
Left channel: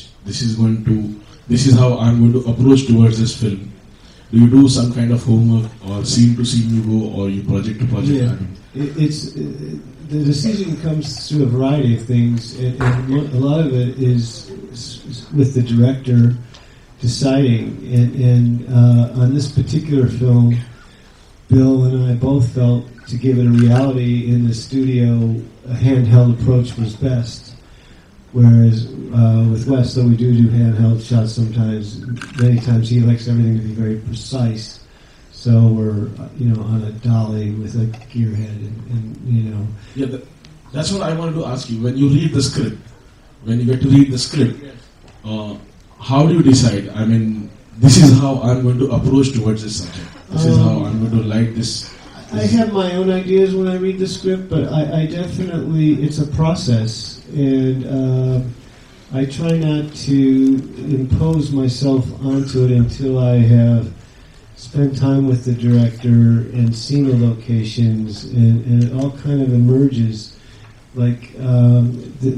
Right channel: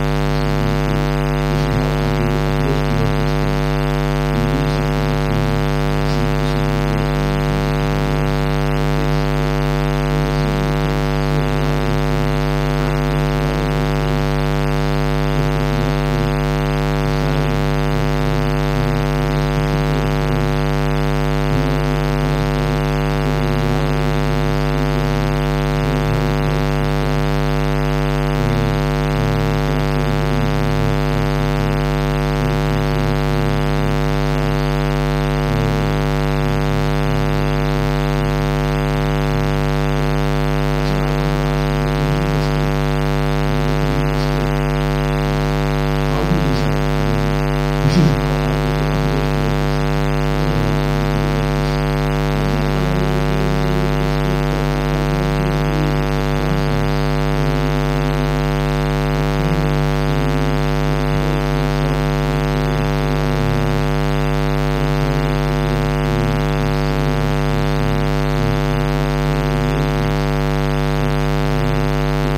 This is how I'm going to approach towards this film. Do you do some kind of homework, or scene to scene you go, or you project to project? Yeah, the decision comes through a variety of things, and a lot of it is with the director deciding. And on this particular film, Bill and I both felt to give it reality in the studio, a handheld approach was best. Whereas with Russ, they do need handheld shots sometimes. Many times he likes everything to be very precise. So, on the dolly, that's what I wanted to ask you. When you read the script, how do you decide? I mean, this is how I'm going to approach towards this scene. This is how I'm going to write this. I have my own ideas when I read the script, but I definitely, it's a process, and I try not to impose myself onto it until I have spent time with the director and seen the locations, and it all kind of emerges. Like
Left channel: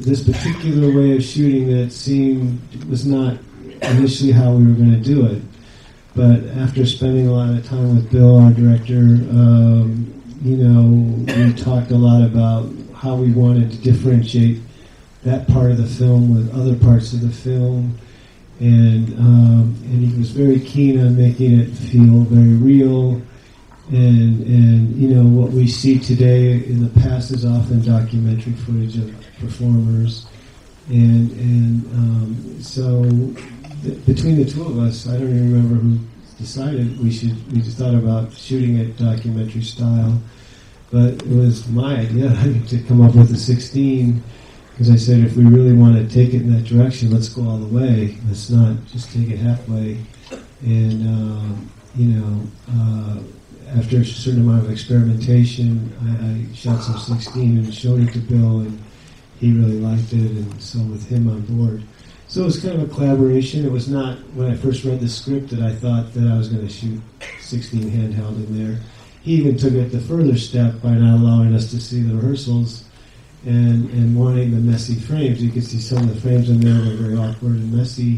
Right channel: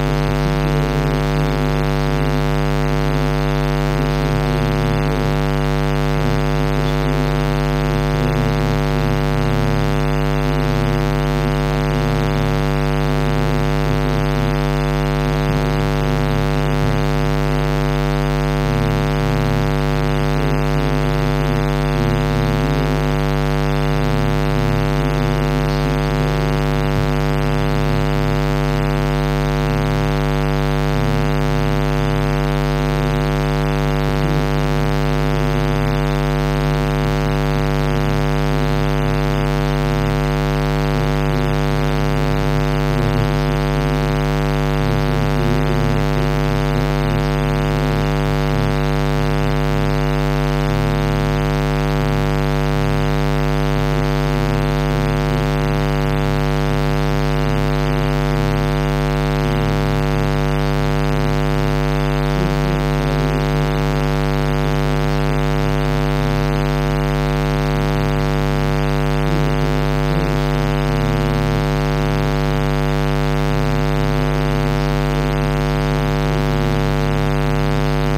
this particular way of shooting that scene is not initially how we were going to do it, but after spending a lot of time with Bill, our director, we talked a lot about how we wanted to differentiate that part of the film and other parts of the film, and he was very keen on making it feel very real, and what we see today in the past is often documented performers, and so between the two of us, I don't remember deciding we thought about shooting that documentary style, but it was my idea to come up with a 16. As I said, if we really want to take it in that direction, let's go all the way. Let's not just take it halfway. And after a certain amount of experimentation, shot some 16 and showed it to Bill, and he really liked it and decided to film on board. So it was kind of a collaboration. It was not when I first read the script that I thought that I was going to shoot 16 handheld. He even took it the further step by not allowing us to see rehearsals and wanting a messy frame. You could see some of the frames in there that were locked in and messy.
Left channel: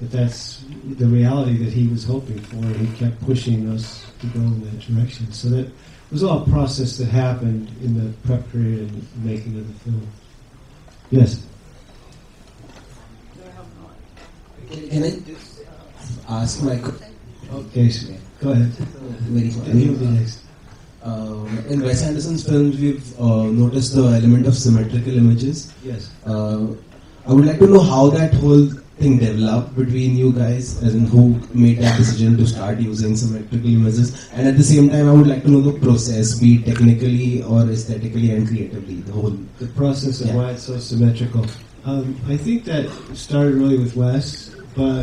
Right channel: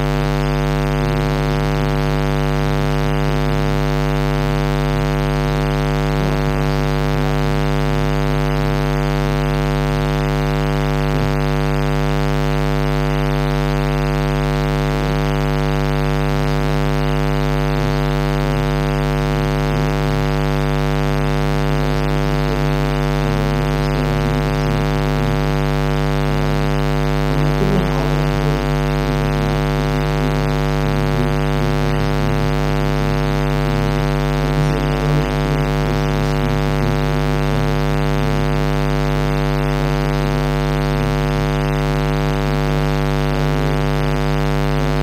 But that's the reality that he was hoping for. We kept pushing us to go in that direction. So there's a lot of process that happened in the prep period to make it. Yes. Ask like, yes, go ahead. In Wes Anderson's film, we've noticed the element of symmetrical images. I would like to know how that whole thing developed between you guys and who made that decision to start using symmetrical images. And at the same time, I would like to know the process, be it technically or aesthetically and creatively. The process of why it's so symmetrical. I think that started really with Wes, but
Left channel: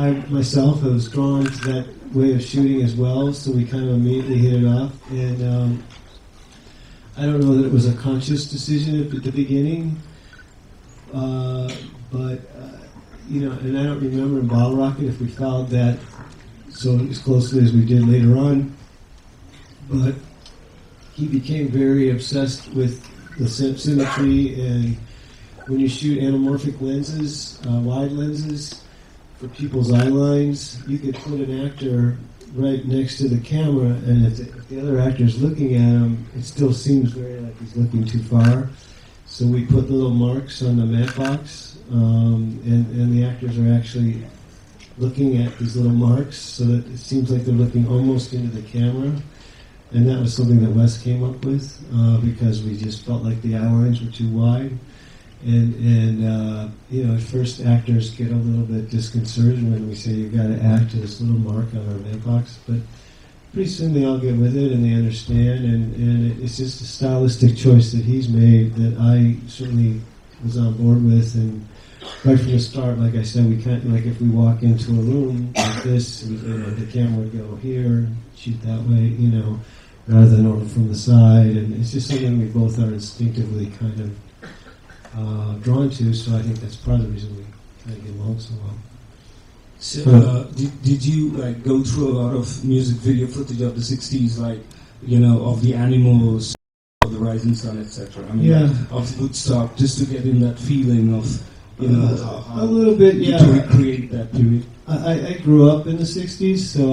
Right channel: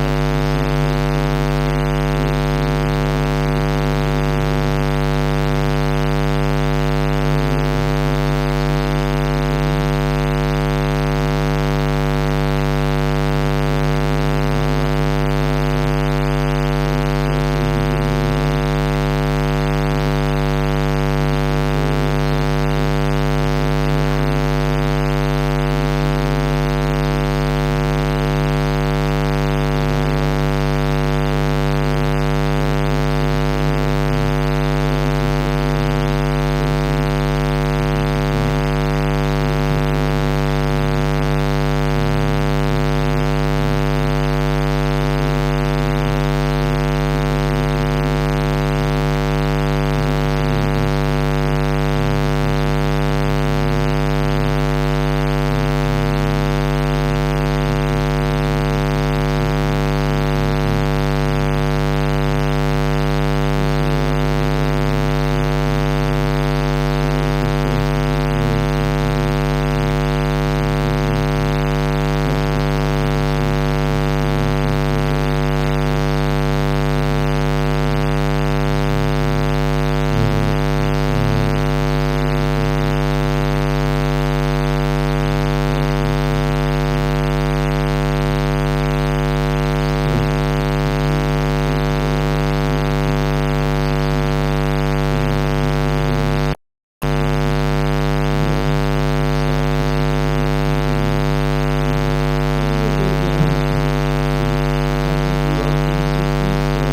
I myself was drawn to that way of shooting as well, so we kind of immediately hit it off. I don't know that it was a conscious decision at the beginning, but when we bottle rocket, we found that so as closely as we did later on, that we became very obsessed with the symmetry, and when you shoot anamorphic lenses, wide lenses, people's eye lines, you can put an actor right next to the camera, and if the other actor's looking at him, still see like there's a file. So we put little marks on the knife box, and the actors are actually looking at these little marks, so it seems like they're looking almost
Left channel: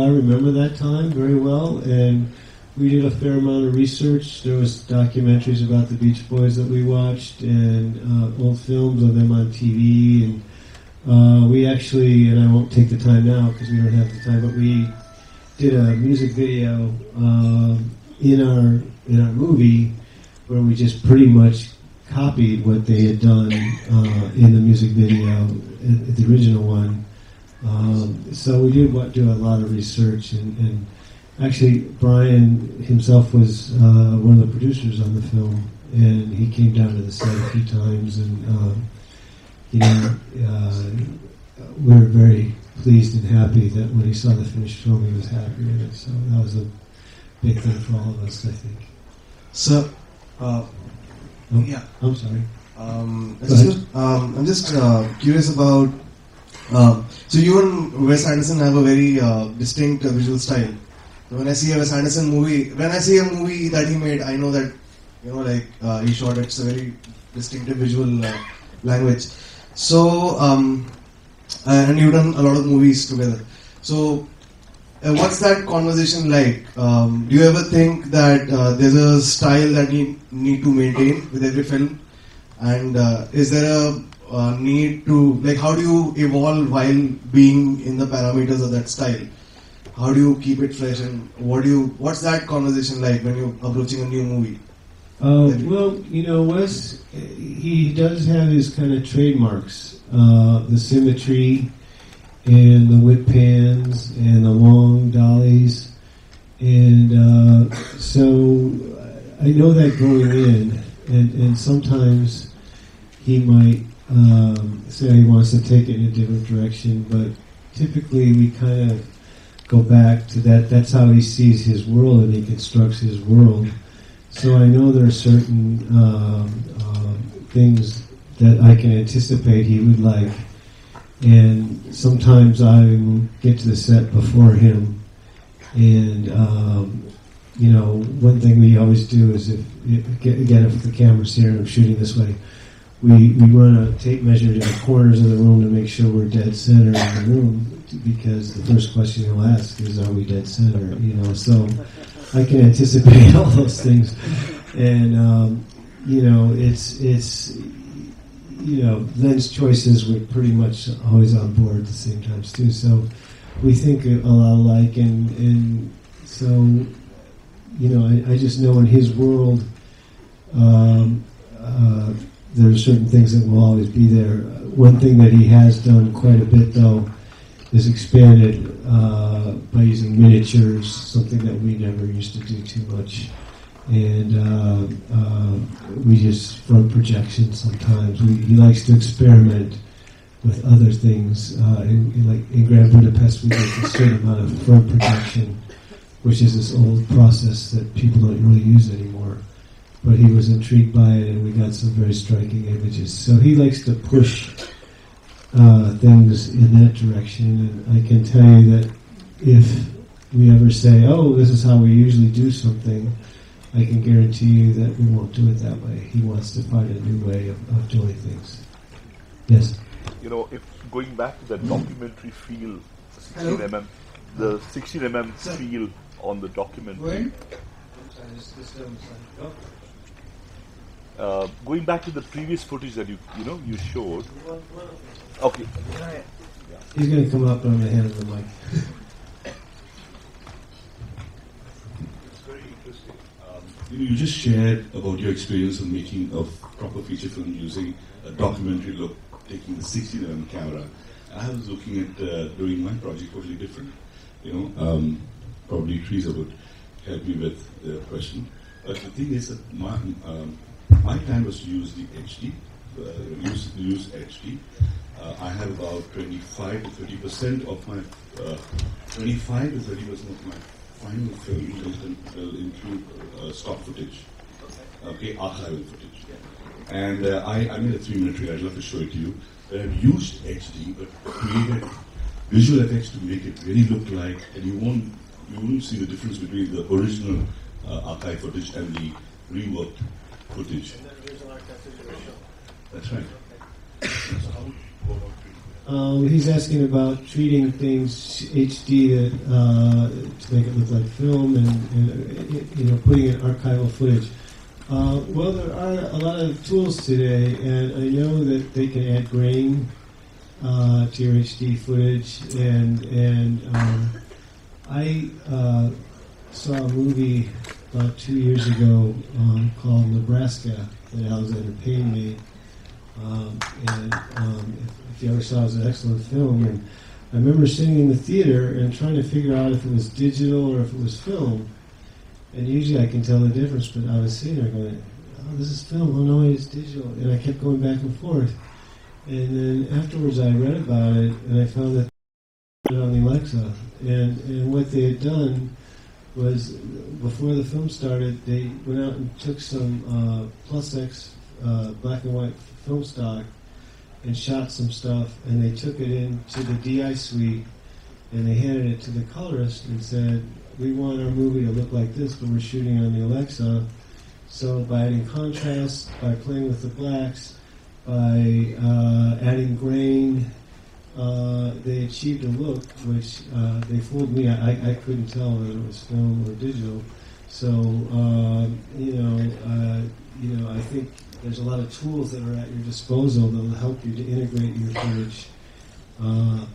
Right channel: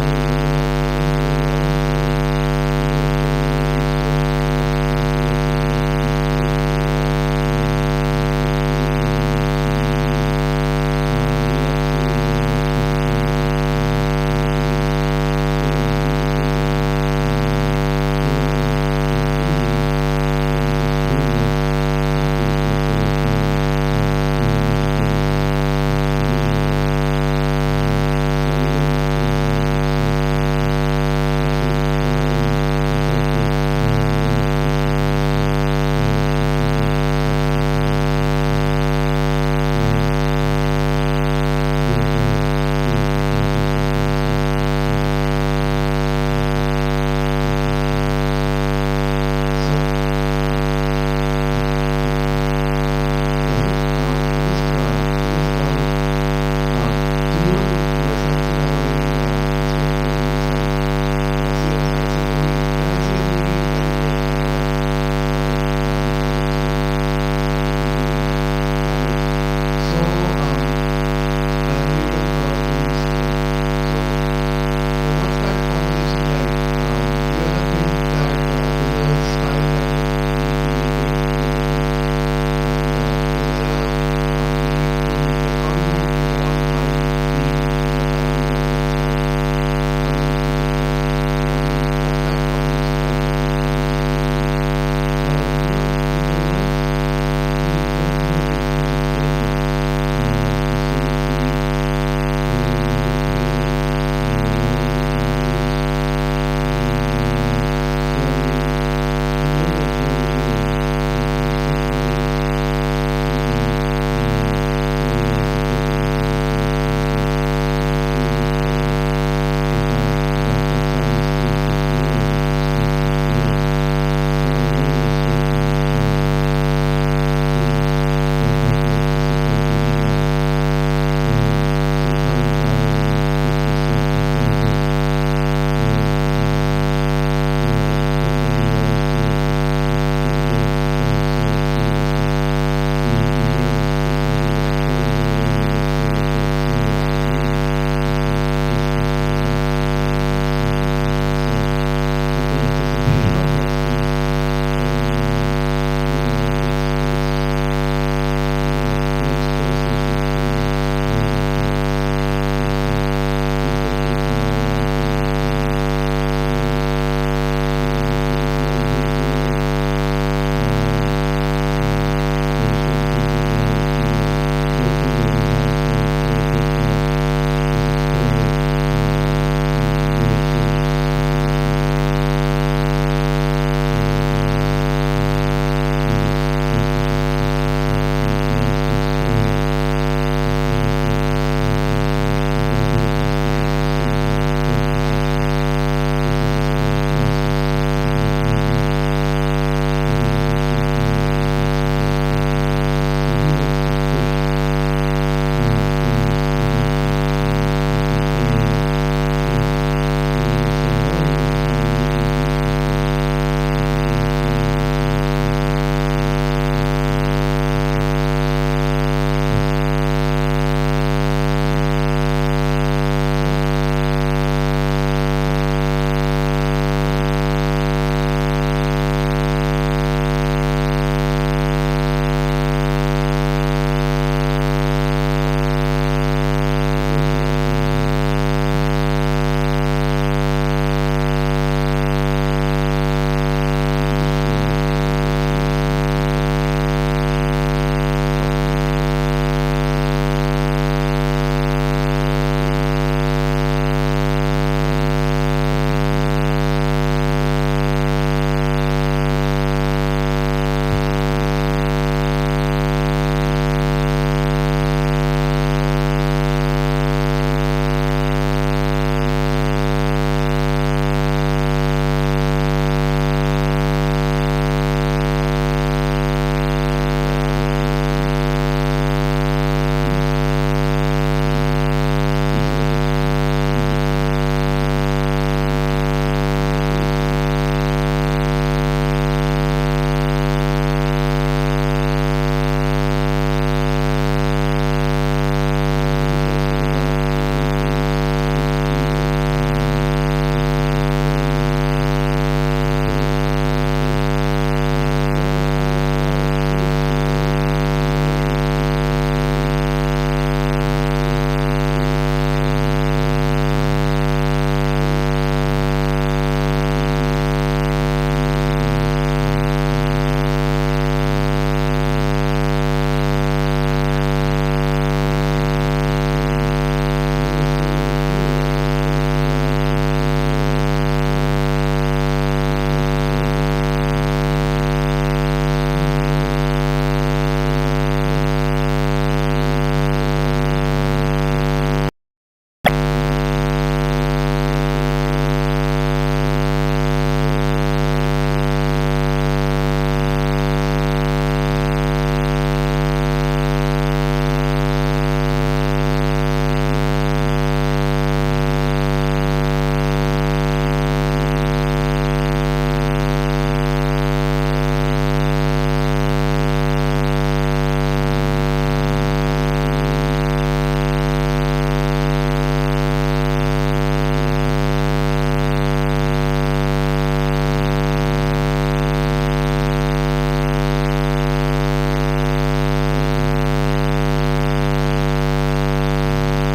I remember that time very well, and we did a fair amount of research. There was documentaries about the Beach Boys that we watched, and their film was on MTV. And we actually took the time out to do that kind of. We did a music video in a movie where we just pretty much copied what they had done in the music video, the original one. So we did a lot of research. And actually, Brian himself was one of the producers of the film, and he came down to the set a few times. And we're very pleased and happy that when we saw the first film, it was that great. So I'm just curious about. So you and Wes Anderson have a very distinct visual style. When I see a Wes Anderson movie, when I see a movie that he made, I know that he shot it so distinctive visual language. So and you've done a lot of movies together. So what's that conversation like? Do you ever think that there's a style that you need to maintain with every film? And is there a need to, like, how do you evolve while being in the parameters of that style? How do you keep it fresh? And what's that conversation like when you're approaching a new movie? Wes, he does have his kind of trademarks, the symmetry and the whip pans and the long dollies, and so I know that going in, and sometimes he might say he wants to take it in a different direction, but typically we kind of go back to that. That's how he sees his world and constructs his world. So I know there are certain things that I can anticipate that he'd like, and sometimes I get to the set before him. And one thing we always do is get together with the film, say we're shooting this way. We want to take measurements of corners in the room to make sure we're dead center in the room, because the first person you ask is always dead center. So I can anticipate all those things, and it's Glenn's choices were pretty much always on point sometimes too. So we think a lot alike, and so I just know in his world. There are certain things that will not repeat there. One thing that he has done quite a bit, though, is experiment by using miniatures, something that we never used to do too much. And we just throw projections sometimes. He likes to experiment with other things. In Grand Budapest, we did a certain amount of film projection, which is this old process that people don't really use anymore. And he was intrigued by it, and he had some very striking images. So he likes to push things in that direction. I can tell you that if we ever say, oh, this is how we usually do something, I can guarantee you that he won't do it that way. He wants to kind of rewrite our characters. Yes. Going back to the topic of 16mm, the 16mm series on the documentary. Going back to the previous footage that you showed, public. You may go up on the Could you just share video of this film, and usually I can tell the difference from what I see it, but this film we always keep going back and forth. And afterwards I read about it, and I found it lucky. And what they had done was, before the film started, they went out and took some Essex black and white film stock and shot some stuff, and they took it into the DIC, and they handed it to the colorist and said, we want our movie to look like this when we're shooting it on the outside. So by contrast, by playing with the gaps, by adding grain, they achieved a look which, for me, I couldn't tell. I mean, it's going to the video. So, I think there's a lot of tools at our disposal that help you to integrate your image.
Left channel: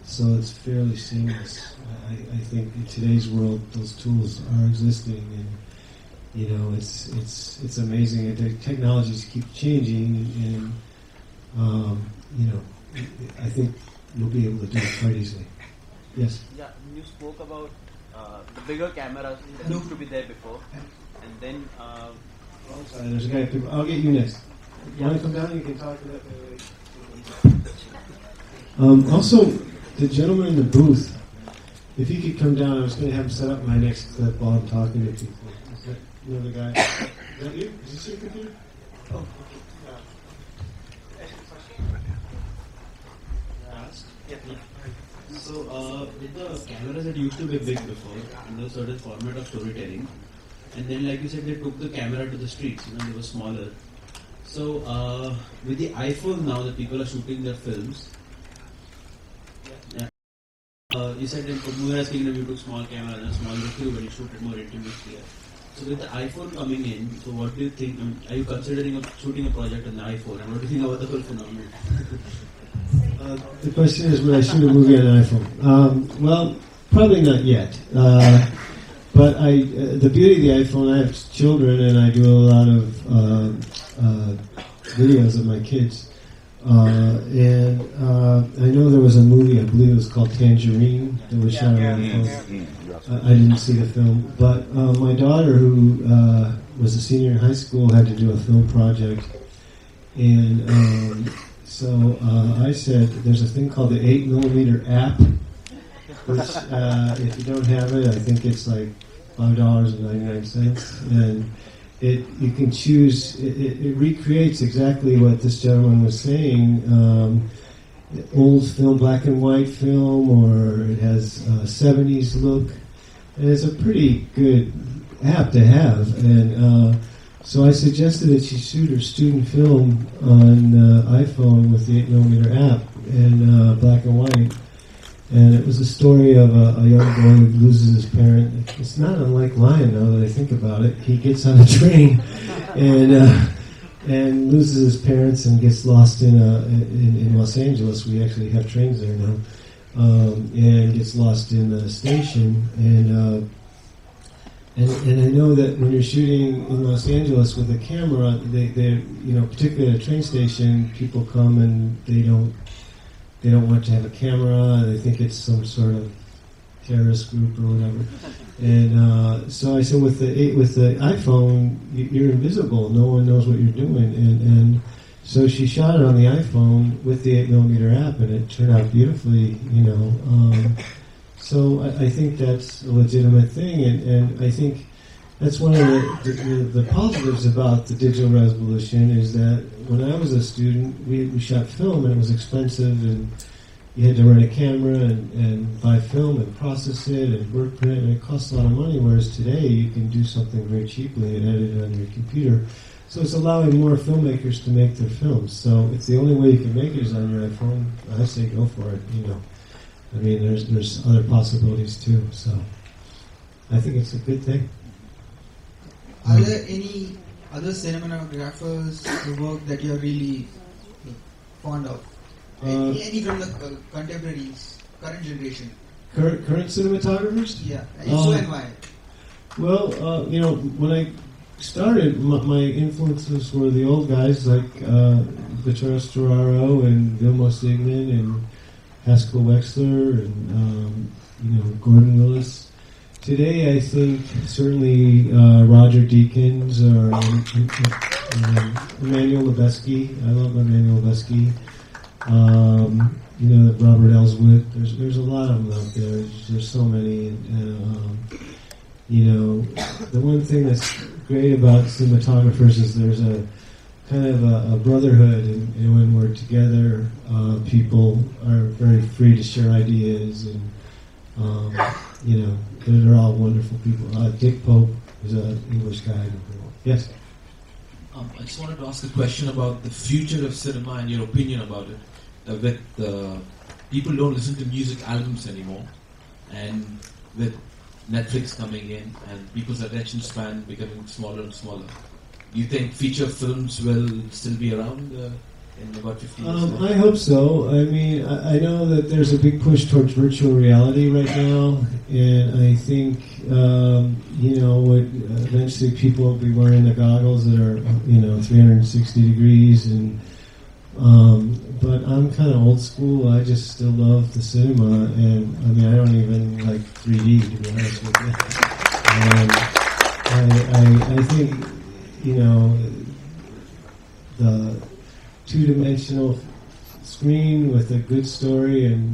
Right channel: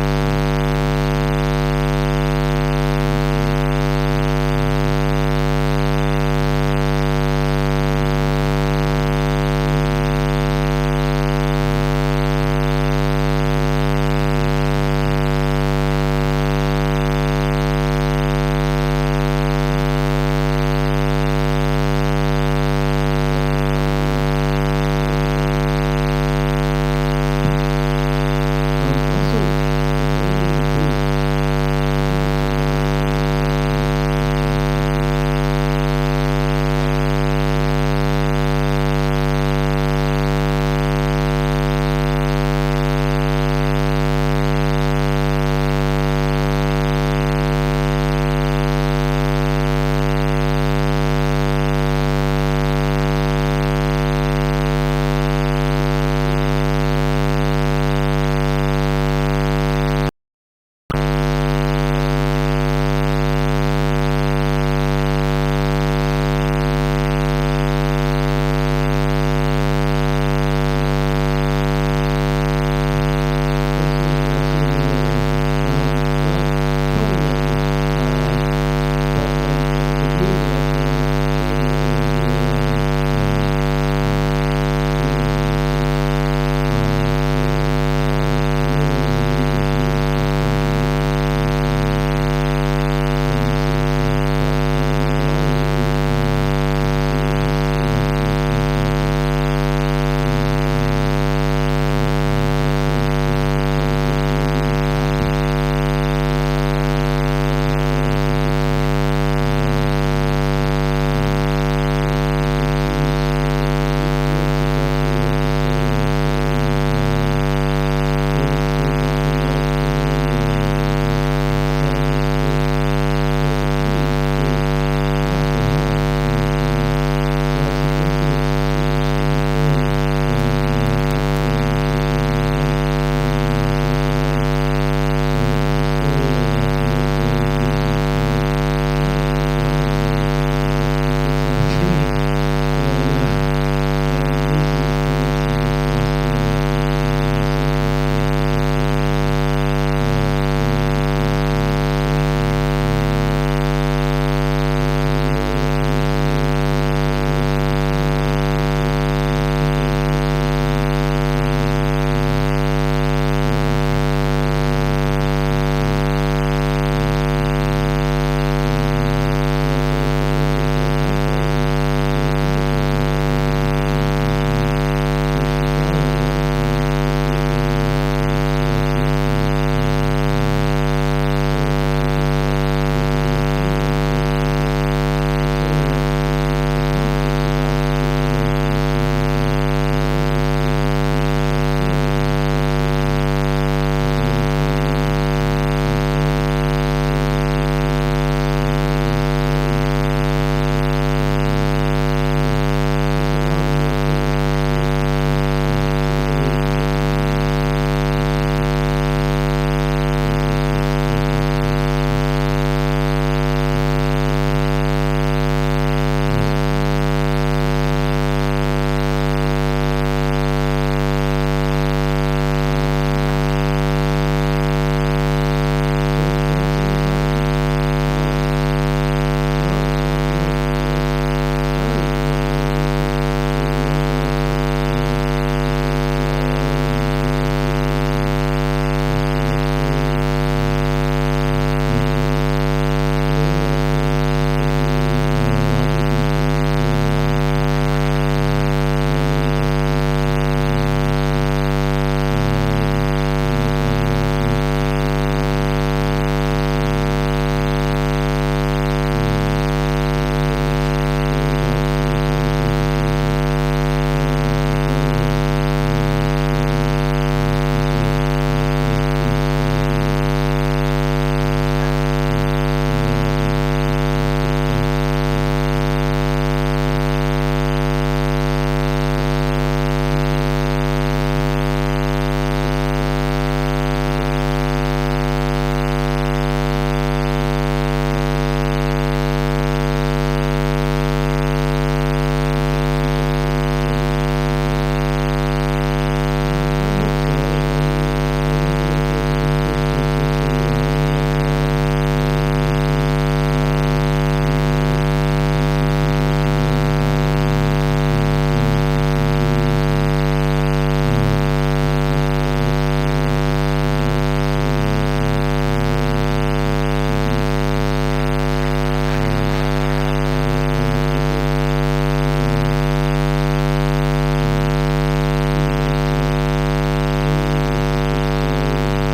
So it's very seamless. In today's world, these tools don't exist like that. It's amazing how technologies keep changing, and I think we're doing a good thing. Also, the gentleman in the booth, if he could come down, I was going to have set up my next live copy. Would I see the movie on an iPhone? Well, probably not yet. But the beauty of the iPhone, I have children and I do a lot of videos of my kids. I know there was a movie, I believe it's called Tangerine. They were showing I didn't see the film. But my daughter, who was a senior in high school, had to do a film project. I said there's a thing called the 8mm app. It's, if you don't have it, I think it's like $5.99. And you can choose, it recreates exactly what this gentleman was saying. Old film, black and white film, and it has 70s look. And it's a pretty good app to have. And so I suggested it's a shoot of student film on iPhone with the 8mm app and black and white. And it was a story of a young boy who loses his parent. It's not a violent one when I think about it. He gets on a train and loses his parents and gets lost in Los Angeles. We went to that train there. And gets lost in a station. And I know that when you're shooting in Los Angeles with a camera, in a particular train station, people come and they don't want to have a camera, and they think it's some sort of harassment. So I said, with the iPhone, you're invisible. No one knows what you're doing. And so she shot it on the iPhone with the 8mm app, and it turned out beautifully. So I think that's a legitimate thing, and I think that's one of the positives about the digital recognition is that when I was a student, we shot film, it was expensive. You had to rent a camera and buy film and process it and print it, and it costs a lot of money, whereas today you can do something very cheaply and load it on a computer. So it's allowing more filmmakers to make the film. So it's the only way to make it on the iPhone. That's not different. There's other possibilities too. So I think it's a good thing. Are there any other cinema platforms that you work that you have been fond of? Any Current cinematographers? Well, when I started, my influences were the old guys like Detroit Storaro and Bruno Sigmund and Oscar Webster and Gordon Willis. Today so. I mean, I know that there's a big push towards virtual reality right now, and I think, when you see people wearing the goggles that are, 360 degrees, but I'm kind of old school. I love the cinema on my own. I don't like 3D. I think, two-dimensional screen with a good story and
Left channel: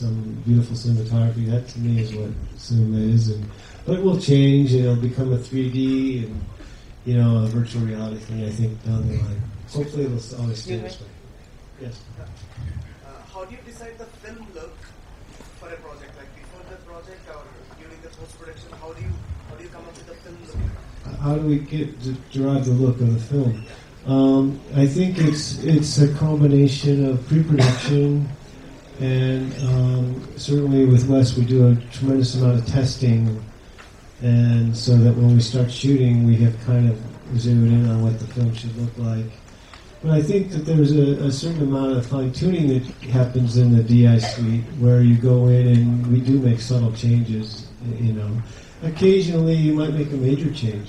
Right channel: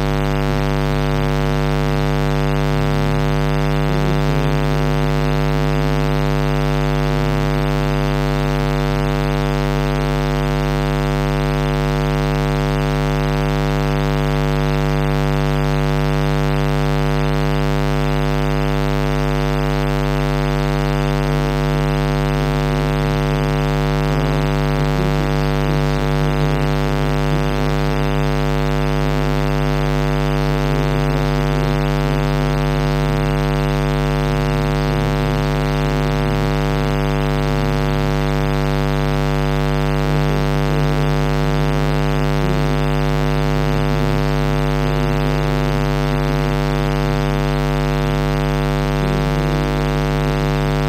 some beautiful cinematography, that to me is amazing. It will change, it'll become a 3D, virtual reality, I think. Hopefully it's how we put logic work on film. I think it's a combination of pre-production and certainly with us we do a tremendous amount of testing, and so that when we start shooting we get kind of zeroed in on what the film should look like. And I think that there's a certain amount of fine-tuning that happens in the DS where you go in and you do make subtle changes. Occasionally you might make a major change.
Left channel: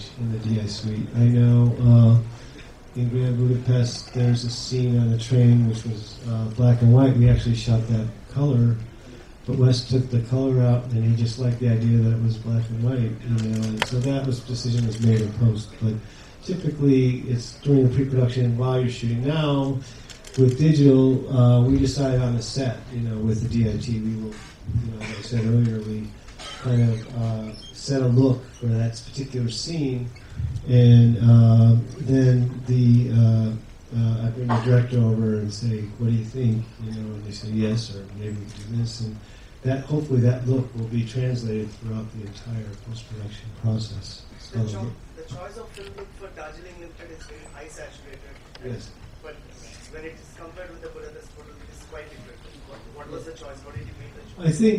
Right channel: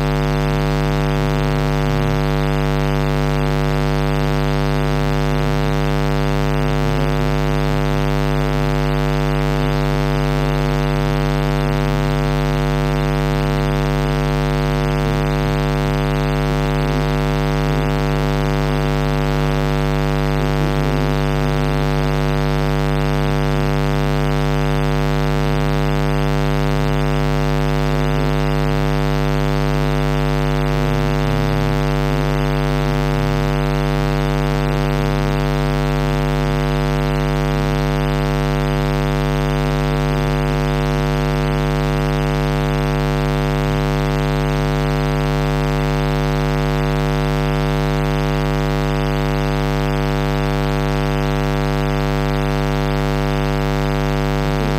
I know we're doing really past, there's a scene on the train that's black and white. We actually shot that color, but we just took the color out and we just left the idea that it was black and white. So that was decision was made in post. But typically, it's during pre-production, and while you're shooting down with digital, we decide on the set with the DOT. So then we kind of set a look for that particular scene, and then the director will say, "Can you please?" Yes. That hopefully that look will be translated. I think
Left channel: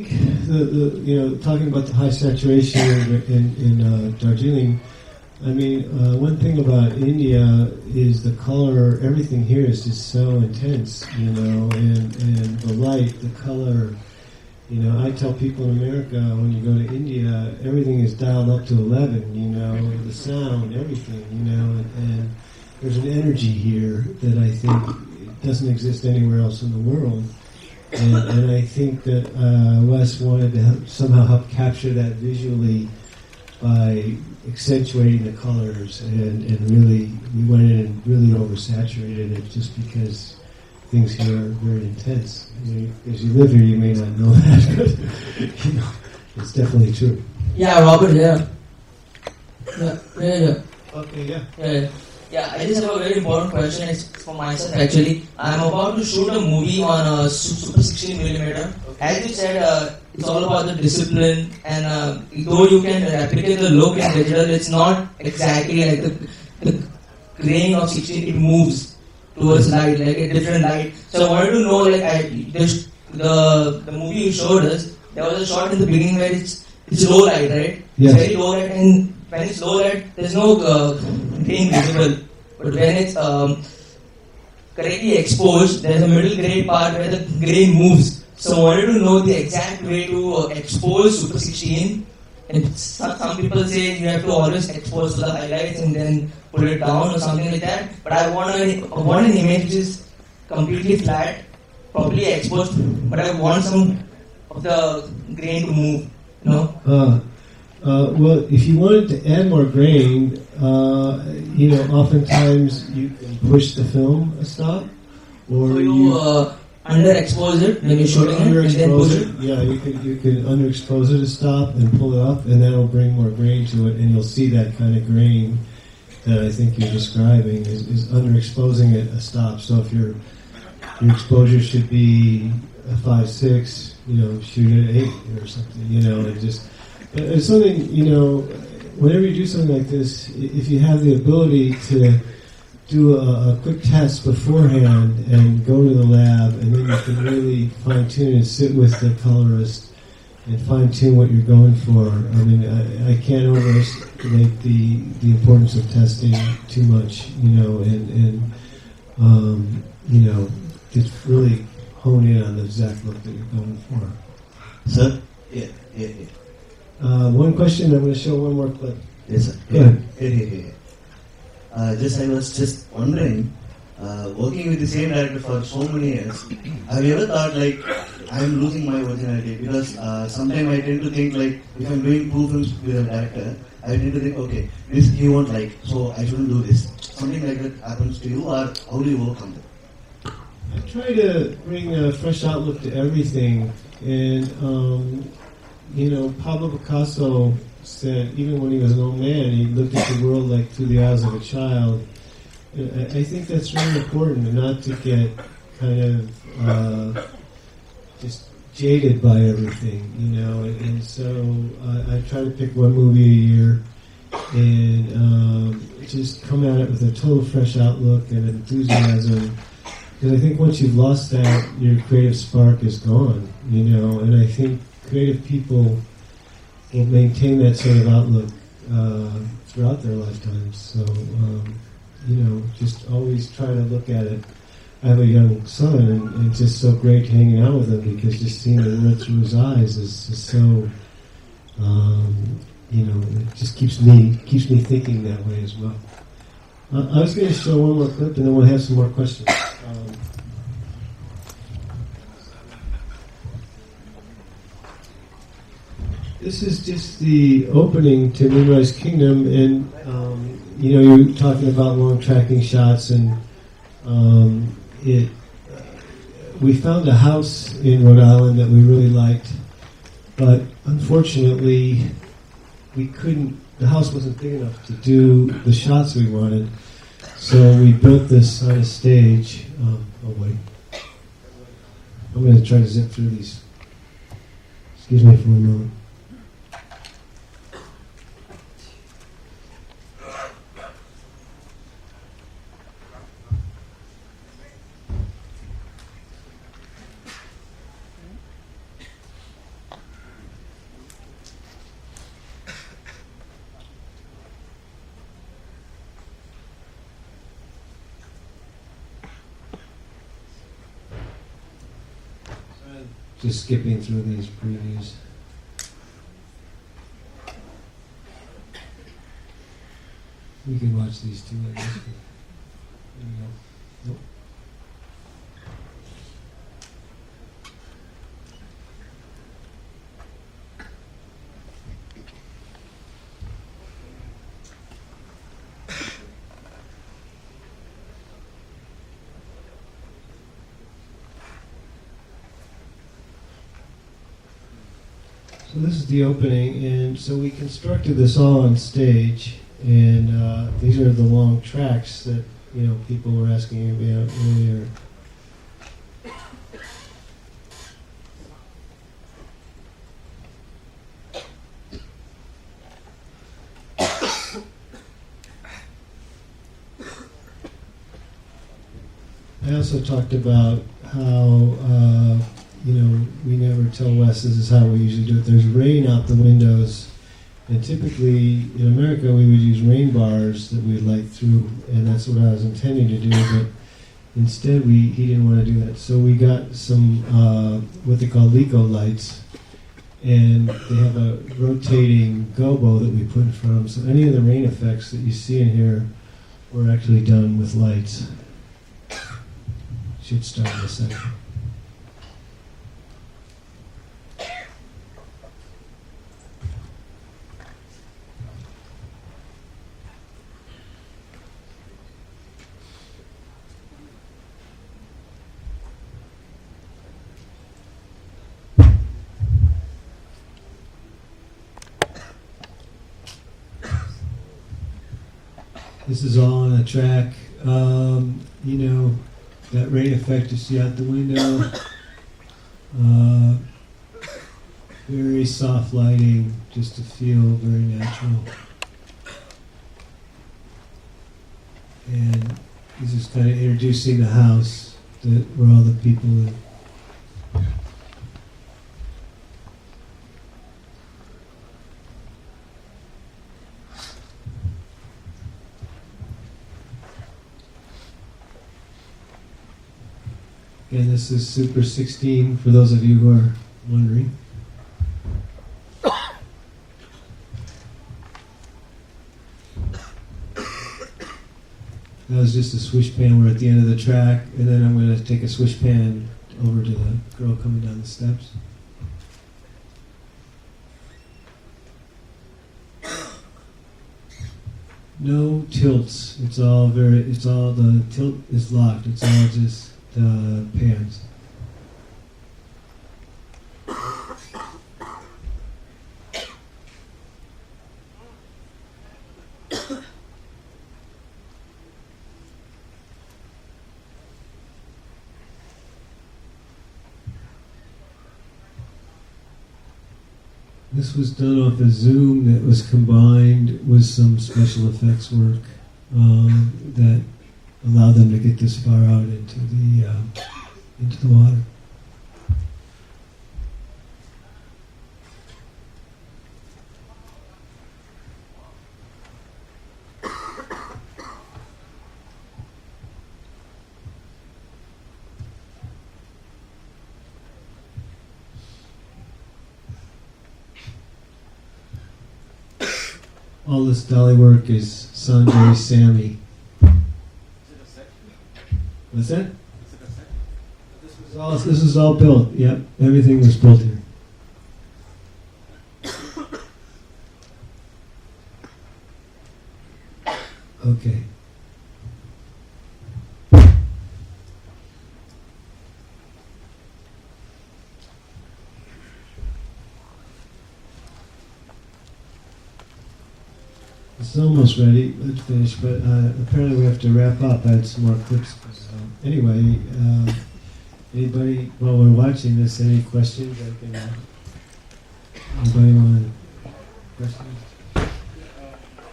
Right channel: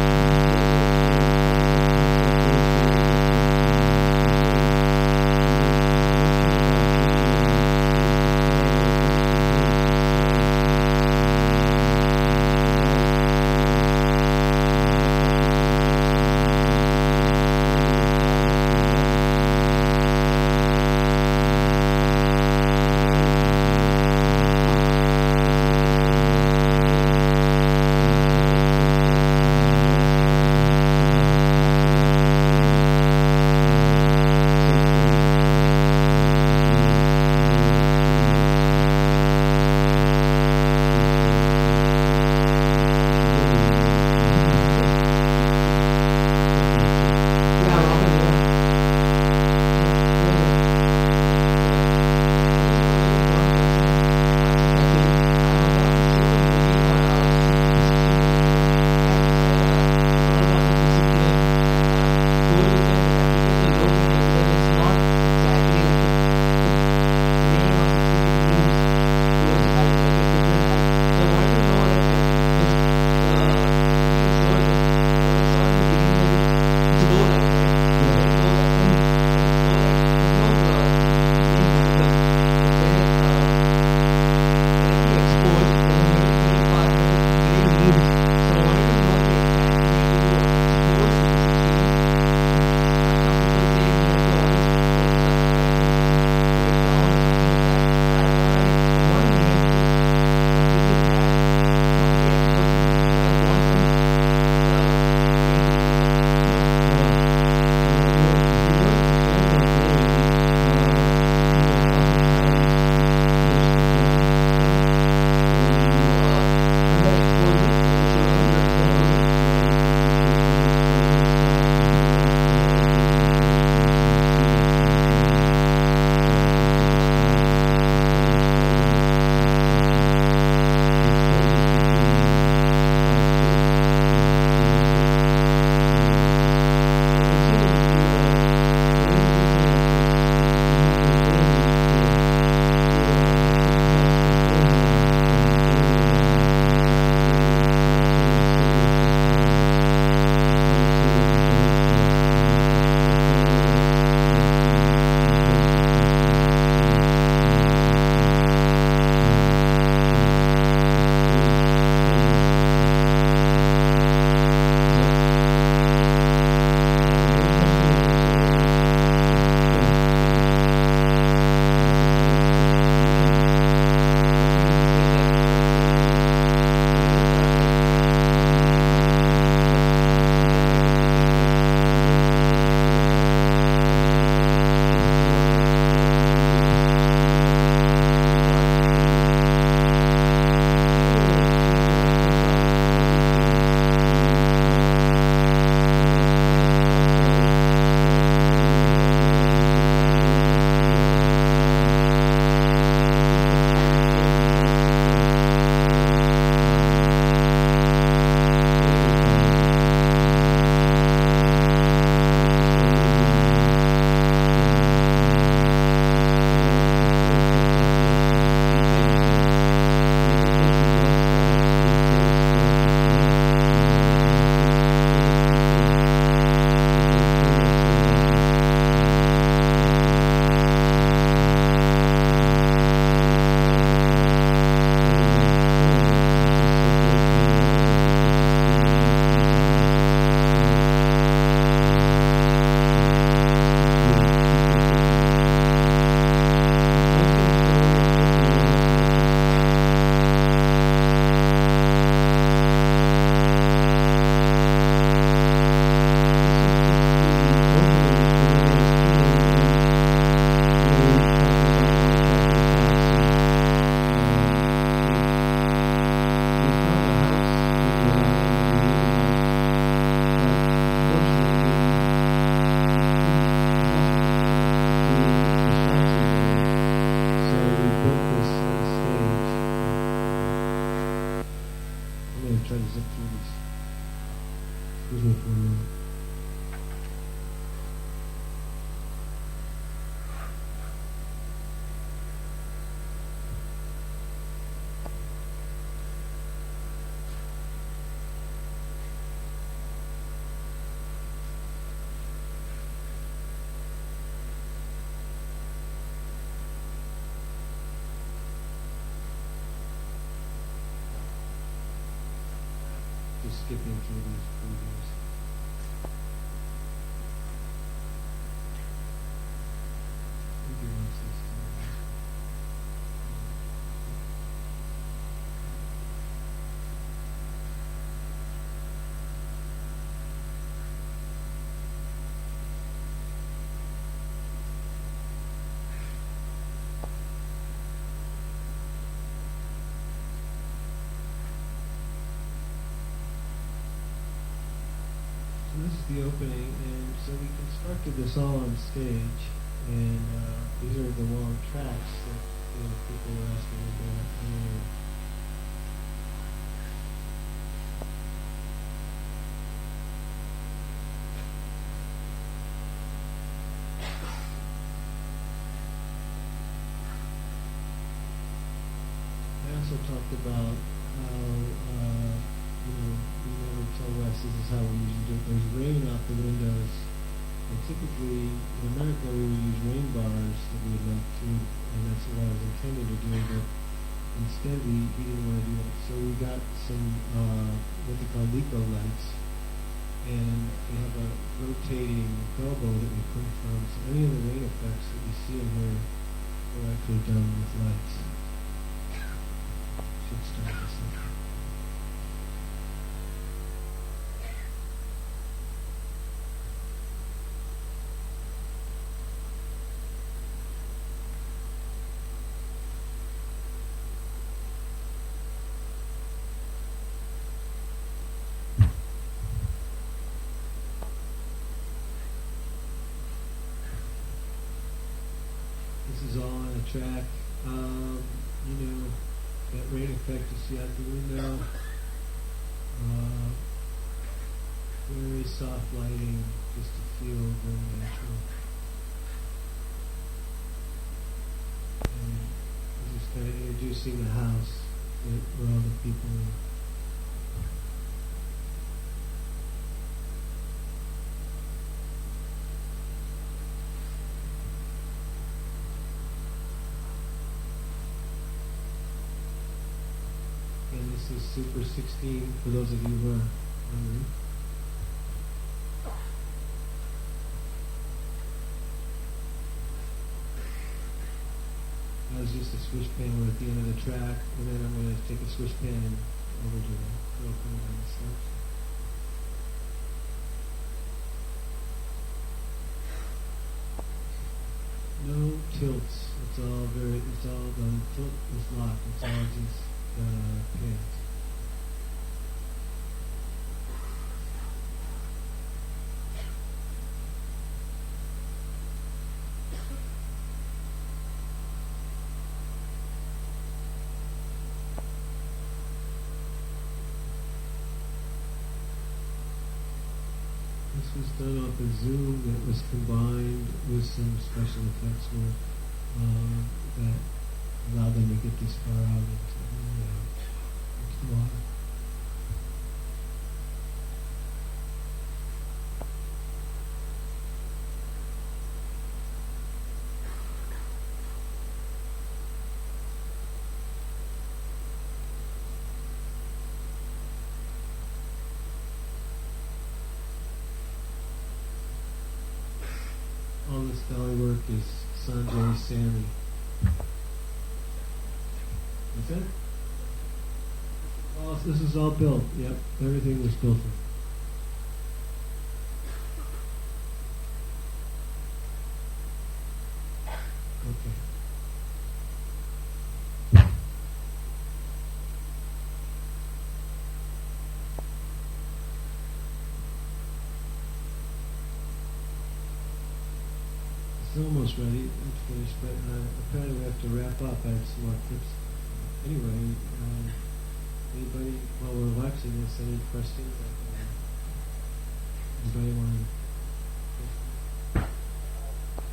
talking about the high saturation and budgeting. I mean, one thing about India is the color. Everything here is just so intense. And the light, the color. I tell people in America and in India, everything is dialed up to 11. The sound, everything. There's an energy here that I think doesn't exist anywhere else in the world. And I think that Les wanted to somehow help capture that visually by accentuating the colors and really layering, really oversaturating it just because things here are very intense. If you live here, you know that. It's definitely true. Yeah, Robert, yeah. I just have a very important question for myself actually. I'm about to shoot a movie on a Super 16mm. As you said, it's all about the discipline, and though you can replicate the look in digital, it's not exactly like the grain of 16-bit moves towards light, like a different light. So I wanted to know, like, the movie you showed us, there was a shot in the beginning where it's low light, right? Yes. It's very low light, and when it's low light, there's no being visible. But when it's correctly exposed, there's a middle gray part where the gray moves. So I wanted to know the exact way to expose Super 16. And some people say you have to always expose the highlights and then pull it down or something like that. But I want an image which is completely flat, probably exposed, but I want some of the grain to move. Well, if you wanted to add more grain, oftentimes you push the film stop, or you underexpose it when you're shooting it, and then push it. Yeah, you can underexpose it and stop and pull it up, and that'll bring more grain to it, and you'll see that kind of grain that I think you're describing is underexposing it and stop. So if the exposure should be 5/6, shoot at 8 or something, and so that, whenever you do something like this, if you have the ability to do a quick test beforehand and go to the lab, and then you can really fine-tune and sit with the colors and fine-tune what you're going for. I mean, I can't overestimate the importance of testing too much, it's really question, then we'll show one more thing. Yeah. Just I was just wondering, working with the same director for so many years, have you ever thought like I'm losing my originality? Because sometimes I tend to think like if I'm doing two things with a director, I tend to think okay, this he won't like, so I shouldn't do this. Something like that happens to you, or how do you work? When I first out looked at everything, and Paulo Picasso said, even when you're an old man, you look at the world like through the eyes of a child. And I think that's really important, not to get just jaded by everything. And so I try to think one movie a year, and just come at it with a total fresh outlook and enthusiasm. But I think once you've lost that, your creative spark is gone. And I think creative people that maintain that sort of outlook throughout their lifetimes. Just always try to look at it, have a young son, and it's just so great hanging out with it because just seeing the look in his eyes is just so, just keeps me thinking about things. I was going to show one more clip and then we'll have some more questions. Opening to Monroe's Kingdom, and you were talking about tracking shots, and we found a house in Rhode Island that we really liked, but unfortunately the house wasn't good enough to do the shots we wanted, so we built this on a stage. I'm going to try to zip through these. Excuse me for a moment. Just skipping through these previews. You can watch these two. So this is the opening, and so we constructed this all on stage, and these are the long tracks that people were asking me about earlier. I also talked about how we never tell Wes this is how we usually do it. There's rain out the windows, and typically in America we would use rain bars that we'd light through, and that's what I was intending to do, but instead he didn't want to do that. So we got some what they call Lico lights, and they have a rotating gobo that we put in front of them. So any of the rain effects that you see in here were actually done with lights. Should start in a second. This is all on a track. That rain effect you see out the window. Very soft lighting, just to feel very natural. And this is kind of introducing the house where all the people live. And this is Super 16, for those of you who are wondering. That was just a swish pan. We're at the end of the track, and then I'm going to take a swish pan over to the girl coming down the steps. No tilts. It's all the tilt is locked. It's all just pans. This was done off a Zoom that was combined with some special effects work that allowed them to get this far out into the water. All this dolly work is Sanjay Sammy. What's that? This is all built. Yep, everything was built here. Okay. It's almost ready. It's finished, but apparently we have to wrap up. I had some more clips. So anyway, anybody while we're watching this, any questions? Anybody want questions?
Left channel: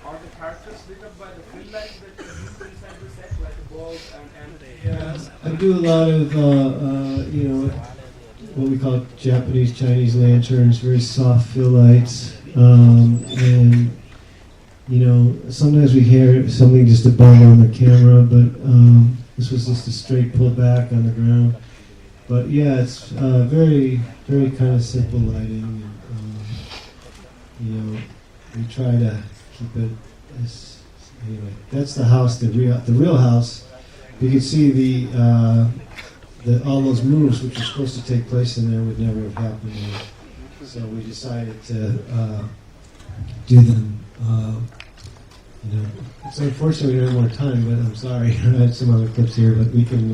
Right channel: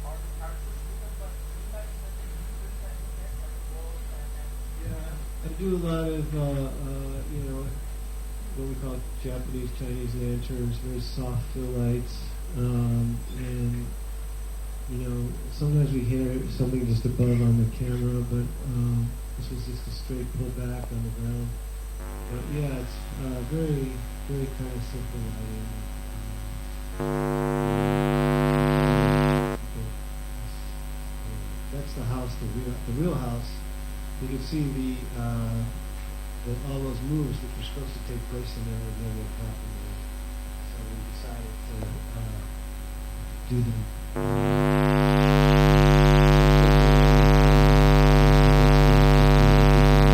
Are the characters lit up by the film lights that you use inside the set, like the balls and Yeah, I do a lot of what we call Japanese Chinese lanterns, very soft fill lights, and sometimes we hear something just above on the camera, but this was just a straight pull back on the ground. But yeah, it's very, very kind of simple lighting. We try to keep it as, that's the house, the real house. You can see all those moves which were supposed to take place in there would never have happened there. So we decided to do them. So unfortunately, we have no time. I'm sorry. I'd like someone to put to people,